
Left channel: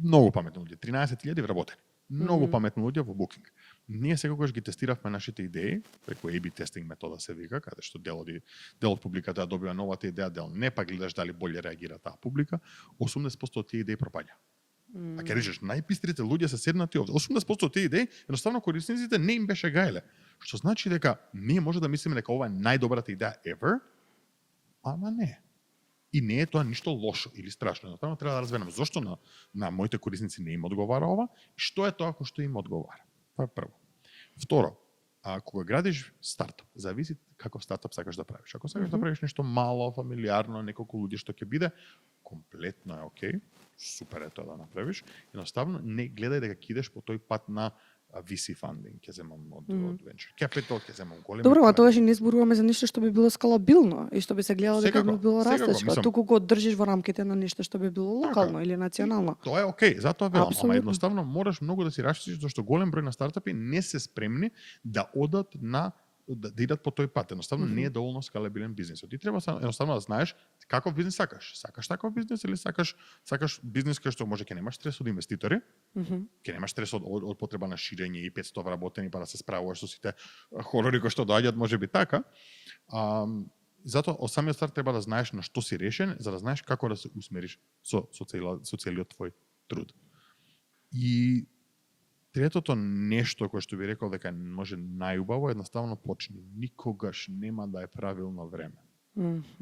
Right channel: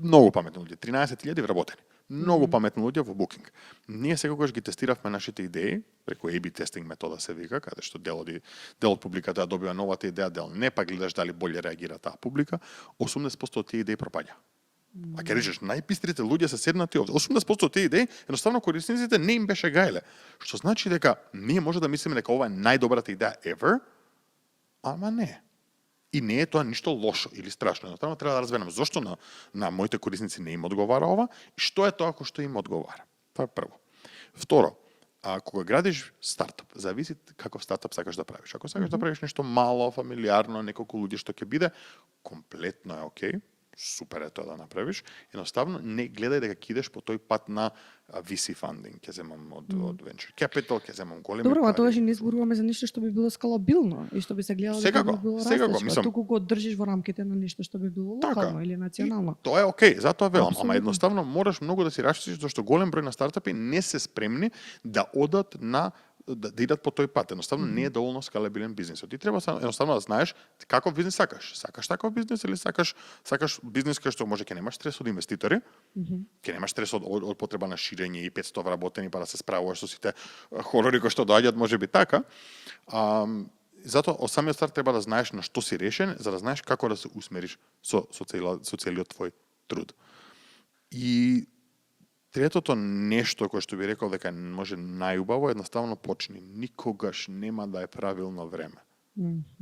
13.000 вработени. Многу паметни луѓе во Booking. Ние секогаш ги тестиравме нашите идеи преку A/B тестинг метода се вика, каде што дел од публиката добива новата идеја, дел не, па гледаш дали боле реагира таа публика. 80% од тие идеи пропаѓа. А ќе речеш најпистрите луѓе се седнати овде. 80% од тие идеи едноставно корисниците не им беше гајле. Што значи дека ние може да мислиме дека ова е најдобрата идеја ever, ама не. И не е тоа ништо лошо или страшно. Едноставно треба да разберем зошто на моите корисници не им одговара ова и што е тоа што им одговара. Тоа е прво. Второ, кога градиш стартап, зависи каков стартап сакаш да правиш. Ако сакаш да правиш нешто мало, фамилиарно, неколку луѓе што ќе биде, комплетно е окей. Супер е тоа да направиш. Едноставно не гледај дека ќе идеш по тој пат на VC funding, ќе земам од venture capital, ќе земам големи. Добро, а тоа не зборуваме за нешто што би било скалабилно и што би се гледало дека би било растещо, туку го држиш во рамките на нешто што би било локално или национално. Тоа е окей, затоа велам, ама едноставно мораш многу да си раштиш зашто голем број на стартапи не се спремни да одат да идат по тој пат. Едноставно не е доволно скалабилен бизнисот. Ти треба едноставно да знаеш каков бизнис сакаш. Сакаш таков бизнис или сакаш бизнис кај што може ќе немаш стрес од инвеститори, ќе немаш стрес од потреба на ширење и 500 вработени па да се справуваш со сите хорори кои што доаѓаат, можеби така. Затоа од самиот старт треба да знаеш на што си решен, за да знаеш како да се усмериш со целиот твој труд. И третото нешто кое што би рекол дека може најубаво, едноставно почни. Никогаш нема да е правилно време.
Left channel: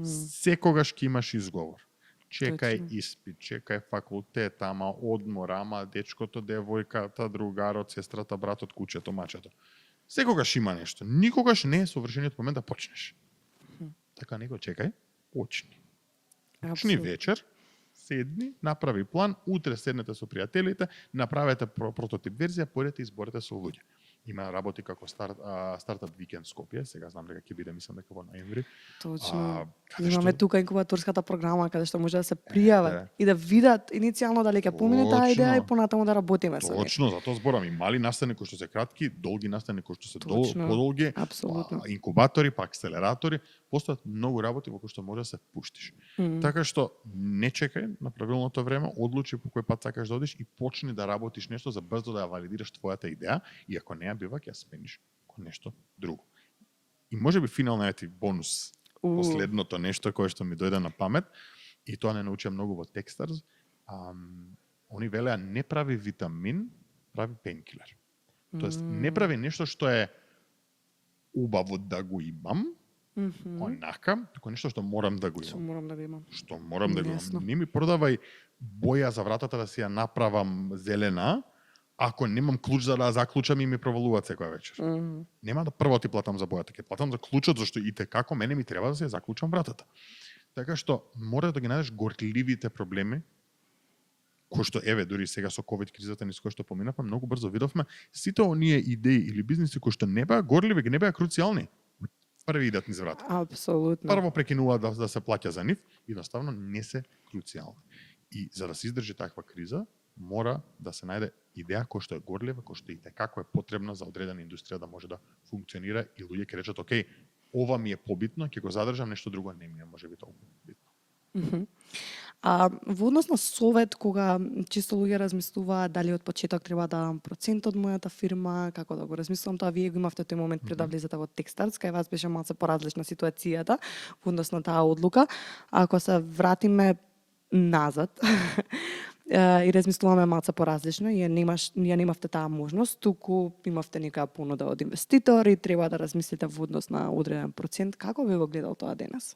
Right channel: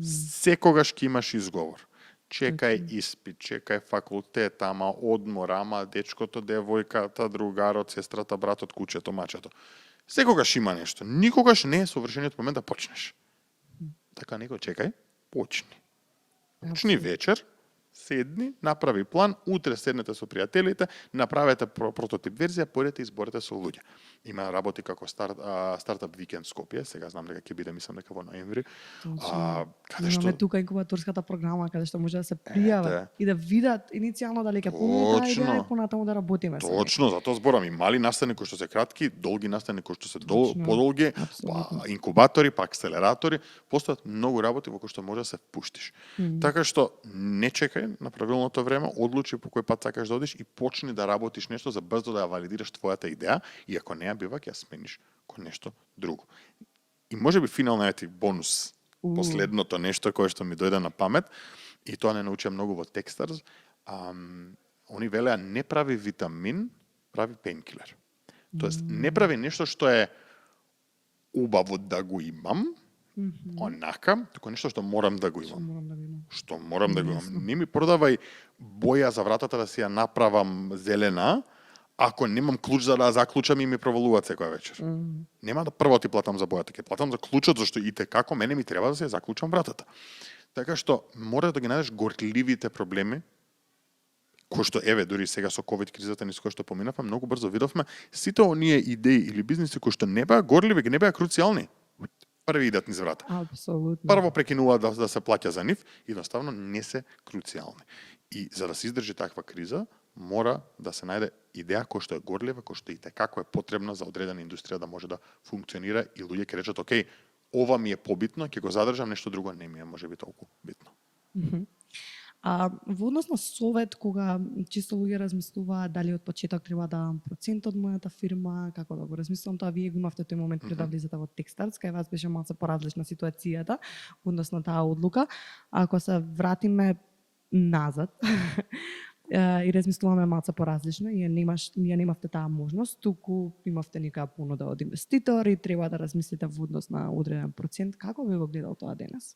Секогаш ќе имаш изговор. Чекај испит, чекај факултет, ама одмор, ама дечкото, девојката, другарот, сестрата, братот, куќето, мачето. Секогаш има нешто. Никогаш не е совршениот момент да почнеш. Така него чекај, почни. Почни вечер, седни, направи план, утре седнете со пријателите, направете прототип верзија, појдете и изборете со луѓе. Има работи како стартап викенд Скопје, сега знам дека ќе биде, мислам дека во ноември. Точно. Имаме тука инкубаторската програма каде што може да се пријават и да видат иницијално дали ќе помине таа идеја и понатаму да работиме со нив. Точно, затоа зборам и мали настани кои што се кратки, долги настани кои што се подолги, инкубатори, па акселератори, постојат многу работи во кои што може да се впуштиш. Така што не чекај на правилното време, одлучи по кој пат сакаш да одиш и почни да работиш нешто за брзо да ја валидираш твојата идеја и ако не ја бива ќе ја смениш кон нешто друго. И можеби финална е бонус, последното нешто кое што ми дојде на памет и тоа не научија многу во Techstars. Они велеа не прави витамин, прави пейнкилер. Тоест не прави нешто што е убаво да го имам, онака, туку нешто што морам да го имам. Што морам да го имам. Не ми продавај боја за вратата да си ја направам зелена, ако немам клуч за да заклучам и ми провалуваат секоја вечер. Нема да прво ти платам за бојата, ќе платам за клучот, зашто и те како мене ми треба да се заклучам вратата. Така што мора да ги најдеш горливите проблеми, кои што еве дури сега со ковид кризата низ која што поминавме, многу брзо видовме сите оние идеи или бизниси кои што не беа горливи, не беа круцијални, први идат низ врата. Апсолутно. Прво прекинуваат да се плаќа за нив, едноставно не се круцијални. И за да се издржи таква криза, мора да се најде идеја која што е горлива, која што и како е потребна за одредена индустрија да може да функционира и луѓе ќе речат, окей, ова ми е побитно, ќе го задржам, нешто друго не ми е можеби толку битно. Во однос на совет, кога чисто луѓе размислуваат дали од почеток треба да дам процент од мојата фирма, како да го размислувам тоа, вие го имавте тој момент пред да влезете во Techstars, кај вас беше малку поразлична ситуацијата во однос на таа одлука. Ако се вратиме назад и размислуваме малку поразлично, ја немавте таа можност, туку имавте нека понуда од инвеститор и треба да размислите во однос на одреден процент. Како би го гледал тоа денес?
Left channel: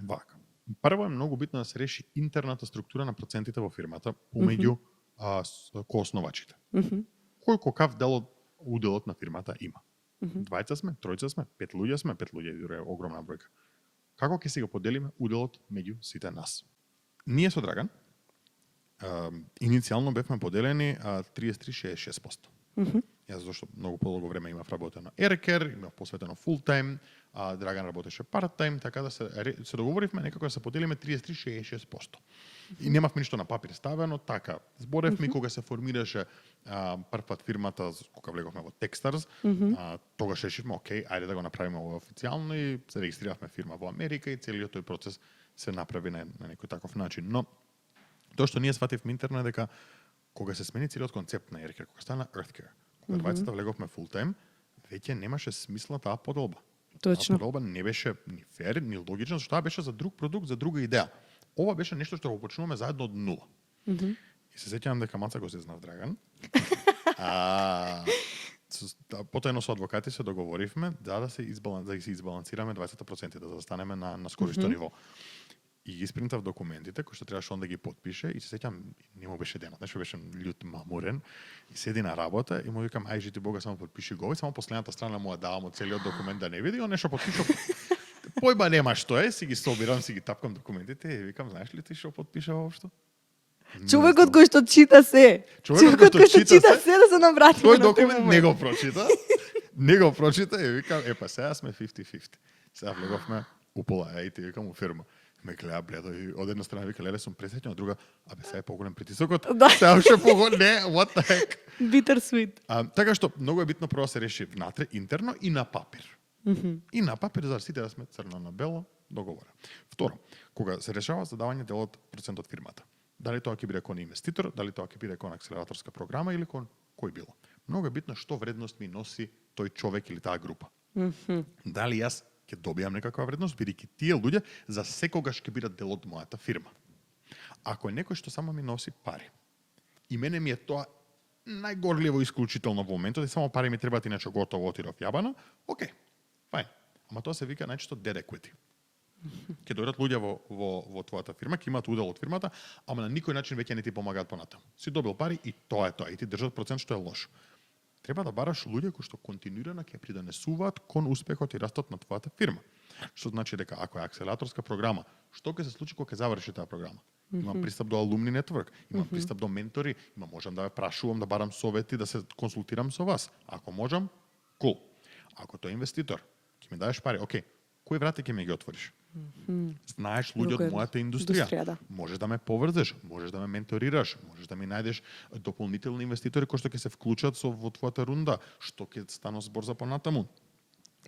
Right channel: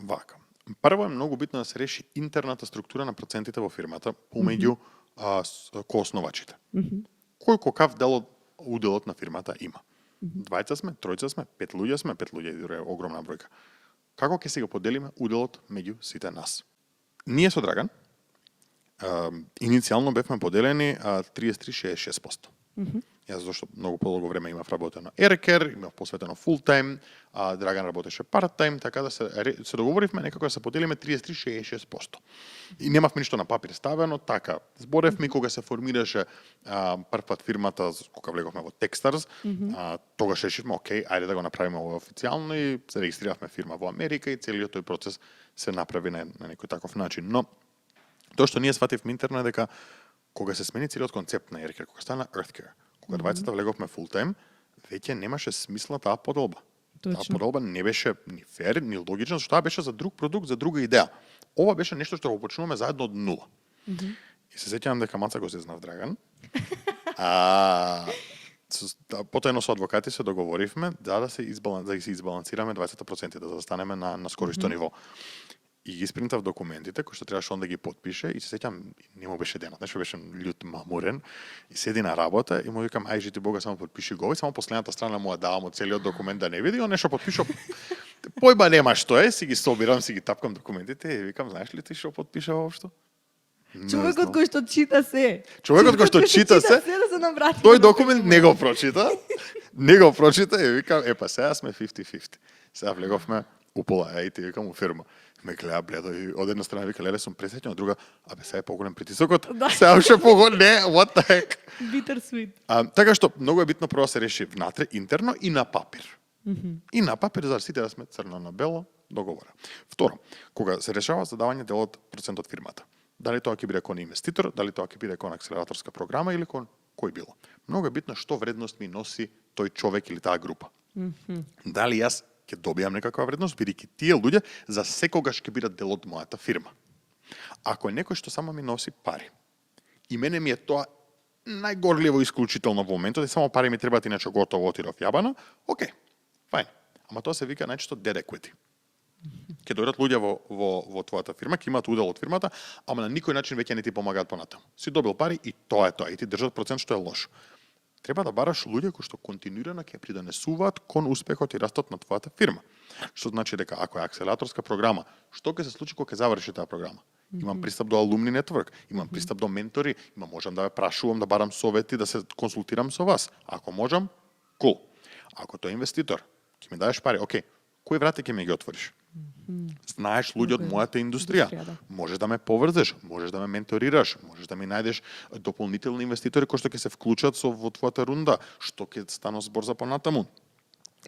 Вака. Прво е многу битно да се реши интерната структура на процентите во фирмата помеѓу коосновачите. Кој какав дел од уделот на фирмата има? Двајца сме, тројца сме, 5 луѓе е огромна бројка. Како ќе си го поделиме уделот меѓу сите нас? Ние со Драган иницијално бевме поделени 33-66%. Јас зашто многу подолго време имав работено ерекер, имав посветено фул тайм, Драган работеше парт тайм, така да се договоривме некако да се поделиме 33-66%. И немавме ништо на папир ставено, така зборевме кога се формираше прв пат фирмата, кога влеговме во Techstars, тогаш решивме, окей, ајде да го направиме ова официјално и се регистриравме фирма во Америка и целиот тој процес се направи на некој таков начин. Но тоа што ние свативме интерно е дека кога се смени целиот концепт на ерекер, кога стана Earthcare, кога двајцата влеговме фул тайм, веќе немаше смисла таа поделба. Таа поделба не беше ни фер, ни логична, зашто таа беше за друг продукт, за друга идеја. Ова беше нешто што го почнуваме заедно од нула. И се сеќавам дека Маца го се знав Драган. Потоено со адвокати се договоривме да се избалансираме 20%, да застанеме на скоро исто ниво. И ги спринтав документите кои што требаше он да ги потпише и се сеќам, не му беше денот, нешто беше лют мамурен и седи на работа и му викам ај жити Бога само потпиши го и само последната страна му ја давам од целиот документ да не види, он нешто потпишал. Појба нема што е, си ги собирам, си ги тапкам документите и викам знаеш ли ти што потпиша воопшто? Човекот кој што чита се. Човекот кој што чита се да се наврати. Тој документ не го прочита. Не го прочита и викам епа сега сме 50-50. Сега влеговме упола, и ти викам у фирма. Ме гледа бледо и од една страна вика леле сум пресеќен, од друга абе сега е поголем притисокот. Сега уште не, what the heck. Bitter sweet. Така што многу е битно прво да се реши внатре интерно и на папир. И на папир за сите да сме црно на бело договора. Второ, кога се решава за давање дел од процент од фирмата. Дали тоа ќе биде кон инвеститор, дали тоа ќе биде кон акселераторска програма или кон кој било. Многу е битно што вредност ми носи тој човек или таа група. Дали јас ќе добијам некаква вредност, бидејќи тие луѓе за секогаш ќе бидат дел од мојата фирма. Ако е некој што само ми носи пари, и мене ми е тоа најгорливо исклучително во моментот, и само пари ми требаат иначе готово отидов јабана, окей, фајн. Ама тоа се вика најчесто dead equity. Ќе дојдат луѓе во твојата фирма, ќе имаат удел од фирмата, ама на никој начин веќе не ти помагаат понатаму. Си добил пари и тоа е тоа, и ти држат процент што е лошо. Треба да бараш луѓе кои што континуирано ќе придонесуваат кон успехот и растот на твојата фирма. Што значи дека ако е акселераторска програма, што ќе се случи кога ќе заврши таа програма? Имам пристап до алумни нетворк, имам пристап до ментори, можам да ве прашувам, да барам совети, да се консултирам со вас. Ако можам, cool. Ако тој инвеститор ќе ми дадеш пари, окей, кои врати ќе ми ги отвориш? Знаеш луѓе од мојата индустрија. Да. Можеш да ме поврзеш, можеш да ме менторираш, можеш да ми најдеш дополнителни инвеститори кои што ќе се вклучат во твојата рунда, што ќе стане збор за понатаму.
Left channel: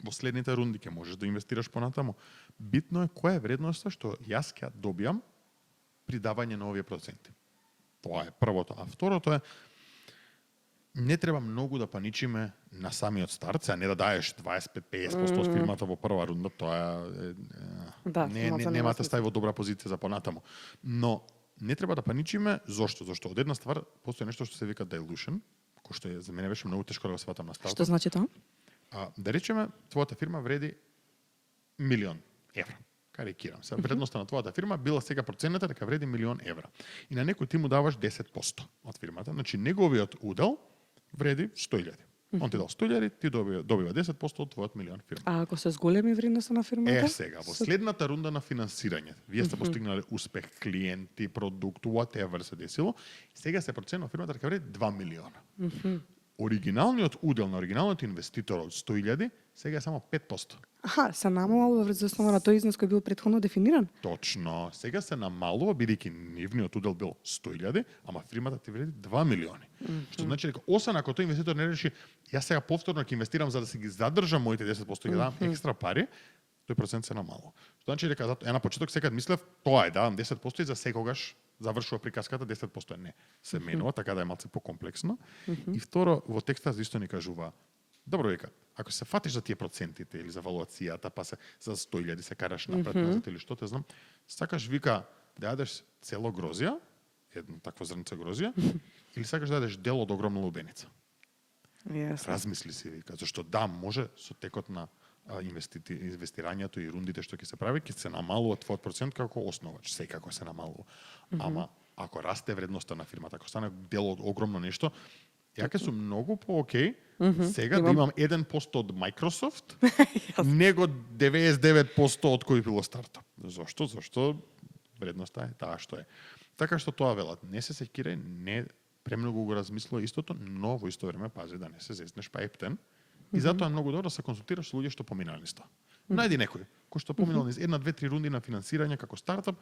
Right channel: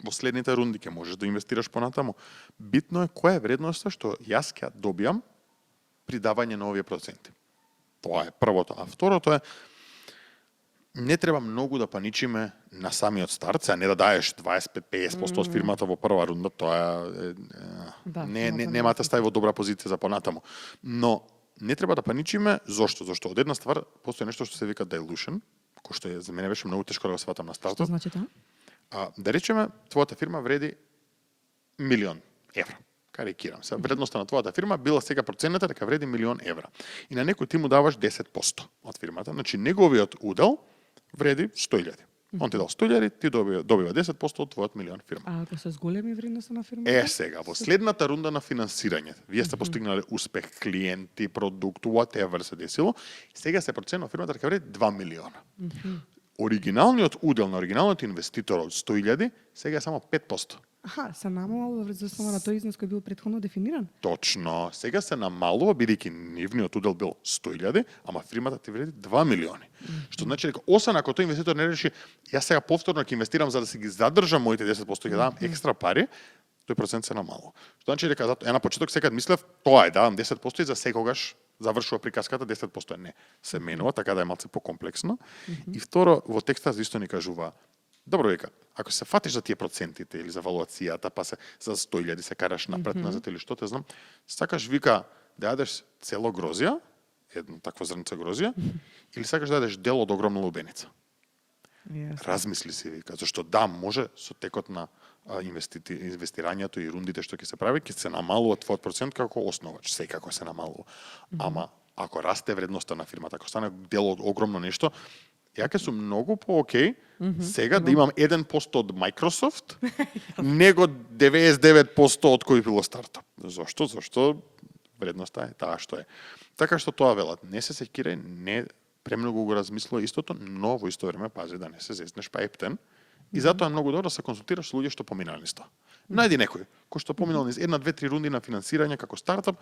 Во следните рунди ќе можеш да инвестираш понатаму. Битно е која е вредноста што јас ќе добијам при давање на овие проценти. Тоа е првото. А второто е не треба многу да паничиме на самиот старт, а не да даеш 25-50% од фирмата во прва рунда, тоа нема да стави во добра позиција за понатаму. Но не треба да паничиме, зошто? Зошто од една ствар постои нешто што се вика dilution, кој што за мене беше многу тешко да го сватам на стартот. Што значи тоа? Да речеме, твојата фирма вреди 1.000.000 евра. Карикирам се. Вредноста на твојата фирма била сега проценета дека вреди 1.000.000 евра. И на некој ти му даваш 10% од фирмата. Значи неговиот удел вреди 100.000. Он ти дал 100.000, ти добива 10% од твојот милион фирма. А ако се зголеми вредноста на фирмата? Сега, во следната рунда на финансирање, вие сте постигнале успех, клиенти, продукт, whatever се десило, сега се проценува фирмата дека вреди 2 милиона. Оригиналниот удел на оригиналниот инвеститор од 100.000 сега е само 5%. Аха, се намалува врз основа на тој износ кој бил претходно дефиниран? Точно. Сега се намалува, бидејќи нивниот удел бил 100.000, ама фирмата ти вреди 2 милиони. Што значи дека освен ако тој инвеститор не реши, јас сега повторно ќе инвестирам за да си ги задржам моите 10%, ќе давам екстра пари, тој процент се намалува. Што значи дека на почеток секад мислев, тоа е, давам 10% и за секогаш завршува приказката, 10% не. Се менува, така да е малце покомплексно. И второ, во текстот исто ни кажува, добро вика, ако се фатиш за тие процентите или за валуацијата, па се за 100.000 се караш напред назад или што те знам, сакаш вика да јадеш цело грозија, едно такво зрнце грозија, или сакаш да јадеш дел од огромна лубеница. Yes. Размисли си, вика, зашто да, може со текот на инвестирањето и рундите што ќе се прави, ќе се намалува твојот процент како основач, секако се намалува. Ама ако расте вредноста на фирмата, ако стане дел од огромно нешто, ја ќе сум многу по-окей сега да имам 1% од Microsoft, него 99% од кој било стартап. Зошто? Зошто вредноста е таа што е. Така што тоа велат, не се сеќирај, не премногу го размислува истото, но во исто време пази да не се зезнеш па ептен. И затоа е многу добро да се консултираш со луѓе што поминали низ тоа. Најди некој кој што поминал низ 1, 2, 3 рунди на финансирање како стартап.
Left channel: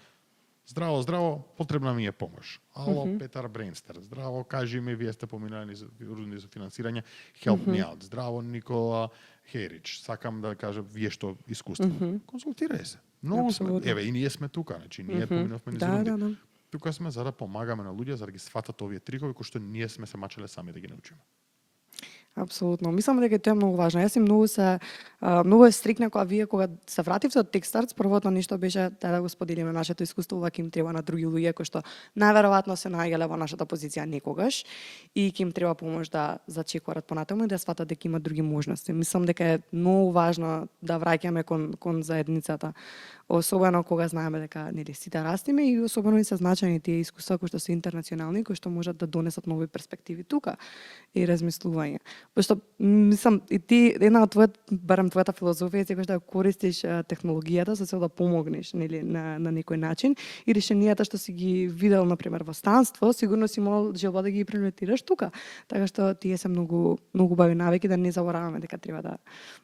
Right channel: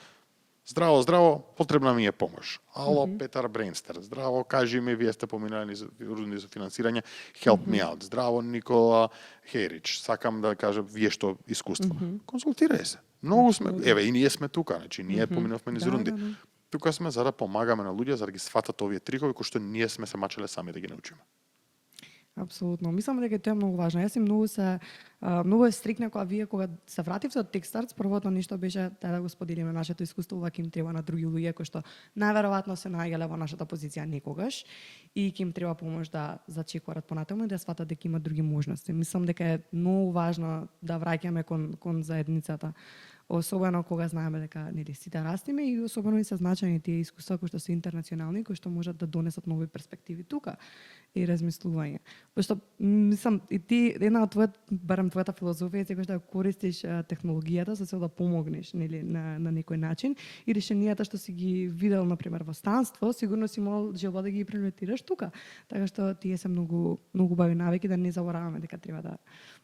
Здраво, здраво, потребна ми е помош. Ало, Петар Брейнстер, здраво, кажи ми, вие сте поминали низ рунди за финансирање, help me out. Здраво, Никола Херич, сакам да кажам, вие што искуство. Консултирај се. Многу сме, еве, и ние сме тука, значи ние поминавме низ рунди. Тука сме за да помагаме на луѓе за да ги сфатат овие трикови кои што ние сме се мачеле сами да ги научиме. Апсолутно. Мислам дека тоа е многу важно. Јас и многу е стрикна кога се вративте од Techstars, првото нешто беше да го споделиме нашето искуство, ова ќе им треба на други луѓе кои што најверојатно се наоѓале во нашата позиција некогаш и ќе им треба помош да зачекорат понатаму и да сватат дека има други можности. Мислам дека е многу важно да враќаме кон заедницата, особено кога знаеме дека нели сите растиме и особено и се значајни тие искуства кои што се интернационални, кои што можат да донесат нови перспективи тука и размислување. Пошто мислам и ти една од барем твојата филозофија е секогаш да користиш технологијата за цел да помогнеш нели на некој начин и решенијата што си ги видел на пример во станство, сигурно си имал желба да ги имплементираш тука. Така што тие се многу убави навики да не забораваме дека треба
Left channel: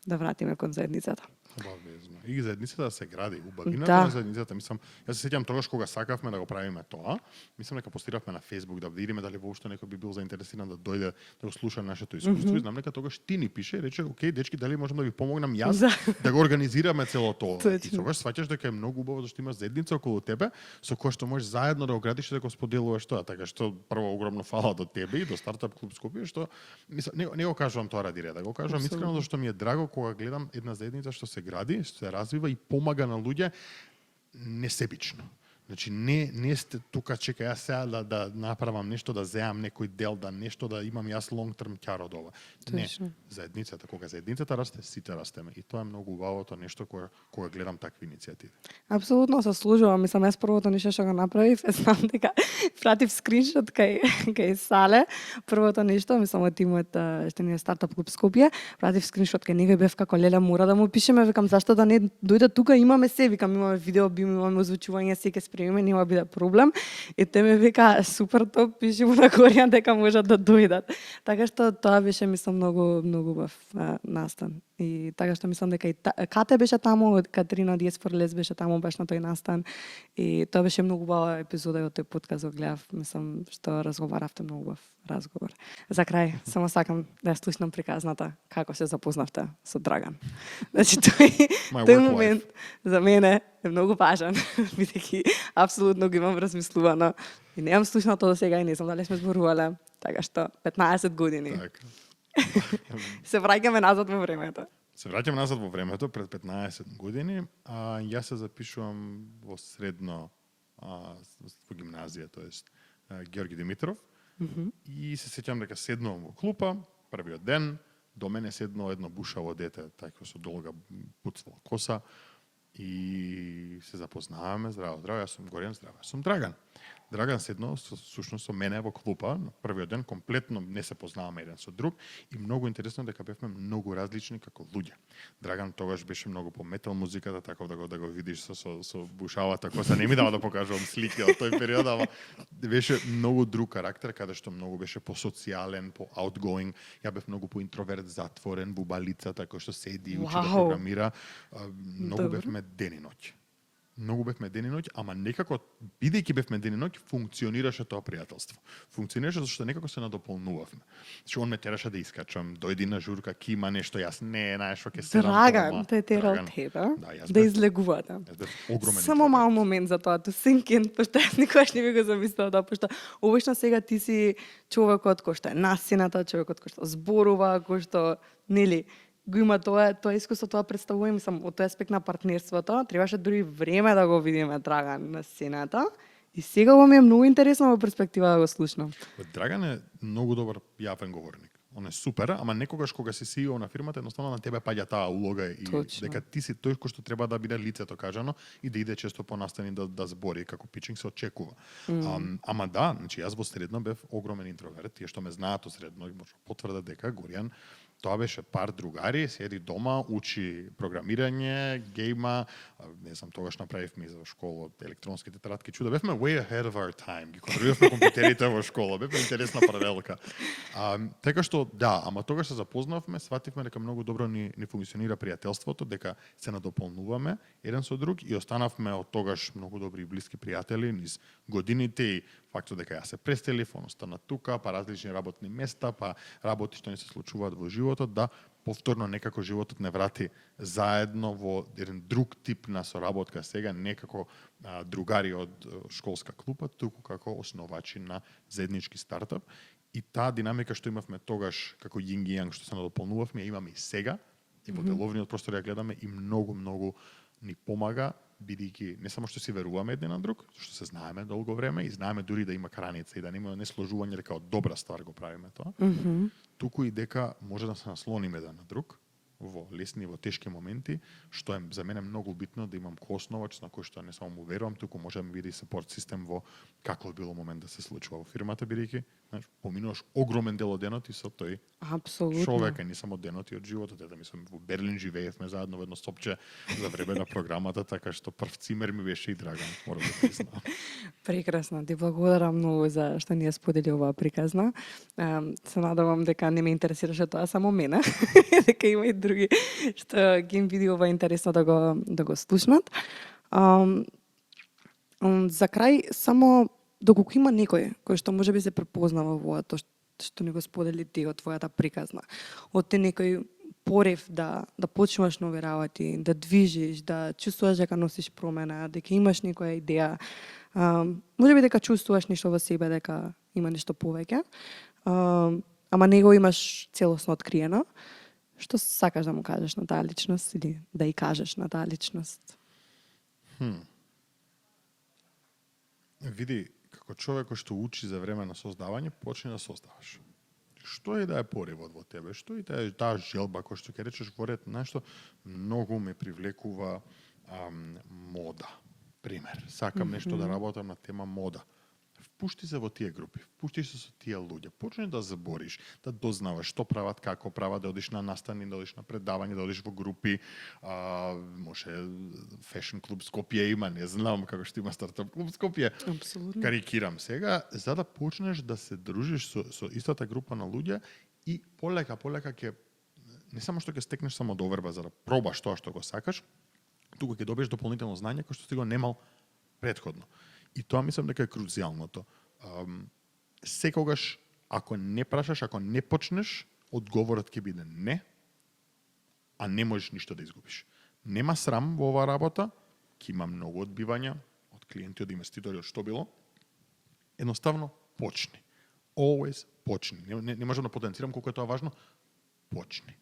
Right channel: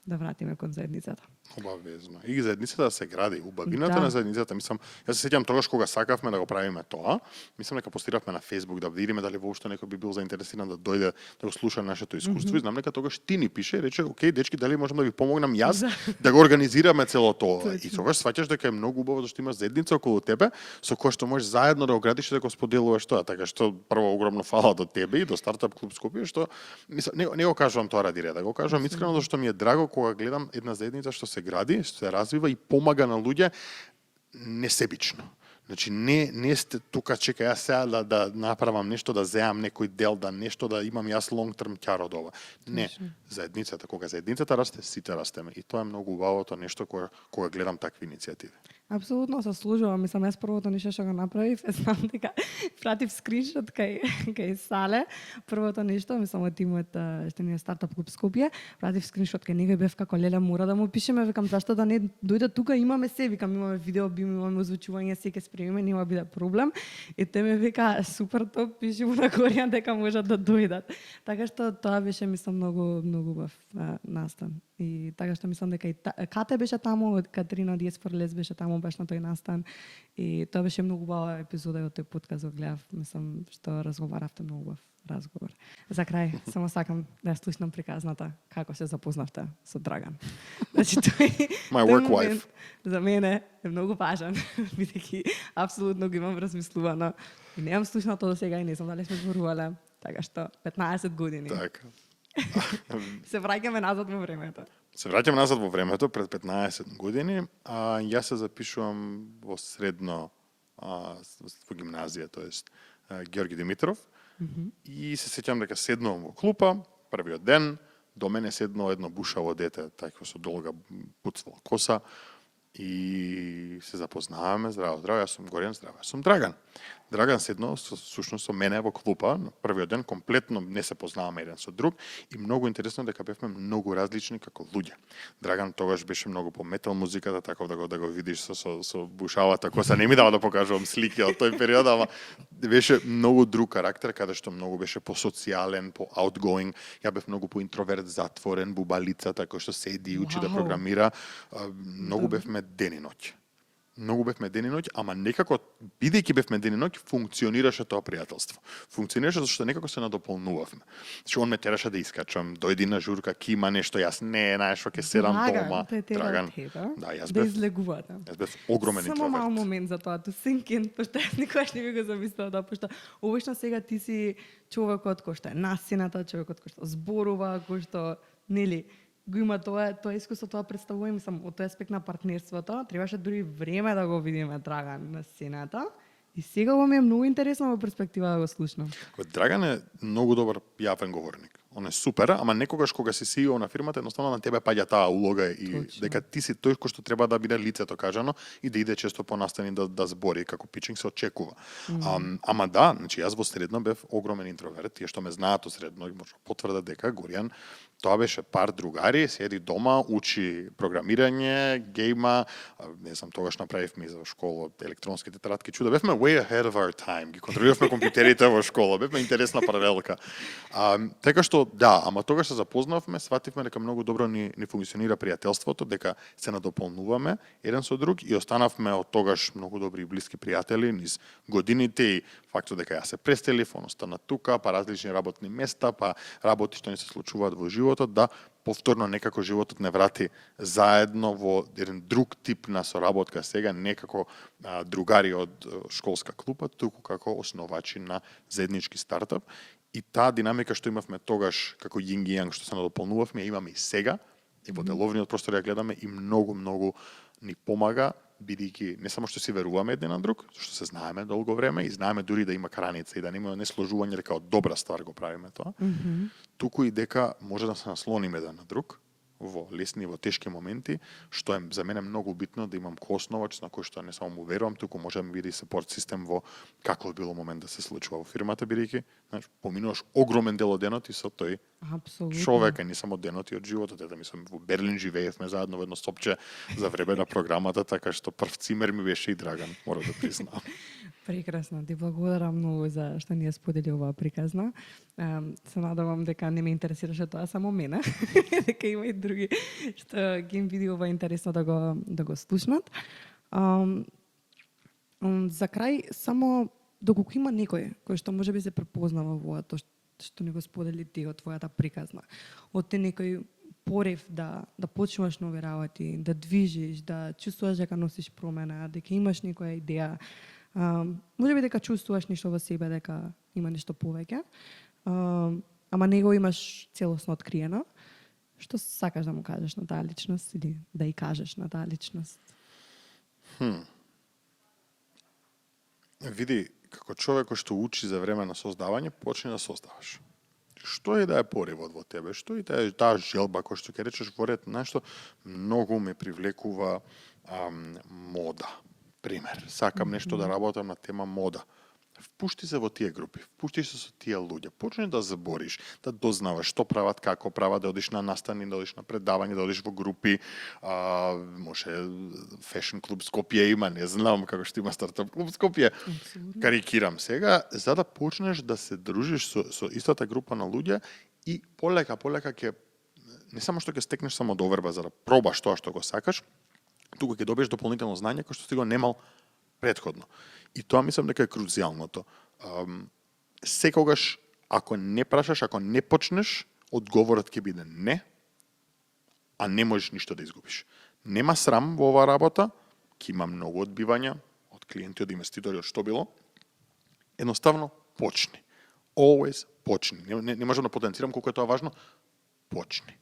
да вратиме кон заедницата. Обавезно. И заедницата да се гради. Убавината на заедницата, мислам, јас се сеќавам тогаш кога сакавме да го правиме тоа, мислам дека постиравме на Facebook да видиме дали воопшто некој би бил заинтересиран да дојде да го слуша нашето искуство. И знам дека тогаш ти ни пише и рече, окей, дечки, дали можам да ви помогнам јас да го организираме цело тоа. И тогаш сваќаш дека е многу убаво зашто имаш заедница околу тебе со која што можеш заедно да го градиш и да го споделуваш тоа. Така што прво огромно фала до тебе и до Стартап клуб Скопје што мислам, не го кажувам тоа ради реда, го кажувам искрено зашто ми е драго кога гледам една заедница што се гради, што се развива и помага на луѓе несебично. Значи не сте тука чека јас сега да направам нешто, да земам некој дел, да нешто да имам јас long term ќар од ова. Не, заедницата, кога заедницата расте, сите растеме и тоа е многу убавото нешто кога гледам такви иницијативи. Апсолутно се служувам, мислам јас првото нешто што го направив, знам дека пратив скриншот кај Сале, првото нешто, мислам од тимот што ни е Стартап клуб Скопје, пратив скриншот кај него бев како леле мора да му пишеме, викам зашто да не дојде тука, имаме се, викам имаме видео, имаме озвучување, секој спремиме, нема биде проблем. И те ме вика супер топ, пиши му на Коријан дека можат да дојдат. Така што тоа беше мислам многу убав настан. И така што мислам дека и Кате беше таму, Катерина Диес Форлес беше таму баш на тој настан. И тоа беше многу убава епизода од тој подкаст го гледав, мислам што разговаравте многу убав разговор. За крај, само сакам да ја слушнам приказната како се запознавте со Драган. Значи тој момент за мене е многу важен, бидејќи апсолутно го имам размислувано и немам слушнато до сега и не знам дали сме зборувале. Така што 15 години. Така. Се враќаме назад во времето. Се враќаме назад во времето пред 15 години, а јас се запишувам во средно во гимназија, тоест Георги Димитров. И се сеќам дека седнувам во клупа, првиот ден, до мене седнало едно бушаво дете, тако со долга пуцвала коса, и се запознаваме, здраво, јас сум Горен, здраво, јас сум Драган. Драган седнал сушност со мене во клупа на првиот ден, комплетно не се познаваме еден со друг и многу интересно дека бевме многу различни како луѓе. Драган тогаш беше многу по метал музиката, така да го видиш со бушавата коса. Не ми дава да покажувам слики од тој период, ама беше многу друг карактер, каде што многу беше по социјален, по outgoing. Ја бев многу по интроверт, затворен, бубалица, така што седи и учи да Вау. програмира. Многу Добро. бевме ден и ноќ. Многу бевме ден и ноќ, ама некако, бидејќи бевме ден и ноќ, функционираше тоа пријателство. Функционираше зашто некако се надополнувавме. Значи, он ме тераше да искачам, дојди на журка, ки има нешто, јас не, знаеш, што ќе седам дома. Драган, те терал Драган. тебе, Да, јас да бев, излегувате. јас бев огромен Само интроверт. мал момент за тоа, to sink in, пошто јас никогаш не би го замислила да, пошто обично сега ти си човекот кој што е насината, човекот кој што зборува, кој што, нели, го има тоа искуство, тоа представувам сам од тој аспект на партнерството, требаше дури време да го видиме Драган на сцената. И сега го ми е многу интересно во перспектива да го слушнам. Драган е многу добар јавен говорник. Он е супер, ама некогаш кога си CEO на фирмата, едноставно на тебе паѓа таа улога и Точно. дека ти си тој кој што треба да биде лицето кажано и да иде често по настани да збори како пичинг се очекува. Ама да, значи јас во средно бев огромен интроверт, тие што ме знаат од средно може да потврдат дека Горијан тоа беше пар другари, седи дома, учи програмирање, гейма, не знам, тогаш направивме и за школа електронски тетрадки чуда. Бевме way ahead of our time. Ги контролиравме компјутерите во школа. Бевме интересна паралелка. Така што да, ама тогаш се запознавме, свативме дека многу добро ни функционира пријателството, дека се надополнуваме еден со друг и останавме од тогаш многу добри и блиски пријатели низ годините и фактот дека ја се преселив, он остана тука, па различни работни места, па работи што не се случуваат во животот, да повторно некако животот не врати заедно во еден друг тип на соработка сега, не како другари од школска клупа, туку како основачи на заеднички стартап. И таа динамика што имавме тогаш како јинг и јанг што се надополнувавме, имаме и сега, и во деловниот простор ја гледаме и многу ни помага, бидејќи не само што си веруваме еден на друг, што се знаеме долго време и знаеме дури да има граница и да нема несложување дека од добра ствар го правиме тоа, туку и дека може да се наслониме еден на друг во лесни и во тешки моменти, што е за мене многу битно да имам коосновач на кој што не само му верувам, туку може да ми биде и сепорт систем во каков било момент да се случува во фирмата, бидејќи поминуваш огромен дел од денот и со тој Апсолутно. човек, а не само денот и од животот. Ете, мислам, во Берлин живеевме заедно во едно сопче за време на програмата, така што прв цимер ми беше и Драган, мора да признам. Прекрасно, ти благодарам многу за што ни ја сподели оваа приказна. Се надевам дека не ме интересираше тоа само мене, дека има и други што ги им види ова интересно да го слушнат. За крај, само доколку има некој кој што може би се препознава во тоа што ни го сподели ти од твојата приказна, од те некој порив да почнуваш нови работи, да движиш, да чувствуваш дека носиш промена, дека имаш некоја идеја, може би дека чувствуваш нешто во себе, дека има нешто повеќе, ама не го имаш целосно откриено. Што сакаш да му кажеш на таа личност или да ја кажеш на таа личност? Види, како човек кој што учи за време на создавање, почни да создаваш. Што е да е поривот во тебе, што е да е таа желба кој што ќе речеш во ред, нешто многу ме привлекува мода. Пример, сакам нешто да работам на тема мода. Впушти се во тие групи, впушти се со тие луѓе, почни да збориш, да дознаваш што прават, како прават, да одиш на настани, да одиш на предавање, да одиш во групи, може Fashion клуб Скопје има, не знам како што има стартап клуб Скопје. Апсолутно. Карикирам сега, за да почнеш да се дружиш со истата група на луѓе и полека ќе не само што ќе стекнеш само доверба за да пробаш тоа што го сакаш, туку ќе добиеш дополнително знање кој што си го немал претходно. И тоа мислам дека е круцијалното. Секогаш, ако не прашаш, ако не почнеш, одговорот ќе биде не, а не можеш ништо да изгубиш. Нема срам во оваа работа, ќе има многу одбивања од клиенти, од инвеститори, од што било. Едноставно, почни. Always почни. Не можам да потенцирам колку е тоа важно. Почни.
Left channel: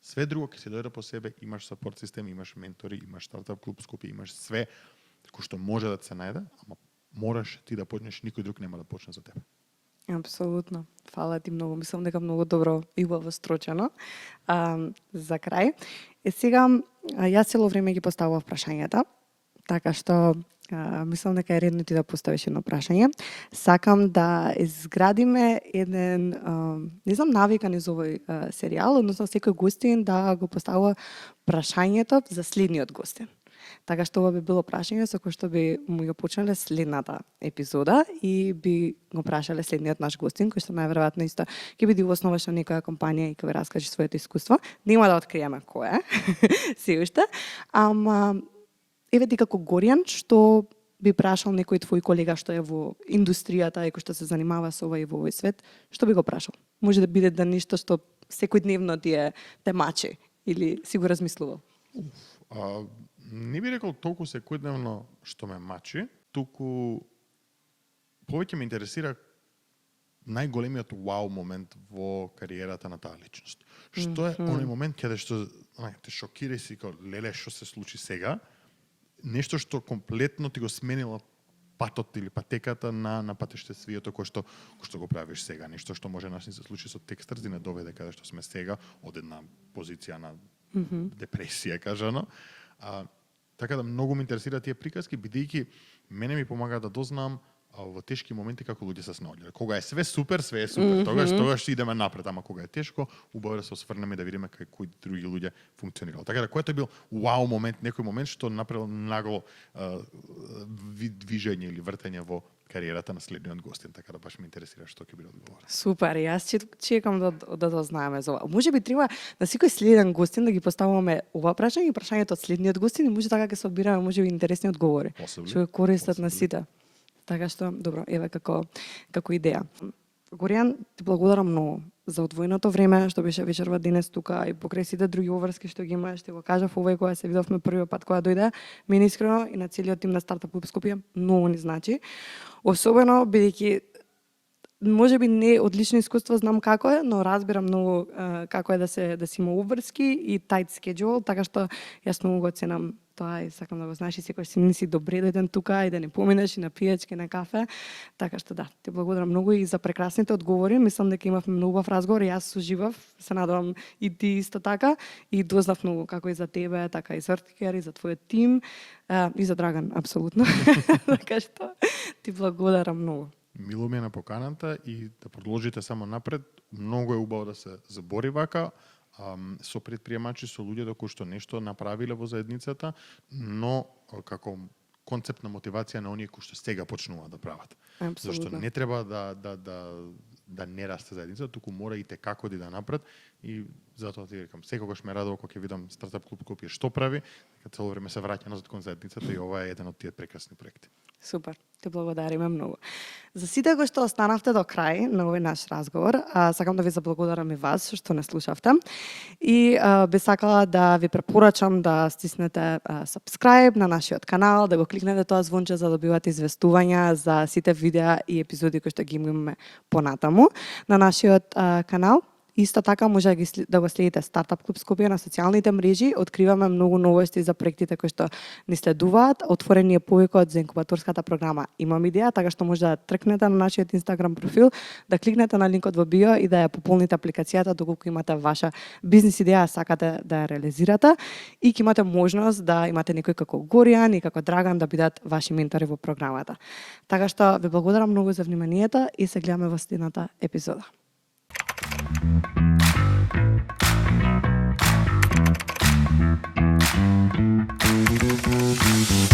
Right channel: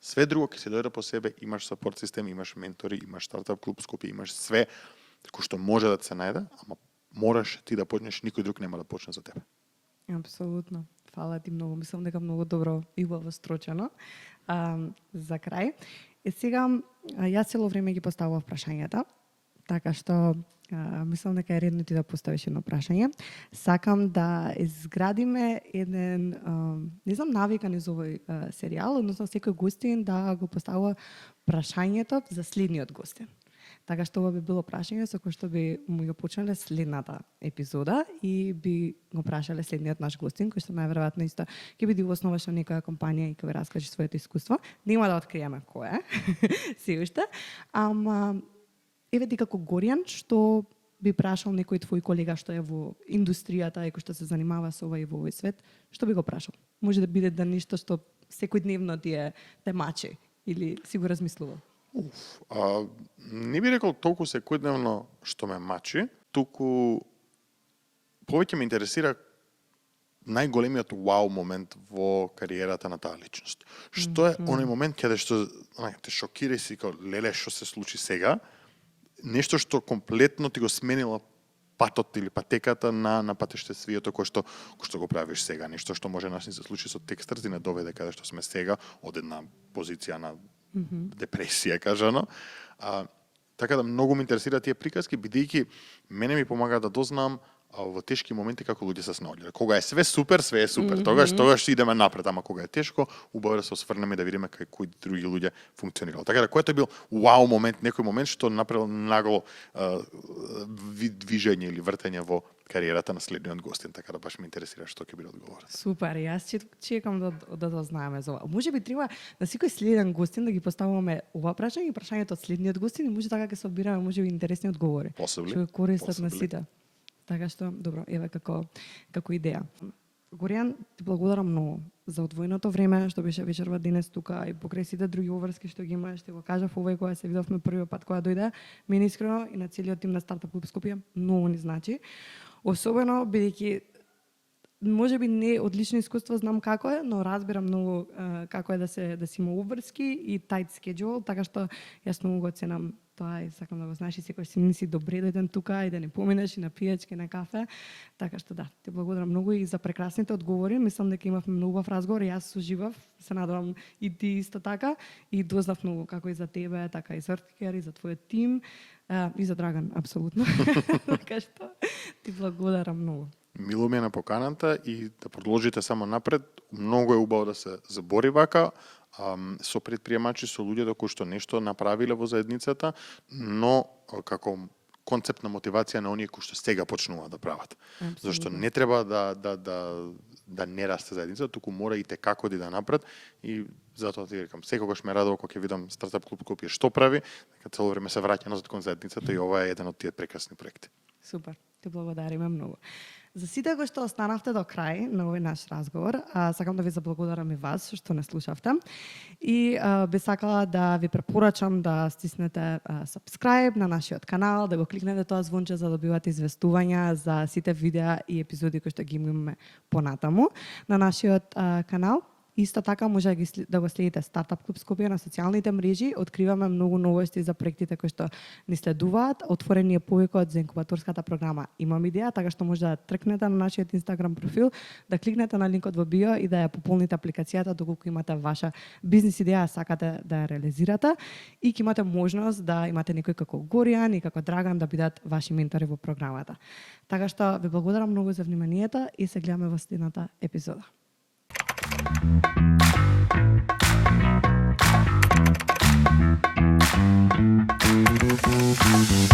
Све друго ќе се дојде по себе, имаш сапорт систем, имаш ментори, имаш стартап клуб Скопје, имаш све кој што може да се најде, ама мораш ти да почнеш, никој друг нема да почне за тебе. Апсолутно. Фала ти многу. Мислам дека многу добро и убаво строчено. За крај. Сега, јас цело време ги поставував прашањата. Така што мислам дека е редно ти да поставиш едно прашање. Сакам да изградиме еден, не знам навика низ овој серијал, односно секој гостин да го поставува прашањето за следниот гостин. Така што ова би било прашање со кое што би му ја почнале следната епизода и би го прашале следниот наш гостин, кој што најверојатно исто ќе биде основаш на некоја компанија и ќе ви раскаже своето искуство. Нема да откриеме кој е, се уште. Ама еве ти како Горијан, што би прашал некој твој колега што е во индустријата и кој што се занимава со ова и во овој свет, што би го прашал? Може да биде да нешто што секојдневно те мачи или си го размислувал? Не би рекол толку секојдневно што ме мачи, туку повеќе ме интересира најголемиот вау момент во кариерата на таа личност. Што е оној момент каде што те шокира и си како леле што се случи сега, нешто што комплетно ти го сменило патот или патеката на патештествието кој што го правиш сега, нешто што може нас не се случи со текстарс и не доведе каде што сме сега од една позиција на депресија кажано. Така да многу ме интересира тие приказки, бидејќи мене ми помага да дознам во тешки моменти како луѓе се снаоѓале. Кога е све супер, тогаш идеме напред, ама кога е тешко, убаво да се осврнеме да видиме кои други луѓе функционирале. Така да кој е бил вау момент, некој момент што направил нагло движење или вртење во кариерата на следниот гостин, така да баш ме интересира што ќе биде одговор. Супер, јас чекам да дознаеме за ова. Може би треба на секој следен гостин да ги поставуваме ова прашање и прашањето од следниот гостин и може така ќе собираме може би интересни одговори. Што користат на сите. Така што, добро, еве како идеја. Горијан, ти благодарам многу за одвоеното време што беше вечерва денес тука и покрај сите други обврски што ги имаш, ти го кажав овој кога се видовме првиот пат кога дојде, мене искрено и на целиот тим на Стартап Клуб Скопје многу ни значи. Особено бидејќи може би не од лично искуство знам како е, но разбирам многу како е да си има обврски и тајт скеџул, така што јас многу го ценам тоа и сакам да го знаеш и секој си не си добре дојден тука и да не поминеш и на пијачки, на кафе. Така што да, ти благодарам многу и за прекрасните одговори. Мислам дека имавме многу убав разговор, јас соживав, се надевам и ти исто така и дознав многу како и за тебе, така и за Ртикер и за твојот тим и за Драган апсолутно. Така што ти благодарам многу. Мило ми е на поканата и да продолжите само напред. Многу е убаво да се забори вака со предприемачи, со луѓето кои што нешто направиле во заедницата, но како концептна мотивација на оние кои што сега почнуваат да прават. Абсолютно. Зашто не треба да не расте заедница, туку мора и како да напред и затоа ти рекам, секогаш ме радува кога ќе видам Стартап Клуб Скопје што прави, дека цело време се враќа назад кон заедницата и ова е еден од тие прекрасни проекти. Супер, те благодариме многу. За сите кои што останавте до крај на овој наш разговор, сакам да ви заблагодарам и вас што не слушавте. И би сакала да ви препорачам да стиснете subscribe на нашиот канал, да го кликнете тоа звонче за да добивате известувања за сите видеа и епизоди кои што ги имаме понатаму на нашиот канал. Исто така може да го следите Стартап Клуб Скопје на социјалните мрежи. Откриваме многу новости за проектите кои што ни следуваат. Отворен е повикот за инкубаторската програма Имам идеја, така што може да тркнете на нашиот Инстаграм профил, да кликнете на линкот во био и да ја пополните апликацијата доколку имате ваша бизнис идеја, сакате да ја реализирате и ќе имате можност да имате некој како Горијан и како Драган да бидат ваши ментори во програмата. Така што ви благодарам многу за вниманието и се гледаме во следната епизода. Thank you.